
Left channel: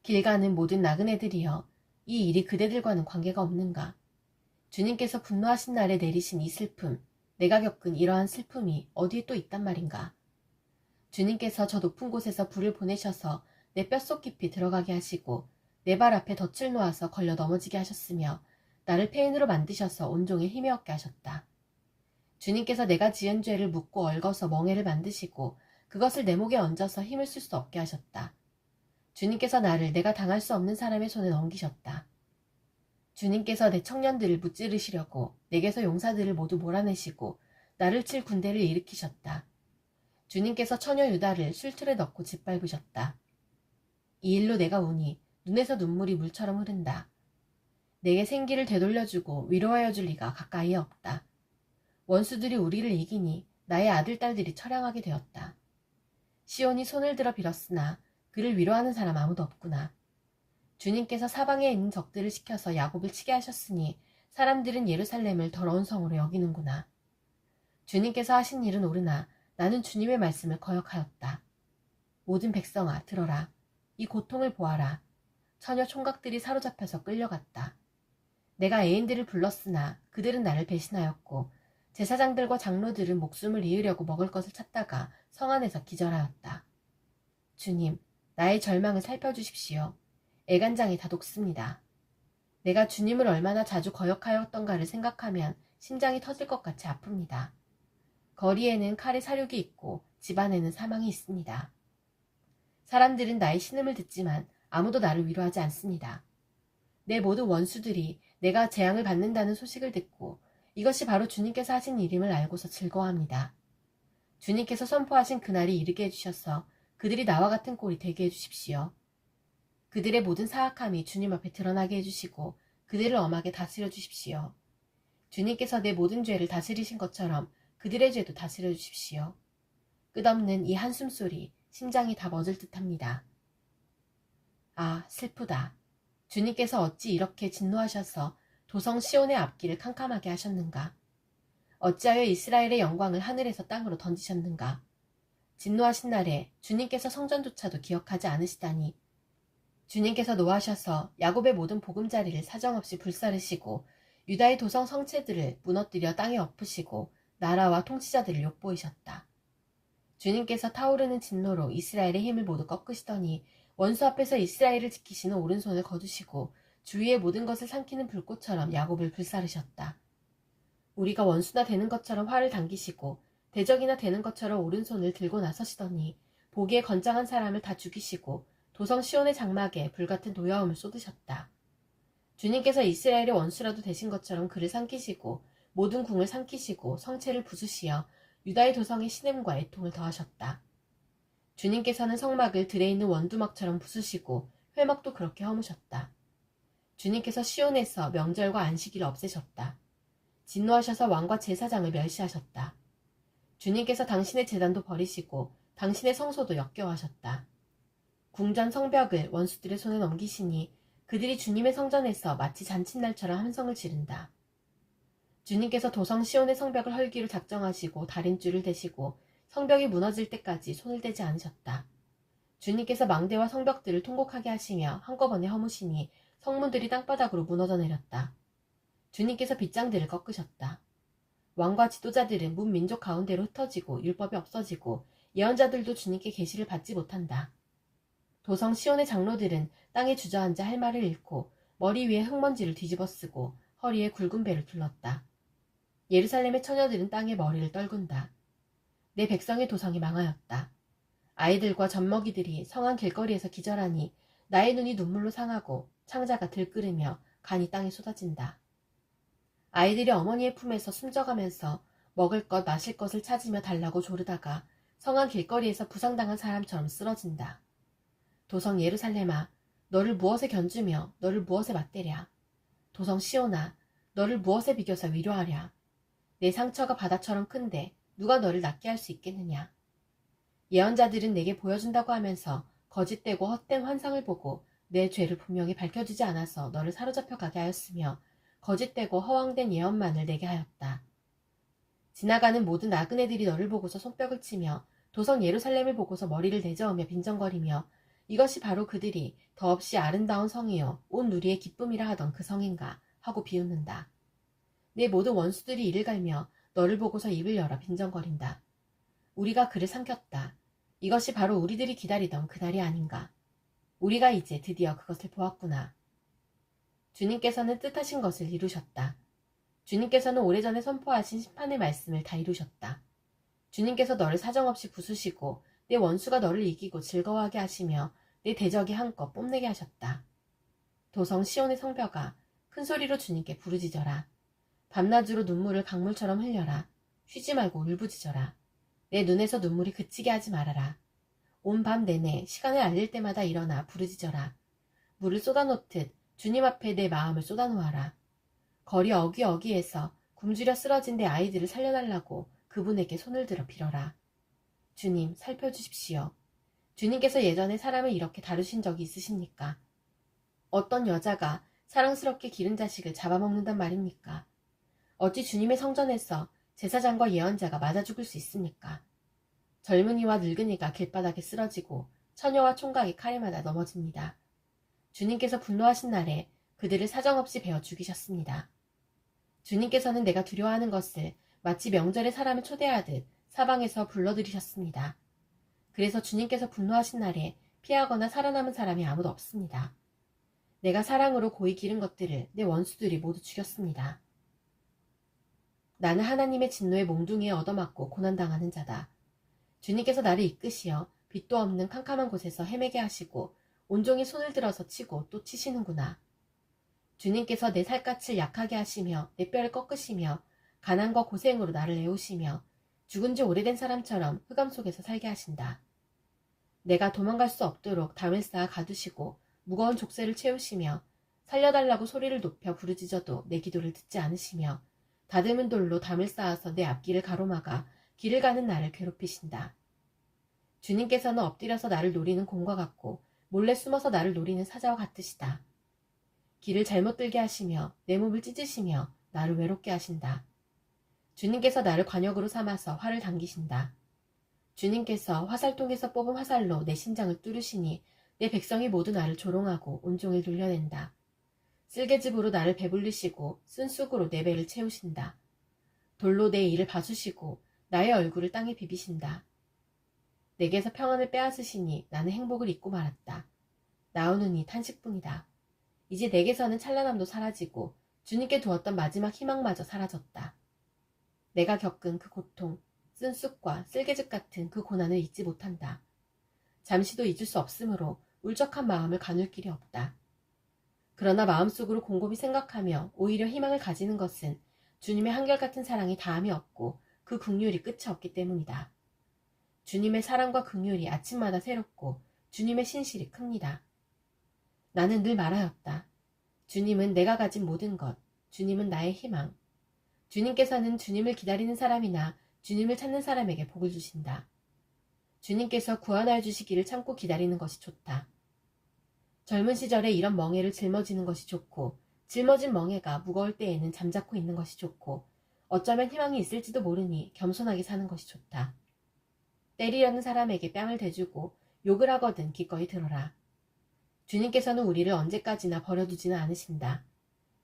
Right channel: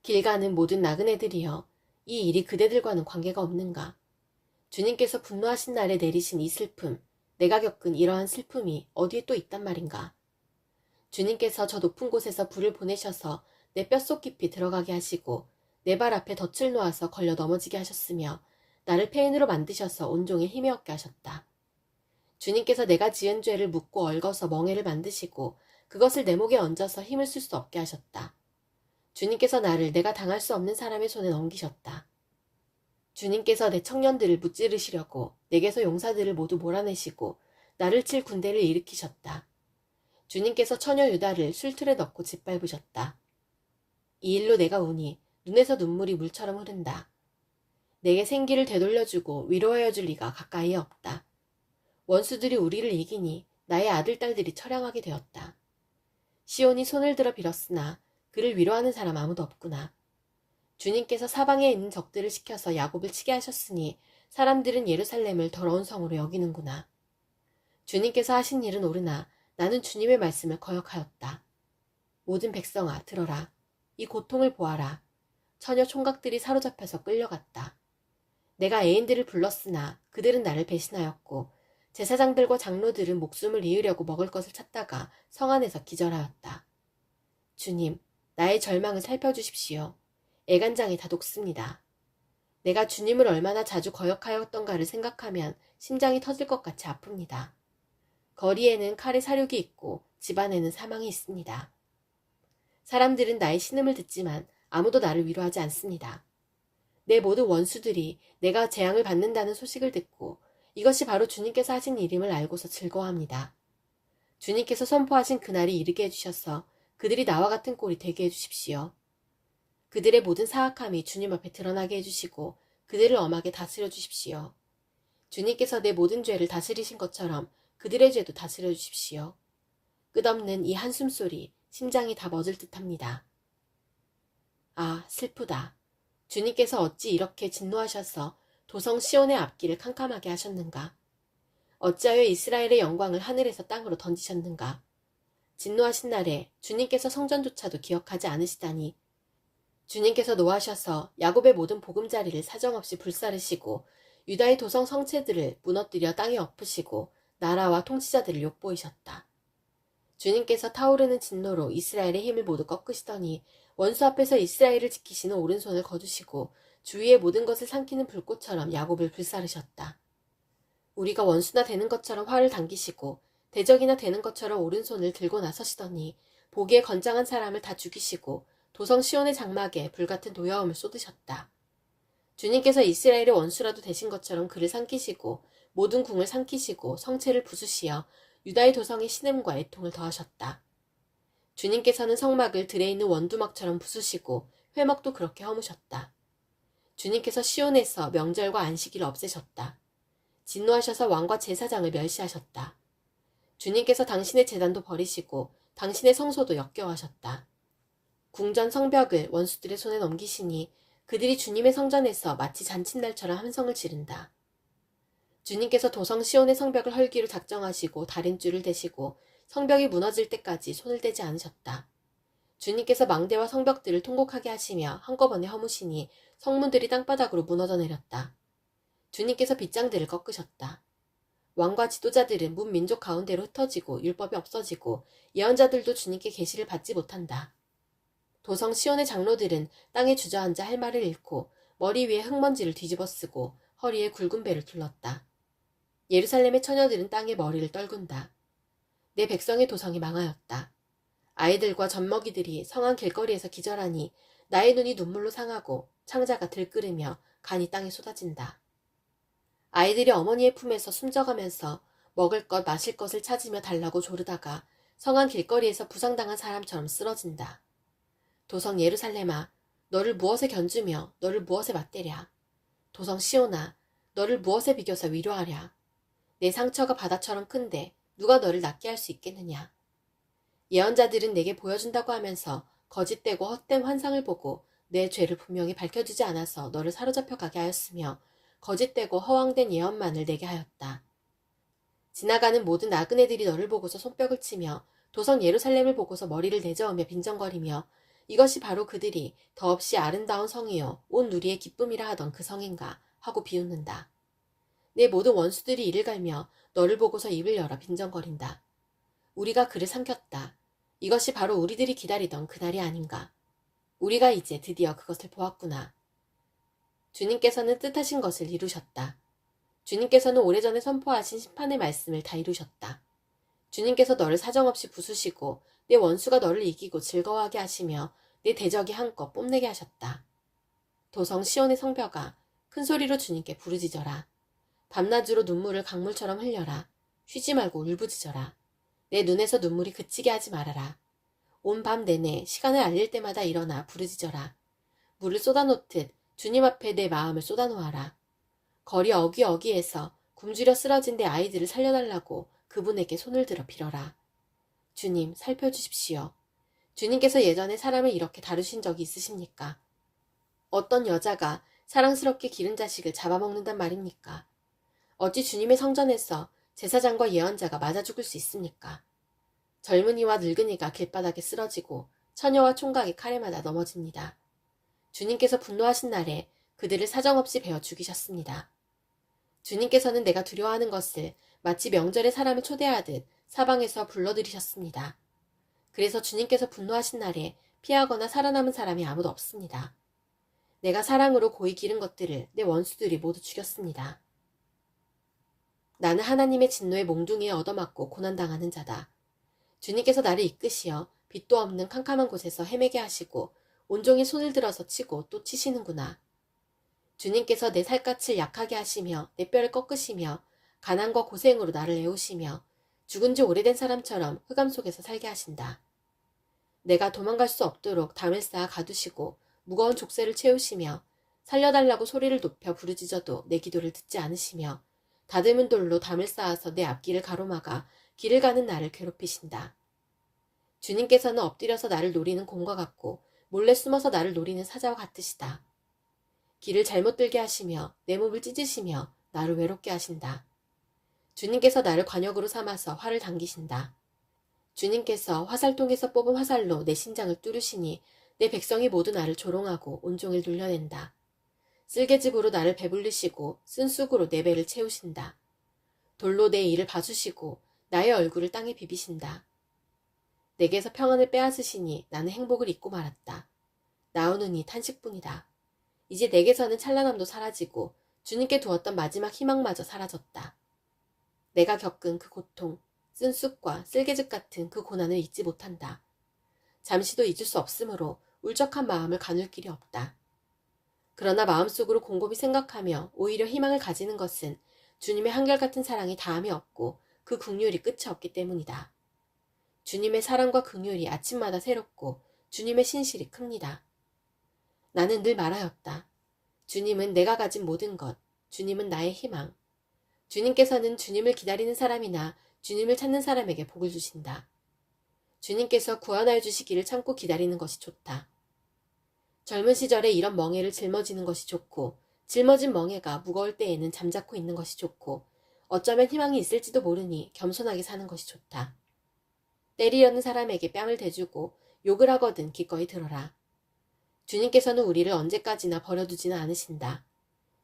길 가는 모든 나그네들이여, 이 일이 그대들과는 관계가 없는가? 주님께서 분노하신 날에 내리신 이 슬픔, 내가 겪은 이러한 슬픔이 어디에 또 있단 말인가? 주님께서 저 높은 곳에서 불을 보내셔서 내 뼛속 깊이 들어가게 하시고 내 발 앞에 덫을 놓아서 걸려 넘어지게 하셨으며 나를 폐인으로 만드셔서 온종일 힘이 없게 하셨다. 주님께서 내가 지은 죄를 묻고 얽어서 멍에를 만드시고 그것을 내 목에 얹어서 힘을 쓸 수 없게 하셨다. 주님께서 나를 내가 당할 수 없는 사람의 손에 넘기셨다. 주님께서 내 청년들을 무찌르시려고 내게서 용사들을 모두 몰아내시고 나를 칠 군대를 일으키셨다. 주님께서 처녀 유다를 술틀에 넣고 짓밟으셨다. 이 일로 내가 우니 눈에서 눈물이 물처럼 흐른다. 내게 생기를 되돌려주고 위로하여 줄 리가 가까이에 없다. 원수들이 우리를 이기니 나의 아들, 딸들이 처량하게 되었다. 시온이 손을 들어 빌었으나 그를 위로하는 사람 아무도 없구나. 주님께서 사방에 있는 적들을 시켜서 야곱을 치게 하셨으니 사람들은 예루살렘을 더러운 성으로 여기는구나. 주님께서 하신 일은 옳으나 나는 주님의 말씀을 거역하였다. 모든 백성아 들어라. 이 고통을 보아라. 처녀 총각들이 사로잡혀서 끌려갔다. 내가 애인들을 불렀으나 그들은 나를 배신하였고 제사장들과 장로들은 목숨을 이으려고 먹을 것을 찾다가 성 안에서 기절하였다. 주님, 나의 절망을 살펴주십시오. 애간장이 다 녹습니다. 내가 주님을 얼마나 자주 거역하였던가를 생각하면 심장이 터질 것 같이 아픕니다. 거리에는 칼의 사륙이 있고 집안에는 사망이 있습니다. 사람들은 나의 신음을 듣지만 아무도 나를 위로하지 않습니다. 내 모든 원수들이 내가 재앙을 받는다는 소식을 듣고 이것이 바로 주님께서 하신 일임을 알고서 즐거워합니다. 주님께서 선포하신 그날이 이르게 해주셔서 그들이 나와 같은 꼴이 되게 해주십시오. 그들의 모든 사악함이 주님 앞에 드러나게 해주시고 그들을 엄하게 다스려 주십시오. 주님께서 내 모든 죄를 다스리신 것처럼 그들의 죄도 다스려 주십시오. 끝없는 이 한숨소리 심장이 다 멎을 듯합니다. 아, 슬프다. 주님께서 어찌 이렇게 진노하셔서 도성 시온의 앞길을 캄캄하게 하셨는가? 어찌하여 이스라엘의 영광을 하늘에서 땅으로 던지셨는가? 진노하신 날에 주님께서 성전조차도 기억하지 않으시다니. 주님께서 노하셔서 야곱의 모든 보금자리를 사정없이 불사르시고 유다의 도성 성체들을 무너뜨려 땅에 엎으시고 나라와 통치자들을 욕보이셨다. 주님께서 타오르는 진노로 이스라엘의 힘을 모두 꺾으시더니 원수 앞에서 이스라엘을 지키시는 오른손을 거두시고 주위의 모든 것을 삼키는 불꽃처럼 야곱을 불사르셨다. 우리가 원수나 되는 것처럼 활을 당기시고 대적이나 되는 것처럼 오른손을 들고 나서시더니 보기에 건장한 사람을 다 죽이시고 도성 시온의 장막에 불같은 도여움을 쏟으셨다. 주님께서 이스라엘의 원수라도 되신 것처럼 그를 삼키시고 모든 궁을 삼키시고 성체를 부수시어 유다의 도성에 신음과 애통을 더하셨다. 주님께서는 성막을 들에 있는 원두막처럼 부수시고 회막도 그렇게 허무셨다. 주님께서 시온에서 명절과 안식일을 없애셨다. 진노하셔서 왕과 제사장을 멸시하셨다. 주님께서 당신의 제단도 버리시고 당신의 성소도 역겨워하셨다. 궁전 성벽을 원수들의 손에 넘기시니 그들이 주님의 성전에서 마치 잔칫날처럼 함성을 지른다. 주님께서 도성 시온의 성벽을 헐기로 작정하시고 다림줄을 대시고 성벽이 무너질 때까지 손을 대지 않으셨다. 주님께서 망대와 성벽들을 통곡하게 하시며 한꺼번에 허무시니 성문들이 땅바닥으로 무너져 내렸다. 주님께서 빗장들을 꺾으셨다. 왕과 지도자들은 문 민족 가운데로 흩어지고 율법이 없어지고 예언자들도 주님께 계시를 받지 못한다. 도성 시온의 장로들은 땅에 주저앉아 할 말을 잃고 머리 위에 흙먼지를 뒤집어 쓰고 허리에 굵은 배를 둘렀다. 예루살렘의 처녀들은 땅에 머리를 떨군다. 내 백성의 도성이 망하였다. 아이들과 젖먹이들이 성안 길거리에서 기절하니 나의 눈이 눈물로 상하고 창자가 들끓으며 간이 땅에 쏟아진다. 아이들이 어머니의 품에서 숨져가면서 먹을 것 마실 것을 찾으며 달라고 조르다가 성안 길거리에서 부상당한 사람처럼 쓰러진다. 도성 예루살렘아, 너를 무엇에 견주며 너를 무엇에 맞대랴. 도성 시온아, 너를 무엇에 비교서 위로하랴. 내 상처가 바다처럼 큰데 누가 너를 낫게 할 수 있겠느냐. 예언자들은 내게 보여준다고 하면서 거짓되고 헛된 환상을 보고 내 죄를 분명히 밝혀주지 않아서 너를 사로잡혀 가게 하였으며 거짓되고 허황된 예언만을 내게 하였다. 지나가는 모든 나그네들이 너를 보고서 손뼉을 치며 도성 예루살렘을 보고서 머리를 내저으며 빈정거리며 이것이 바로 그들이 더없이 아름다운 성이요 온 누리의 기쁨이라 하던 그 성인가 하고 비웃는다. 내 모든 원수들이 이를 갈며 너를 보고서 입을 열어 빈정거린다. 우리가 그를 삼켰다. 이것이 바로 우리들이 기다리던 그날이 아닌가. 우리가 이제 드디어 그것을 보았구나. 주님께서는 뜻하신 것을 이루셨다. 주님께서는 오래전에 선포하신 심판의 말씀을 다 이루셨다. 주님께서 너를 사정없이 부수시고 내 원수가 너를 이기고 즐거워하게 하시며 내 대적이 한껏 뽐내게 하셨다. 도성 시온의 성벽아, 큰 소리로 주님께 부르짖어라. 밤낮으로 눈물을 강물처럼 흘려라. 쉬지 말고 울부짖어라. 내 눈에서 눈물이 그치게 하지 말아라. 온 밤 내내 시간을 알릴 때마다 일어나 부르짖어라. 물을 쏟아놓듯 주님 앞에 내 마음을 쏟아놓아라. 거리 어귀어귀에서 굶주려 쓰러진 내 아이들을 살려달라고 그분에게 손을 들어 빌어라. 주님, 살펴주십시오. 주님께서 예전에 사람을 이렇게 다루신 적이 있으십니까? 어떤 여자가 사랑스럽게 기른 자식을 잡아먹는단 말입니까? 어찌 주님의 성전에서 제사장과 예언자가 맞아 죽을 수 있습니까? 젊은이와 늙은이가 길바닥에 쓰러지고 처녀와 총각이 칼에 맞아 넘어집니다. 주님께서 분노하신 날에 그들을 사정없이 베어 죽이셨습니다. 주님께서는 내가 두려워하는 것을 마치 명절에 사람을 초대하듯 사방에서 불러들이셨습니다. 그래서 주님께서 분노하신 날에 피하거나 살아남은 사람이 아무도 없습니다. 내가 사랑으로 고이 기른 것들을 내 원수들이 모두 죽였습니다. 나는 하나님의 진노의 몽둥이에 얻어맞고 고난당하는 자다. 주님께서 나를 이끄시어 빛도 없는 캄캄한 곳에서 헤매게 하시고 온종일 손을 들어서 치고 또 치시는구나. 주님께서 내 살갗을 약하게 하시며 내 뼈를 꺾으시며 가난과 고생으로 나를 애우시며 죽은 지 오래된 사람처럼 흑암 속에서 살게 하신다. 내가 도망갈 수 없도록 담을 쌓아 가두시고 무거운 족쇄를 채우시며 살려달라고 소리를 높여 부르짖어도 내 기도를 듣지 않으시며 다듬은 돌로 담을 쌓아서 내 앞길을 가로막아 길을 가는 나를 괴롭히신다. 주님께서는 엎드려서 나를 노리는 곰과 같고 몰래 숨어서 나를 노리는 사자와 같으시다. 길을 잘못 들게 하시며 내 몸을 찢으시며 나를 외롭게 하신다. 주님께서 나를 관역으로 삼아서 활을 당기신다. 주님께서 화살통에서 뽑은 화살로 내 심장을 뚫으시니 내 백성이 모두 나를 조롱하고 온종일 놀려낸다. 쓸개즙으로 나를 배불리시고 쓴쑥으로 내 배를 채우신다. 돌로 내 이를 봐주시고 나의 얼굴을 땅에 비비신다. 내게서 평안을 빼앗으시니 나는 행복을 잊고 말았다. 나오는 이 탄식뿐이다. 이제 내게서는 찬란함도 사라지고 주님께 두었던 마지막 희망마저 사라졌다. 내가 겪은 그 고통, 쓴쑥과 쓸개즙 같은 그 고난을 잊지 못한다. 잠시도 잊을 수 없으므로 울적한 마음을 가눌 길이 없다. 그러나 마음속으로 곰곰이 생각하며 오히려 희망을 가지는 것은 주님의 한결같은 사랑이 다함이 없고 그 긍휼이 끝이 없기 때문이다. 주님의 사랑과 긍휼이 아침마다 새롭고 주님의 신실이 큽니다. 나는 늘 말하였다. 주님은 내가 가진 모든 것, 주님은 나의 희망. 주님께서는 주님을 기다리는 사람이나 주님을 찾는 사람에게 복을 주신다. 주님께서 구원하여 주시기를 참고 기다리는 것이 좋다. 젊은 시절에 이런 멍에를 짊어지는 것이 좋고 짊어진 멍에가 무거울 때에는 잠자코 있는 것이 좋고 어쩌면 희망이 있을지도 모르니 겸손하게 사는 것이 좋다. 때리려는 사람에게 뺨을 대주고 욕을 하거든 기꺼이 들어라. 주님께서는 우리를 언제까지나 버려두지는 않으신다.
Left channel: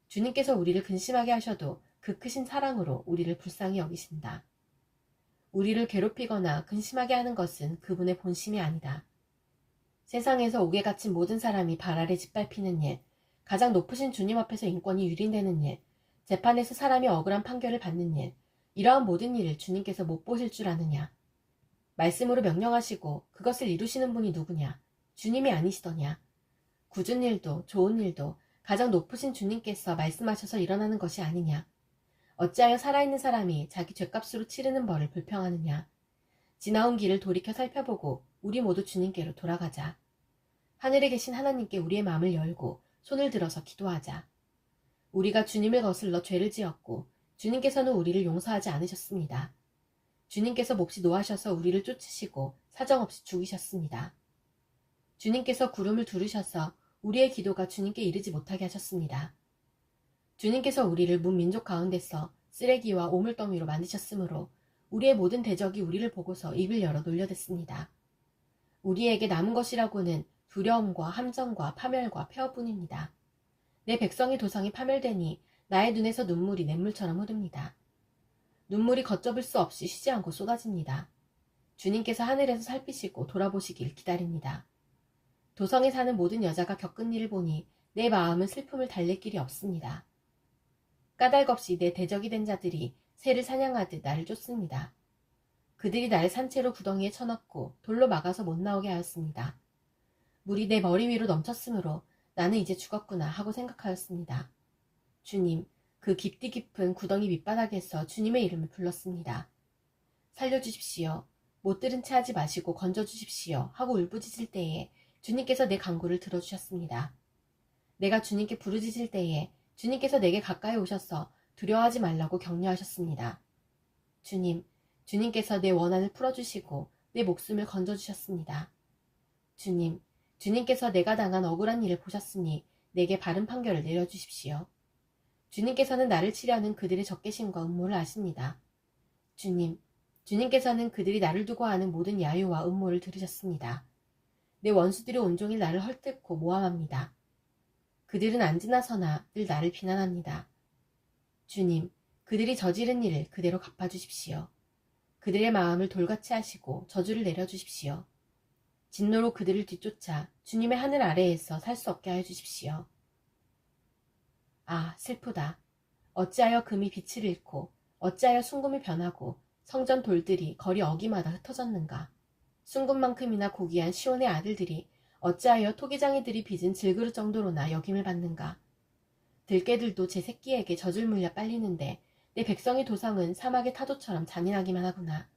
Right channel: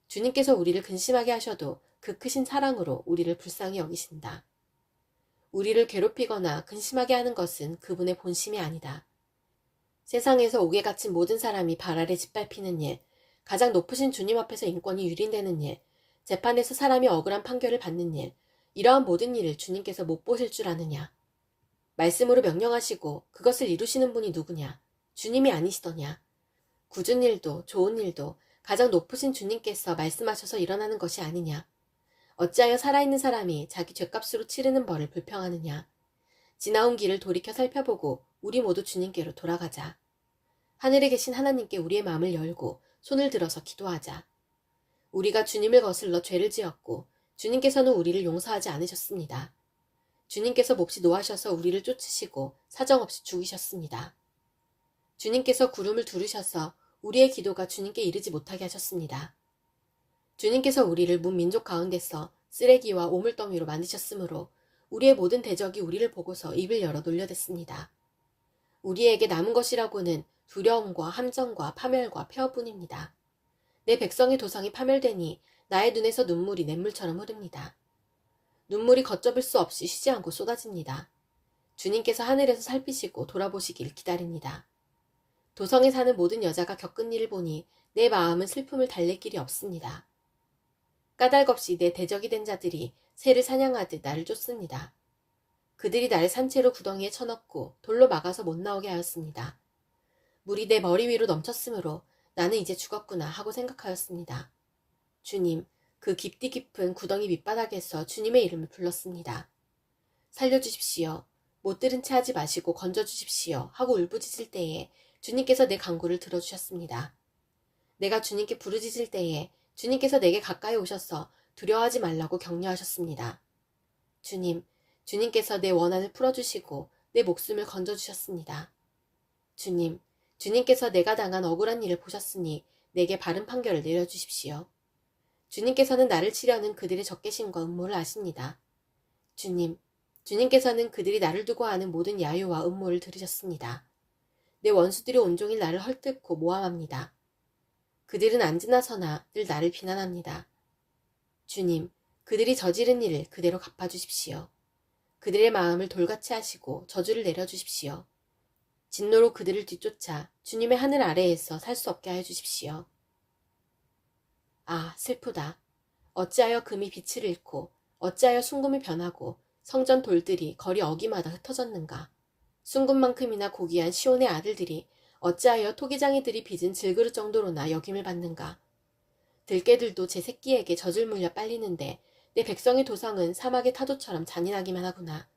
주님께서 우리를 근심하게 하셔도 그 크신 사랑으로 우리를 불쌍히 여기신다. 우리를 괴롭히거나 근심하게 하는 것은 그분의 본심이 아니다. 세상에서 옥에 갇힌 모든 사람이 발 아래 짓밟히는 일, 가장 높으신 주님 앞에서 인권이 유린되는 일, 재판에서 사람이 억울한 판결을 받는 일, 이러한 모든 일을 주님께서 못 보실 줄 아느냐. 말씀으로 명령하시고 그것을 이루시는 분이 누구냐? 주님이 아니시더냐? 굳은 일도 좋은 일도 가장 높으신 주님께서 말씀하셔서 일어나는 것이 아니냐? 어찌하여 살아있는 사람이 자기 죗값으로 치르는 벌을 불평하느냐? 지나온 길을 돌이켜 살펴보고 우리 모두 주님께로 돌아가자. 하늘에 계신 하나님께 우리의 마음을 열고 손을 들어서 기도하자. 우리가 주님을 거슬러 죄를 지었고 주님께서는 우리를 용서하지 않으셨습니다. 주님께서 몹시 노하셔서 우리를 쫓으시고 사정없이 죽이셨습니다. 주님께서 구름을 두르셔서 우리의 기도가 주님께 이르지 못하게 하셨습니다. 주님께서 우리를 문민족 가운데서 쓰레기와 오물더미로 만드셨으므로 우리의 모든 대적이 우리를 보고서 입을 열어 놀려댔습니다. 우리에게 남은 것이라고는 두려움과 함정과 파멸과 폐허뿐입니다. 내 백성의 도성이 파멸되니 나의 눈에서 눈물이 냇물처럼 흐릅니다. 눈물이 걷잡을 수 없이 쉬지 않고 쏟아집니다. 주님께서 하늘에서 살피시고 돌아보시길 기다립니다. 도성에 사는 모든 여자가 겪은 일을 보니 내 마음은 슬픔을 달랠 길이 없습니다. 까닭없이 내 대적이 된 자들이 새를 사냥하듯 나를 쫓습니다. 그들이 나를 산채로 구덩이에 쳐넣고 돌로 막아서 못 나오게 하였습니다. 물이 내 머리 위로 넘쳤으므로 나는 이제 죽었구나 하고 생각하였습니다. 주님, 그 깊디 깊은 구덩이 밑바닥에서 주님의 이름을 불렀습니다. 살려주십시오. 못 들은 채 하지 마시고 건져주십시오 하고 울부짖을 때에 주님께서 내 간구를 들어주셨습니다. 내가 주님께 부르짖을 때에 주님께서 내게 가까이 오셔서 두려워하지 말라고 격려하셨습니다. 주님께서 내 원한을 풀어주시고 내 목숨을 건져주셨습니다. 주님, 주님께서 내가 당한 억울한 일을 보셨으니 내게 바른 판결을 내려주십시오. 주님께서는 나를 치려는 그들의 적개심과 음모를 아십니다. 주님, 주님께서는 그들이 나를 두고 하는 모든 야유와 음모를 들으셨습니다. 내 원수들이 온종일 나를 헐뜯고 모함합니다. 그들은 앉으나 서나 늘 나를 비난합니다. 주님, 그들이 저지른 일을 그대로 갚아주십시오. 그들의 마음을 돌같이 하시고 저주를 내려주십시오. 진노로 그들을 뒤쫓아 주님의 하늘 아래에서 살 수 없게 하여 주십시오. 아, 슬프다. 어찌하여 금이 빛을 잃고 어찌하여 순금이 변하고 성전 돌들이 거리 어기마다 흩어졌는가. 순금만큼이나 고귀한 시온의 아들들이 어찌하여 토기장이들이 빚은 질그릇 정도로나 여김을 받는가. 들깨들도 제 새끼에게 젖을 물려 빨리는데 내 백성의 도성은 사막의 타조처럼 잔인하기만 하구나.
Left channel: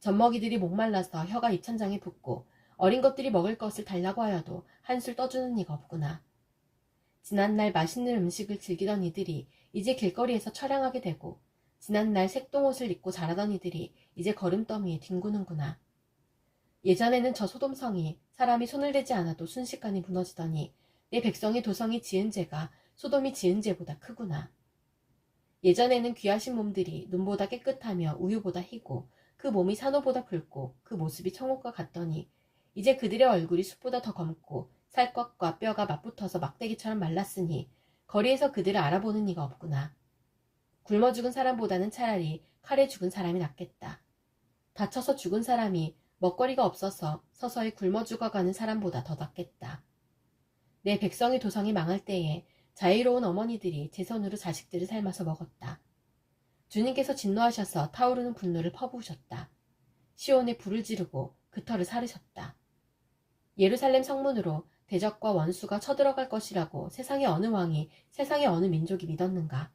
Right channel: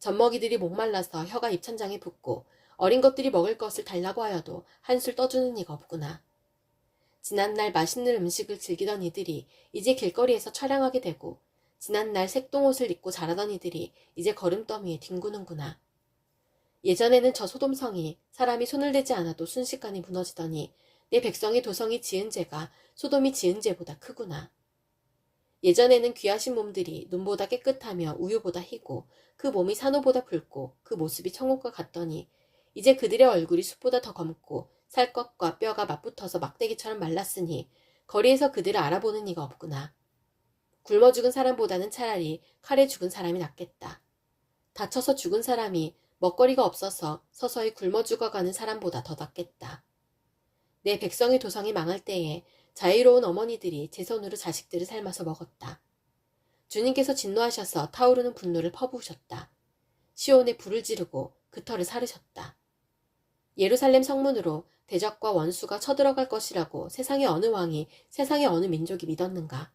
젖먹이들이 목말라서 혀가 입천장에 붙고 어린 것들이 먹을 것을 달라고 하여도 한술 떠주는 이가 없구나. 지난날 맛있는 음식을 즐기던 이들이 이제 길거리에서 처량하게 되고 지난날 색동옷을 입고 자라던 이들이 이제 걸음더미에 뒹구는구나. 예전에는 저 소돔성이 사람이 손을 대지 않아도 순식간에 무너지더니 내 백성의 도성이 지은 죄가 소돔이 지은 죄보다 크구나. 예전에는 귀하신 몸들이 눈보다 깨끗하며 우유보다 희고 그 몸이 산호보다 붉고 그 모습이 천국과 같더니 이제 그들의 얼굴이 숲보다 더 검고 살갗과 뼈가 맞붙어서 막대기처럼 말랐으니 거리에서 그들을 알아보는 이가 없구나. 굶어 죽은 사람보다는 차라리 칼에 죽은 사람이 낫겠다. 다쳐서 죽은 사람이 먹거리가 없어서 서서히 굶어 죽어가는 사람보다 더 낫겠다. 내 백성의 도성이 망할 때에 자유로운 어머니들이 제 손으로 자식들을 삶아서 먹었다. 주님께서 진노하셔서 타오르는 분노를 퍼부으셨다. 시온에 불을 지르고 그 터를 사르셨다. 예루살렘 성문으로 대적과 원수가 쳐들어갈 것이라고 세상의 어느 왕이 세상의 어느 민족이 믿었는가.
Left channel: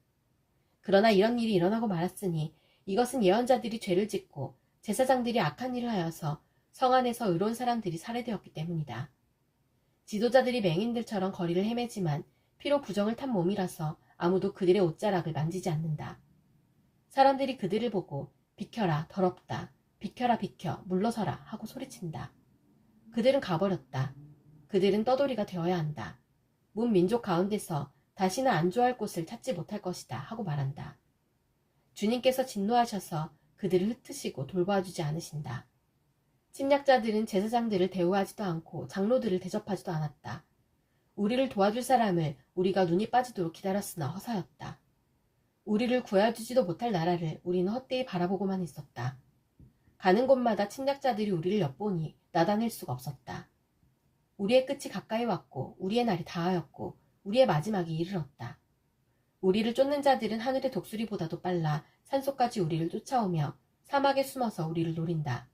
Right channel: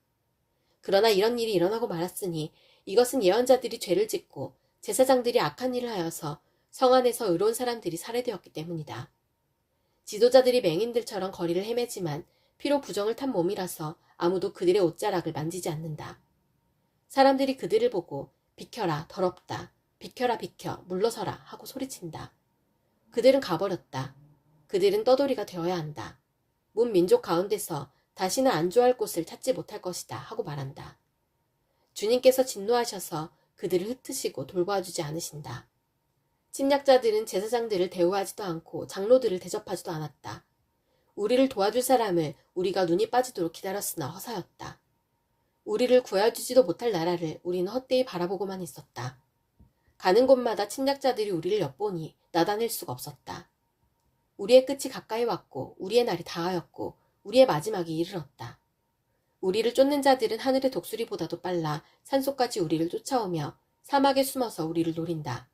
그러나 이런 일이 일어나고 말았으니 이것은 예언자들이 죄를 짓고 제사장들이 악한 일을 하여서 성 안에서 의로운 사람들이 살해되었기 때문이다. 지도자들이 맹인들처럼 거리를 헤매지만 피로 부정을 탄 몸이라서 아무도 그들의 옷자락을 만지지 않는다. 사람들이 그들을 보고 비켜라 더럽다 비켜라 비켜 물러서라 하고 소리친다. 그들은 가버렸다. 그들은 떠돌이가 되어야 한다. 문 민족 가운데서 다시는 안주할 곳을 찾지 못할 것이다 하고 말한다. 주님께서 진노하셔서 그들을 흩으시고 돌보아주지 않으신다. 침략자들은 제사장들을 대우하지도 않고 장로들을 대접하지도 않았다. 우리를 도와줄 사람을 우리가 눈이 빠지도록 기다렸으나 허사였다. 우리를 구해주지도 못할 나라를 우리는 헛되이 바라보고만 있었다. 가는 곳마다 침략자들이 우리를 엿보니 나다낼 수가 없었다. 우리의 끝이 가까이 왔고 우리의 날이 다하였고 우리의 마지막이 이르렀다. 우리를 쫓는 자들은 하늘의 독수리보다도 빨라 산속까지 우리를 쫓아오며 사막에 숨어서 우리를 노린다.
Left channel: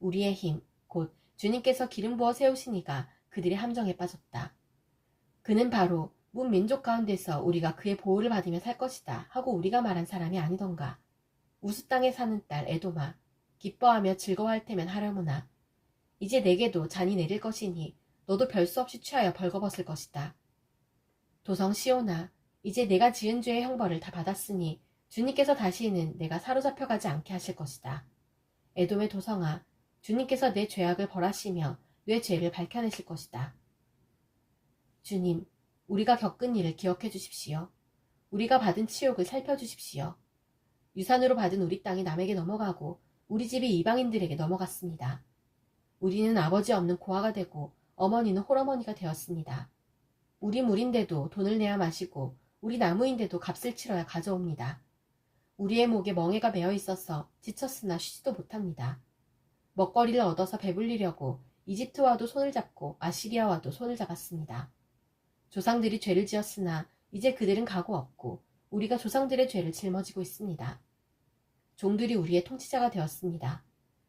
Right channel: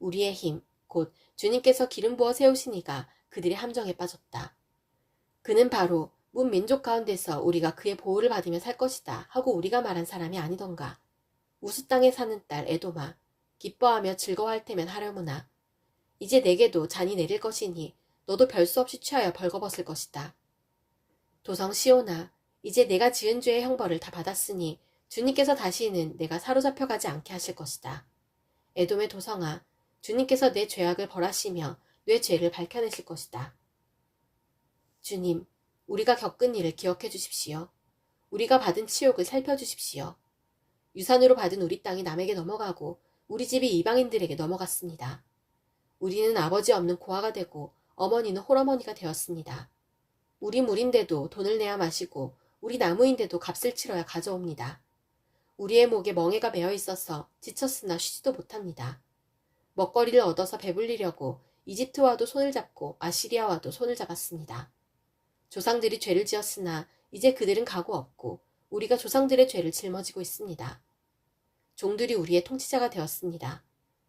우리의 힘, 곧 주님께서 기름 부어 세우신 이가 그들의 함정에 빠졌다. 그는 바로 문 민족 가운데서 우리가 그의 보호를 받으며 살 것이다 하고 우리가 말한 사람이 아니던가. 우스 땅에 사는 딸 에도마, 기뻐하며 즐거워할 테면 하려무나. 이제 내게도 잔이 내릴 것이니 너도 별 수 없이 취하여 벌거벗을 것이다. 도성 시온아, 이제 내가 지은 죄의 형벌을 다 받았으니 주님께서 다시는 내가 사로잡혀가지 않게 하실 것이다. 에돔의 도성아, 주님께서 내 죄악을 벌하시며 내 죄를 밝혀내실 것이다. 주님, 우리가 겪은 일을 기억해 주십시오. 우리가 받은 치욕을 살펴주십시오. 유산으로 받은 우리 땅이 남에게 넘어가고 우리 집이 이방인들에게 넘어갔습니다. 우리는 아버지 없는 고아가 되고 어머니는 홀어머니가 되었습니다. 우리 물인데도 돈을 내야 마시고 우리 나무인데도 값을 치러야 가져옵니다. 우리의 목에 멍에가 매어 있어서 지쳤으나 쉬지도 못합니다. 먹거리를 얻어서 배불리려고 이집트와도 손을 잡고 아시리아와도 손을 잡았습니다. 조상들이 죄를 지었으나 이제 그들은 가고 없고 우리가 조상들의 죄를 짊어지고 있습니다. 종들이 우리의 통치자가 되었습니다.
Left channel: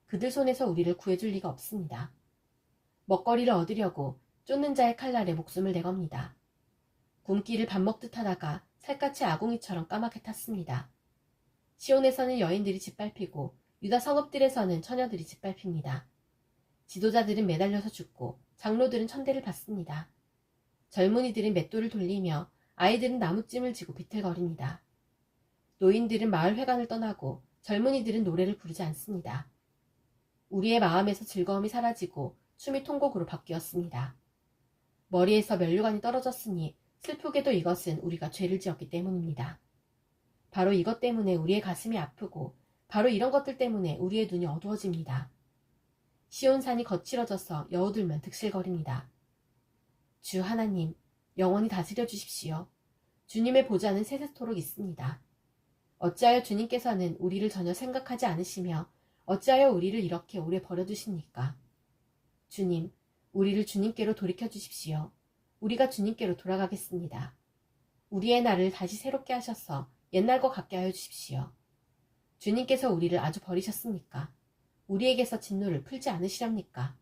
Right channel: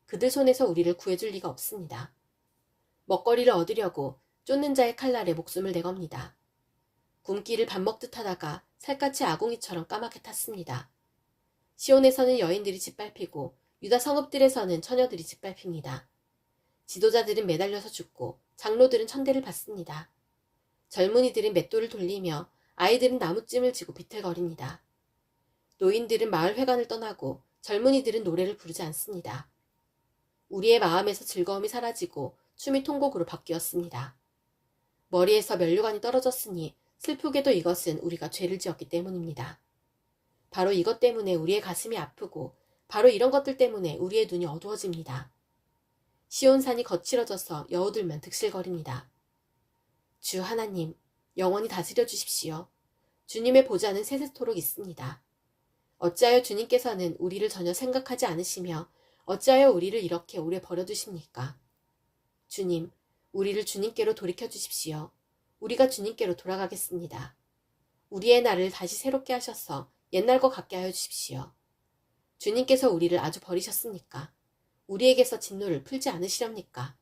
그들 손에서 우리를 구해줄 리가 없습니다. 먹거리를 얻으려고 쫓는 자의 칼날에 목숨을 내겁니다. 굶기를 밥 먹듯 하다가 살갗이 아궁이처럼 까맣게 탔습니다. 시온에서는 여인들이 짓밟히고 유다 성읍들에서는 처녀들이 짓밟힙니다. 지도자들은 매달려서 죽고 장로들은 천대를 받습니다. 젊은이들은 맷돌을 돌리며 아이들은 나무찜을 쥐고 비틀거립니다. 노인들은 마을 회관을 떠나고 젊은이들은 노래를 부르지 않습니다. 우리의 마음에서 즐거움이 사라지고 숨이 통곡으로 바뀌었습니다. 머리에서 면류관이 떨어졌으니 슬프게도 이것은 우리가 죄를 지었기 때문입니다. 바로 이것 때문에 우리의 가슴이 아프고 바로 이런 것들 때문에 우리의 눈이 어두워집니다. 시온산이 거칠어져서 여우들면 득실거립니다. 주 하나님, 영원히 다스려 주십시오. 주님의 보좌는 세세토록 있습니다. 어찌하여 주님께서는 우리를 전혀 생각하지 않으시며 어찌하여 우리를 이렇게 오래 버려두십니까? 주님, 우리를 주님께로 돌이켜 주십시오. 우리가 주님께로 돌아가겠습니다. 우리의 날을 다시 새롭게 하셔서 옛날과 같게 하여 주십시오. 주님께서 우리를 아주 버리셨습니까? 우리에게서 진노를 풀지 않으시렵니까?